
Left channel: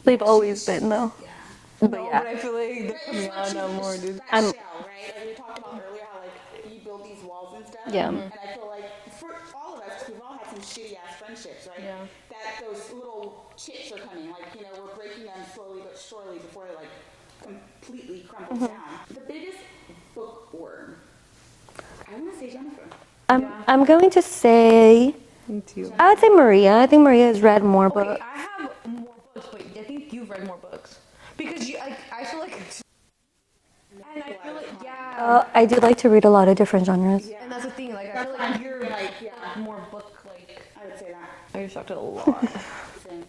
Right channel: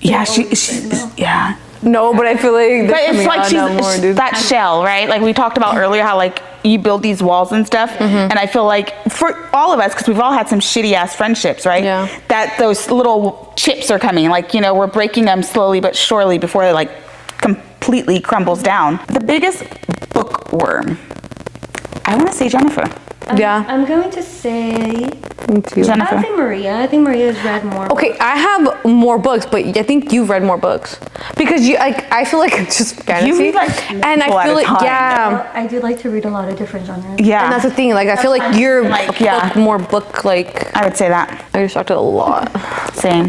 Yeah, always say no. yeah. No, but I feel like But it's like more, dude. that shell, right? Like we talked about earlier, how like you build these walls and stuff. And I feel like for all of us, because we've all had some shitty ass friendships, right? Yeah. That those little chips are coming. Like, you know, we're breaking them slowly but surely before they like completely crumbles down. The biggest bookworm. I want to say Jennifer. Yeah. I'm going to say, Me too. Jennifer. I'd say Maria. I think Maria's read more Okay, books. I have more books, but I think you've read more books because you like. I feel like it's just fantasy, read, like, and multiple I at feel a like time. yeah, I do like to read a lot of different genres. Yeah. and that's the thing. Like I feel like you're Like, yeah. more book like. I would say that. I distracted a lot. Same.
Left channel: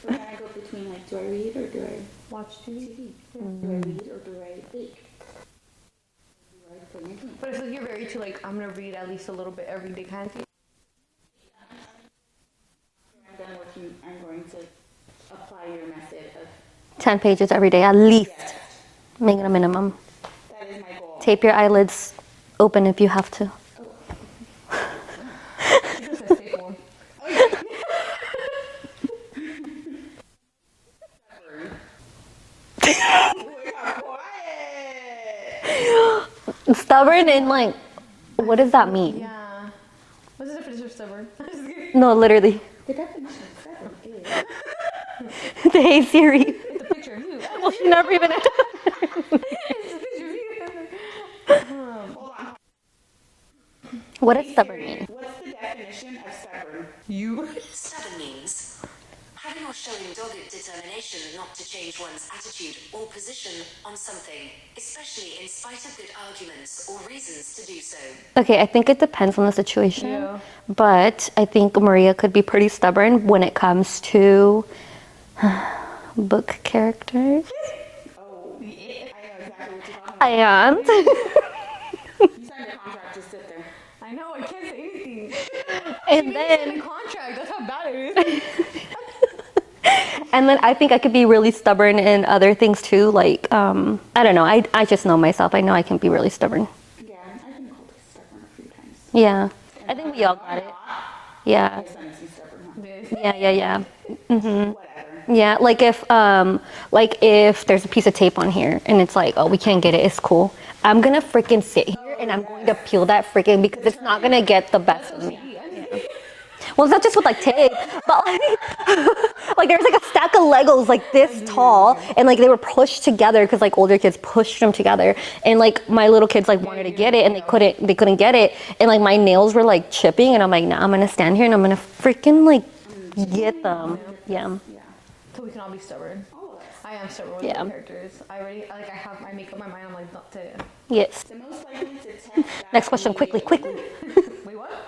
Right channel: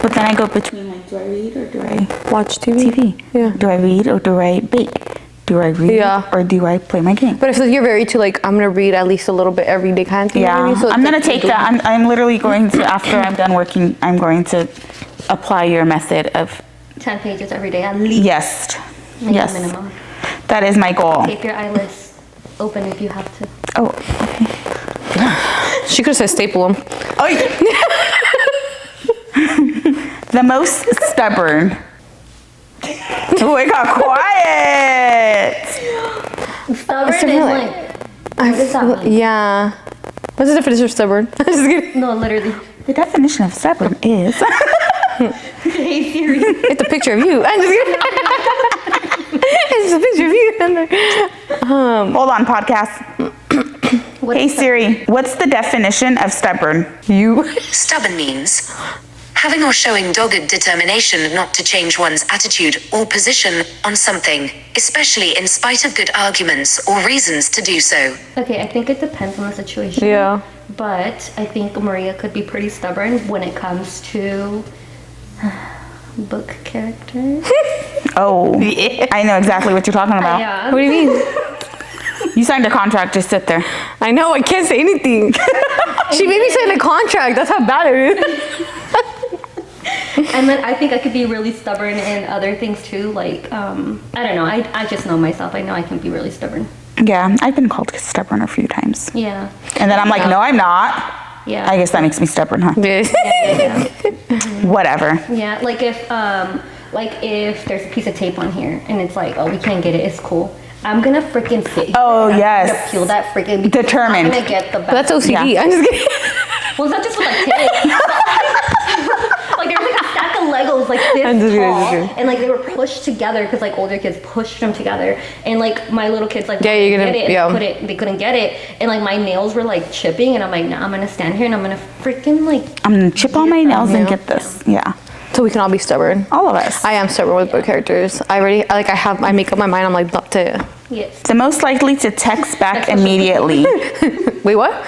But then I go between like, do I read or do I Watch TV. TV? Yeah. Do I read or do I bake? Do I read Yeah. or do I play my game? But I feel like you're very too like I'm gonna read at least a little bit every day kind of thing. you know what I Yeah, mean? So it's I'm gonna like, take that. I'm literally going to, after I'm done working, I'm going to apply your method of 10 pages every day, at least. yes. Make Yes. a minimum. That is my goal. Tape your eyelids open if you have to. Oh, okay. She could have said staple them. Oh, the most stubborn. Oh, it got quiet. Stubborn is Similar. like, what does that mean? Yeah. What's the definition of stubborn? Just kidding. No, literally. The definition of stubborn is Hey Siri. It's a picture of you. I'm just kidding. It's a picture of you. hold on, podcast. What Hey is stubborn? Siri, what's the definition of stubborn? You. Stubborn means having or showing dogged determination not to change one's attitude or position on something, especially in spite of good arguments or reasons to do so. Okay, I think it depends on the situation. Yeah. But I think Maria could be pretty stubborn when it comes to book characters. Oh, I know exactly what you're talking about. Yeah. What do you mean? You signed a contract, just sit there. I know, I can't say anything. She made me sign a contract. That's how bad it is. And then I think I could be really stubborn in other things too. Like, I don't know. I just know myself. I know I can be really stubborn. Yeah, I've been called stubborn a few times. Yeah. And then I'm like, no, I'm not. Yeah. I guess that makes me stubborn, huh? Yeah. Whatever. Yeah, like if there's a piece of tape on here and it's like, oh, we can't get it, it's cool. I'm gonna freaking sit here and I'm gonna peel that freaking because Determined. I'm gonna get the back. That's OCD. Yeah. I'm just kidding. Well, it's not just with like tape. Like there's like a stack of Legos like this tall, and like they were pushed together because like older kids pushed them together, and like my little kids like wanted to get it and they couldn't get it, and like my nails were like chipping, and I'm like, nah, I'm gonna stand here and I'm gonna freaking like I'm gonna chip all my nails and get this. Yeah. So we can all be stubborn. All of us. I am stubborn with book characters. I make up my mind. I'm like, not to. Yes. The most likely to text back immediately. Wait, what?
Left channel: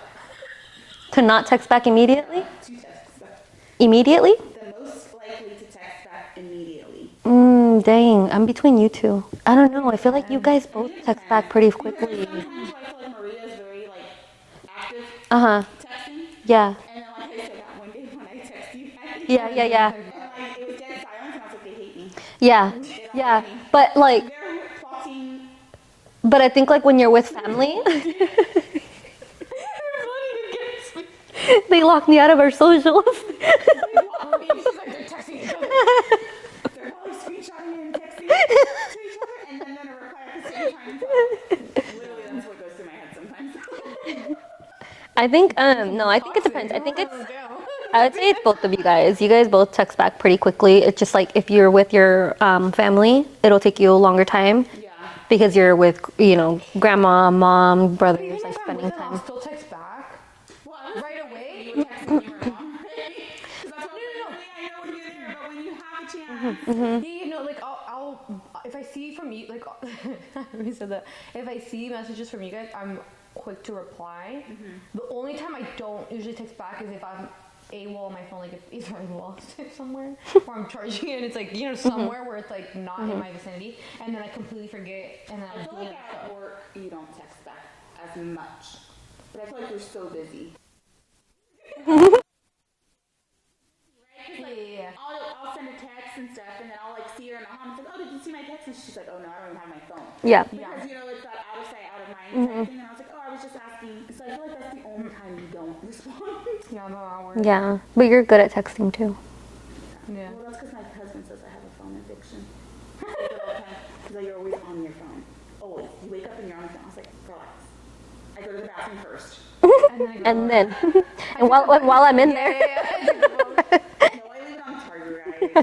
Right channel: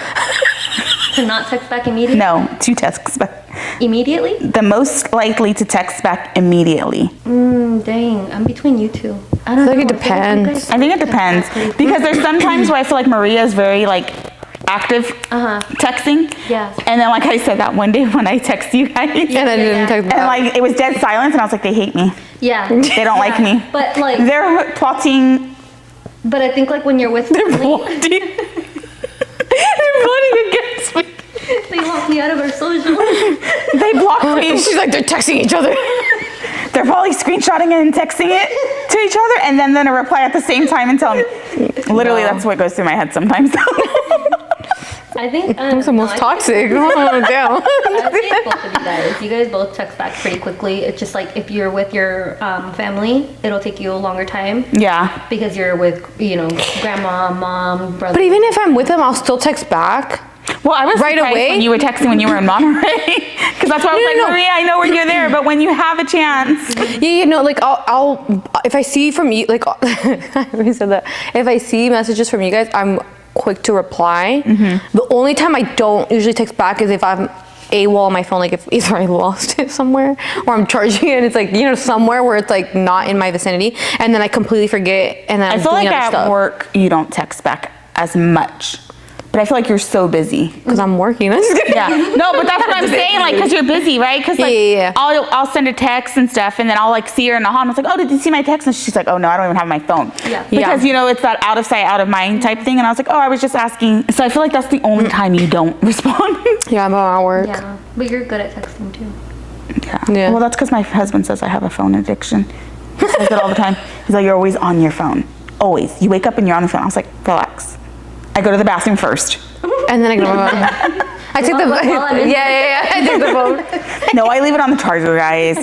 To not text back immediately? No, to text back. Immediately? The most likely to text back immediately. Dang, I'm between you two. I don't know. think it depends. I think it depends because there's sometimes where I feel like Maria is very like active texting. Yes. And then like I said that one day when I text you guys. And I didn't text back. And like it was dead silence and I was like, they hate me. Yeah. They don't like me. But like, They're plotting. but I think like when you're with family, They're plotting against me. they lock me out of our social. They blocked me. She's like, they're texting each other. They're probably screenshotting it and texting it to each other and then a reply at the same time and tell me. Literally, that's what goes through my head sometimes. I think It's almost toxic. Oh, damn. I would say both of you guys. You guys both text back pretty quickly. It's just like if you're with your family, it'll take you a longer time Yeah. because you're with, grandma, mom, brother. But even if I'm with them, I'll still text back. Well, I was Right surprised away? when you were texting when you were in Monterey. Because that's why I was No. Maria, I know when you're there, but when you have a chance. Yeah, like I'll if I see from you, like I already said that. If I see messages from you guys, I'm quick to reply. The only time I don't usually text back is if I'm AWOL on my phone, like if either I lost it somewhere or I'm charging it and it's like, somewhere where it's like not in my vicinity and then I completely forget and then I I'm feel doing like other at stuff. work, you don't text back as much. But I feel like you're so busy. Because I'm working. I'm just kidding. Yeah. No, but that's what I'm saying, like, because you're busy, right? Because like, Yeah. I'll send a text and stuff, and then I'll like see her in the hall, and I was like, oh, did you see my text? And she's like, oh no, I don't even have my phone. Yeah. Because it's that out of sight, out of mind type thing, and I was like, oh, I was just asking. So I feel like that's the only time you don't respond. Yeah, I'm at work. Yeah, but you're good at texting too. Yeah. Well, that's because my husband says I have a phone addiction. He says it all the time. He's like, you're always on your phone. Always. You wake up and you're on the phone. I was like, relax. I go to the bathroom first. And then I go, I take the while I'm in yeah. I take the phone. No, I leave it on the charger, guys.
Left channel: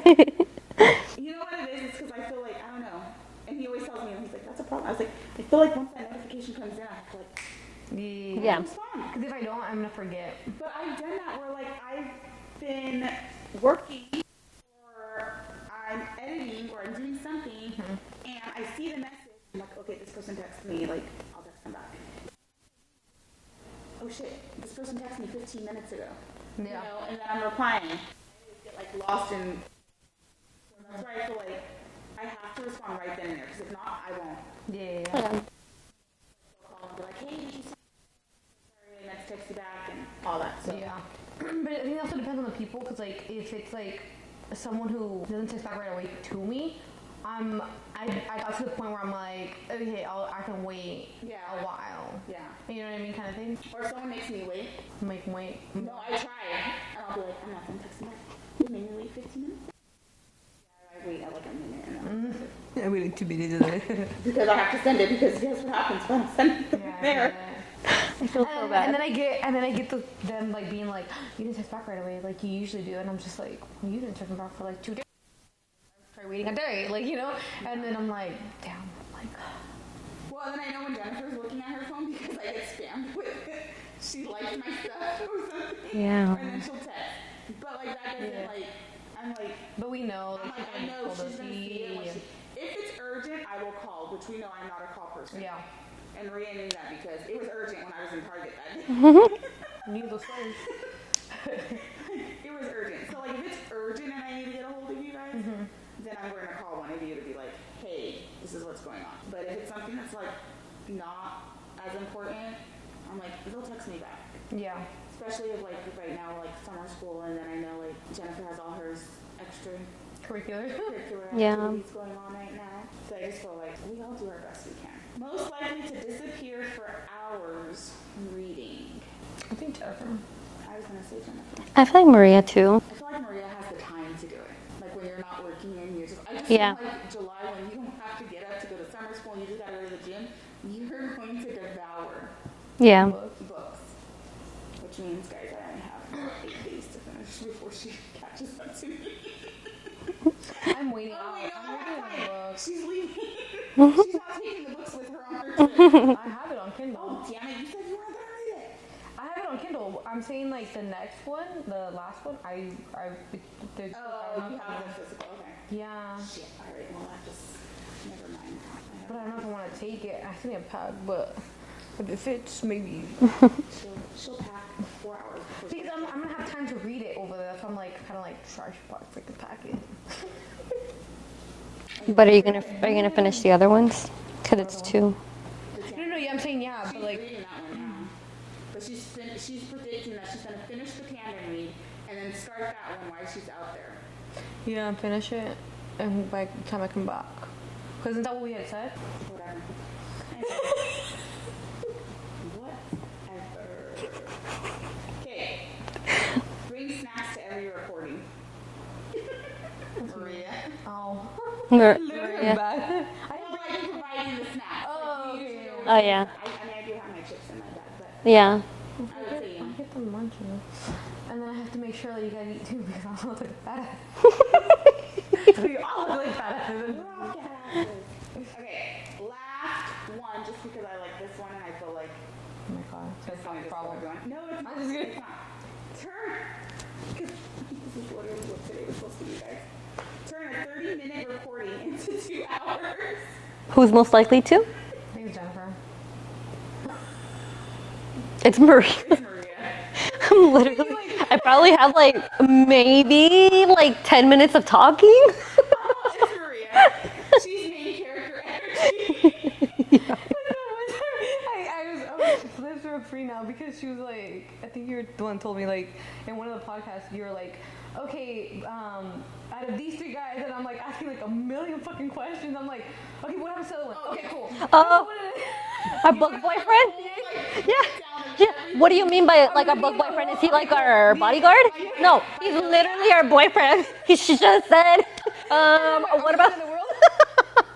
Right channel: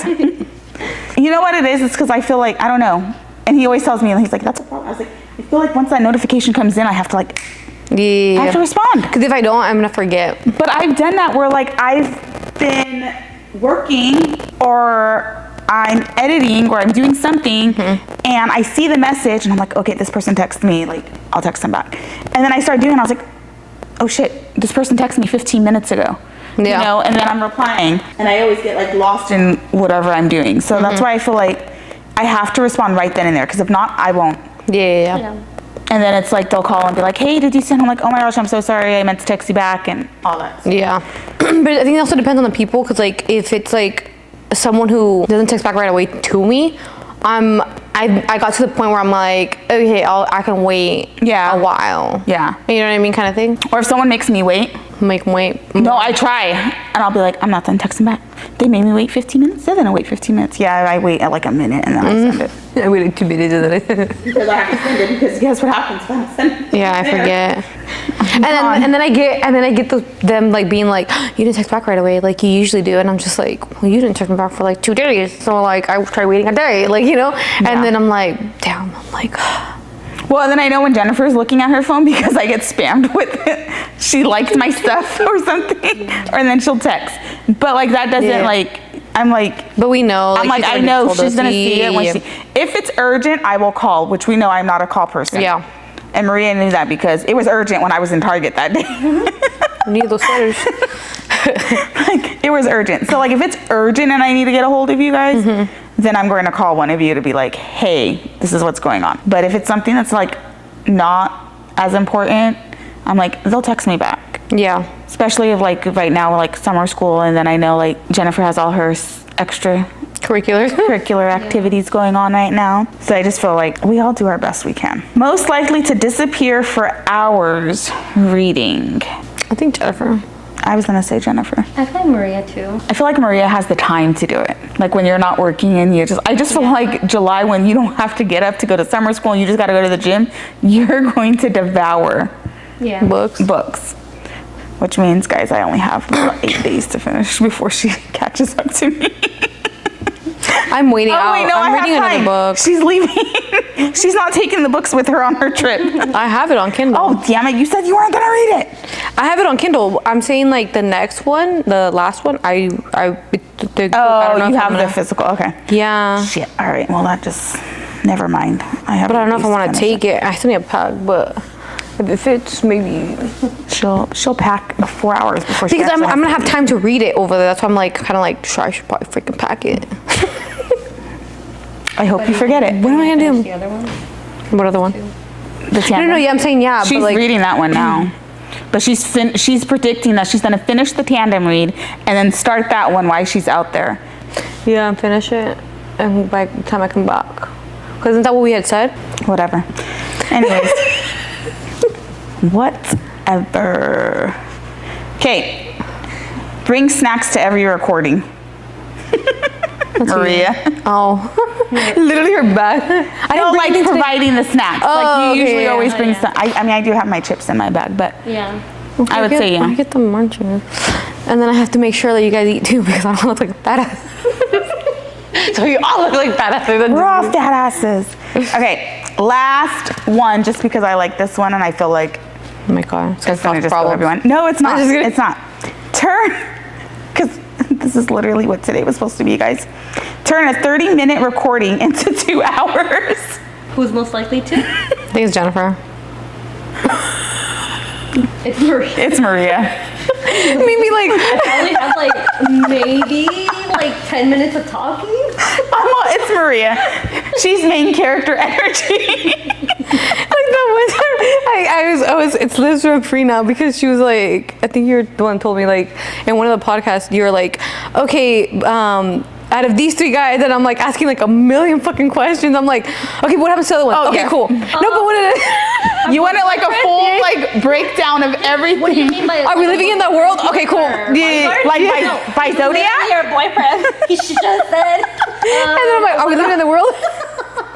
You know what it is? It's because I feel like, I don't know. And he always tells me, and he's like, that's a problem. I was like, I feel like once that notification comes in, I have to like, I have to respond. Because if I don't, I'm gonna forget. But I've done that where like I've been working or I'm editing or I'm doing something and I see the message and I'm like, okay, this person texted me, like I'll text them back. And then I start doing it, I was like, oh shit, this person texted me 15 minutes ago. Yeah. And then I'm replying and I always get like lost in whatever I'm doing. So that's why I feel like I have to respond right then and there because if not, I won't. Yeah. And then it's like they'll call and be like, hey, did you send? I'm like, oh my gosh, I'm so sorry. I meant to text you back and all that. Yeah. But I think it also depends on the people because like if it's like someone who doesn't text back right away to me, I got to the point where I'm like, okay, I can wait a while. Yeah. You know what I mean, kind of thing. Or if someone makes me wait. Make them wait. No, I try. And I'll be like, I'm not done texting back. They made me wait 15 minutes. They're gonna wait 15 minutes. Yeah, I wait at like a minute and then I send it. I waited 2 minutes and then Because I have to send it because guess what happens when I send it? yeah, I forget. and then I get them like being like, you didn't text back right away like you usually do, and I'm just like, well, you didn't text me back for like 2 days, so like I tried waiting a day, like and then I'm like, damn, I'm like. Well, and then I know when Jennifer's looking at her phone because I get spammed with it. She liked my stuff or something, and then she'll text. But like that doesn't like. I'm like. But we know. I'm like, I know she's gonna see it when she. If it's urgent, I will call, which we know I'm not a call person. Yeah. And Maria knew that because it was urgent when I was in Target that day. Need those sweaters. Like it was urgent. So like if it's urgent and I need to get a hold of you guys, then I'm going to call one of you to be like, hey, this is what's going on. But if it's something that's like not as important, I'm like, they'll text me back. Yeah. Especially if like right now like summer school and then I know like Jennifer has all her extra curricular activities going on right now. So I just feel like we all do our best we can. Most likely to disappear for hours reading. I think Jennifer. I was gonna say Jennifer. I feel like Maria too. I feel like Maria has the time to do it. Like when you're not working and I just feel like July, when you don't have to get up to go to summer school and you just gotta go to the gym, you're going to devour books. Which means, guys, I only have about 8 days to finish before she catches up to me. I'm waiting out. Wait, no, I'm reading have another time. book. She's leaving. She's not taking the books with her on her trip. I have it on Kindle. Oh, damn it. You said you weren't going to read it. I have it on Kindle. I'm saying like the next one, the last one, I don't know You if have I'm the gonna- physical. Okay. Yeah. Shit. All right. Well, that just, never mind. But I don't know if I want to take it. I still need a pack, but if it fits, maybe. She'll pack 4 hours before she Because I'm actually going to has have time to read it over there. That's why I'm like, kind of like, sure, I should probably freaking pack it. I hope you forget it. What am I gonna finish do? the other ones? What other one? Two. The tandem. No, yeah, I'm saying yeah. She's but like, reading that one now. But she's predicting that she's going to finish the tandem read and then start that one while she's out there. yeah, and finish it. And by the time I come back. Because isn't that what we had said? Whatever. Anyways. Whatever. Okay. Bring snacks to every recording. Maria. Oh. Literally her bag. I don't didn't like bring anything today. providing the snacks. Oh, like you okay, usually yeah. always Oh, bring yeah. some. I mean, I do have my chips in my bag, but Yeah. I would say I yeah. get the munchers. And then I have to make sure that you guys eat too because I don't look like a fat ass. So you all look like fat asses. We're all fat asses. Okay, last one, just because I like this one and I feel like Oh my god. It's it's gonna gonna cause just kill problems. everyone. No, it's not. I'm just kidding. It's not. Turn, because this is literally what today was supposed to be, guys. Turn a 30-minute recording into 2 hours. Who's most likely to? I think it's Jennifer. It's Maria. It's Maria. Maybe like I only have like maybe like 10 minutes of talking. It's Maria. She's main character energy. like the one time I was it's Liz from Free now because she was like, I think you're the one who told me like in one of the podcasts you were like, okay, out of these 3 guys, and I'm like asking like a million fucking questions. I'm like, okay, what happens to the other one? Oh, okay, yeah. cool. No, but what did it? You wanted like a full like breakdown of everything. What do you mean by? Are we living in that world? Okay, cool. Yeah, like by Zodiac? Your boyfriend. He just said. And then I'm like, are we living in the world?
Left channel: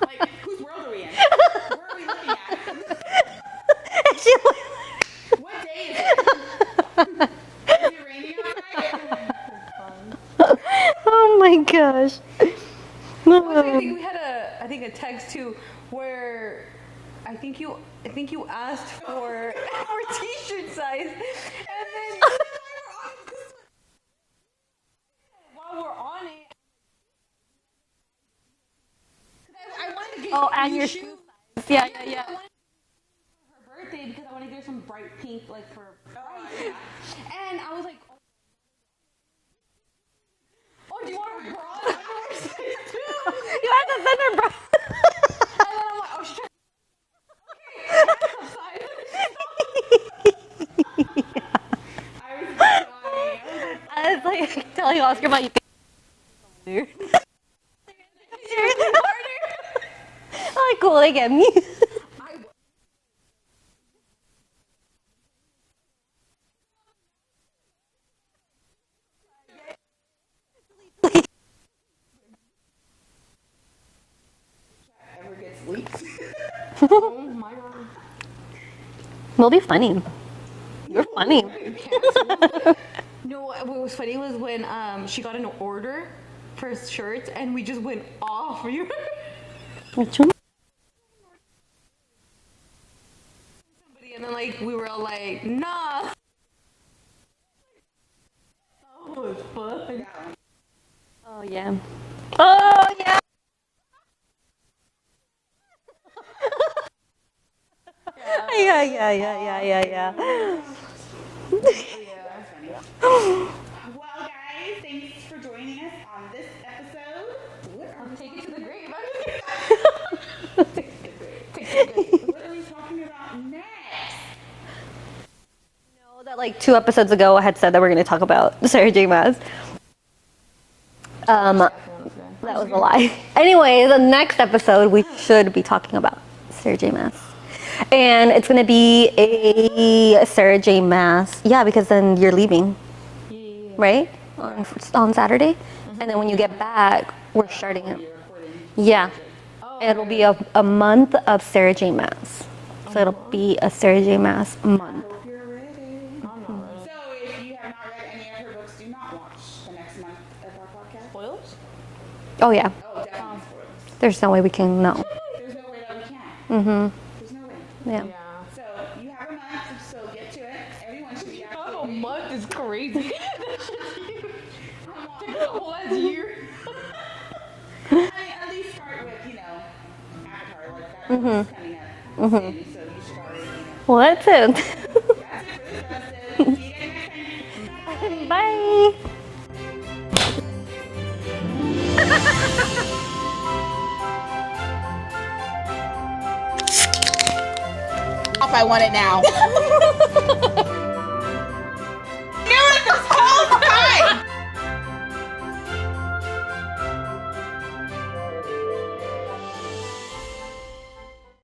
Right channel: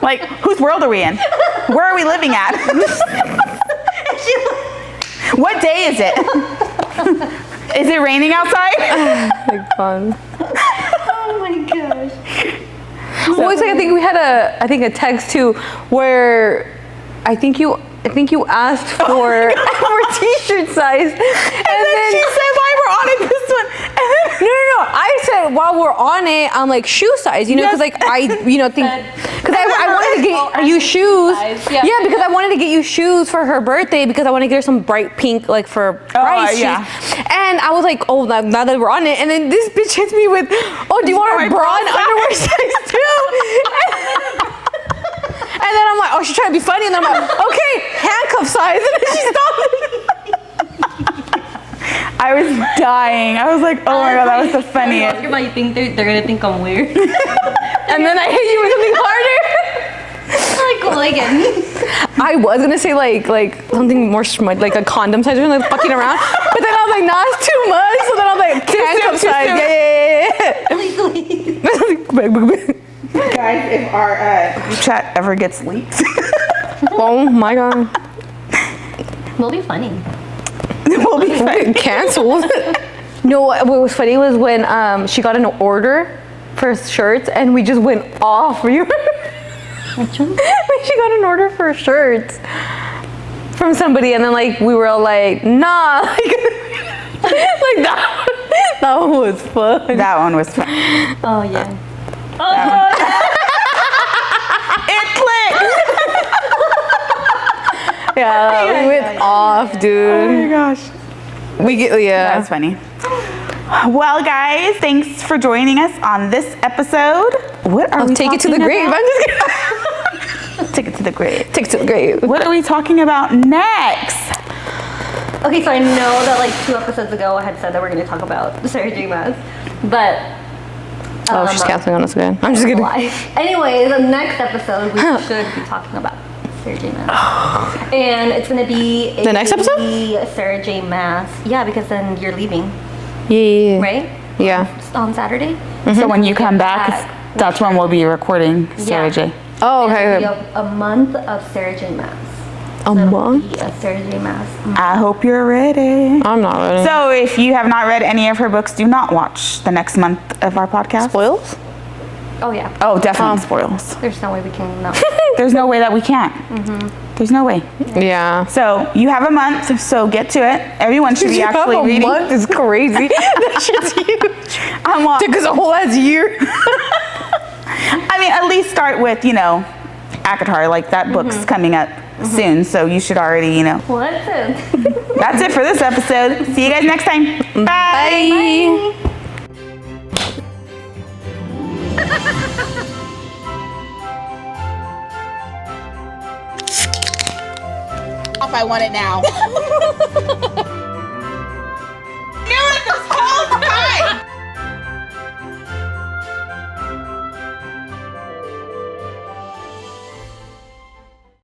Like, whose world are we in? Where are we living at? What day is it? Is it raining outside? Like fun. Oh my gosh. Well, it's like I think we had a text too where I think you asked for for t-shirt size, and then she said, "Why we're on it this one?" And then, no. I said while we're on it, I'm like shoe size, you know, because like I think because I wanted to get you shoes, yeah, because I wanted to get you shoes for her birthday because I want to get her some bright pink like for price yeah. shoes. And I was like, oh, now that we're on it, and then this bitch hits me with, oh, do you want a bra and underwear size too? And then I'm like, oh, she's trying to be funny. And then I'm like, okay, handcuff size. And then she stopped me. I was dying. I was like, oh my god, that was the funniest. Oscar, you think they're gonna think I'm weird? And then I hit you with something harder. Like again. I was gonna say like something more like a condom size or like fucking around. But then I was like, nah, it's too much. So then I was like, handcuff size. Yeah. Guys, if our group chat ever gets leaked, Oh my god. We'll be funny. we'll be fine. Canceled. No, what was funny was when she got an order for shirts and we just went off. You Which one? she got an order for shirts from somebody and then like we were all like, nah. Like that one was fun. That one was fun. Oh yeah. Oh, It clicked. Yeah, we went off, dude. Oh my gosh. We get That was funny. Well, guys, thanks for joining us on this episode. What are we take it to the talking grave. about? I'm just kidding. Take it to the grave. Take it to the grave. What are we talking about next? okay, so I know that like 2 episodes ago I had said that we're gonna talk about Sarah J. Maas, but Oh, she's canceling on us again. I'm just kidding. live. Anyway, the next episode we should be talking about Sarah J. Maas. And it's gonna be The next episode? a Sarah J. Maas. Yeah, because then you're leaving, Yeah. right? Yeah. On Saturday. So when you come back, back, that's when we'll be recording Sarah Yeah. J. Oh, And okay. it'll be a month of Sarah J. Maas. A It'll month? be a Sarah J. Maas. I hope you're ready. I'm not ready. So if you have not read any of her books, do not watch the next month of our podcast. Spoils? Oh yeah. Oh, definitely spoils. There's no way we can not. There's no way that we can't. There's no way. Yeah. So you have a month, so get to it. Everyone should be actually reading. month is crazy. That shit's huge. I'm on. Took us a whole ass year. I mean, at least start with, ACOTAR. Like that book's coming up soon, so you should already, Well, that's it. That's it for this episode. See you guys next time. Bye. Bye. I want it now.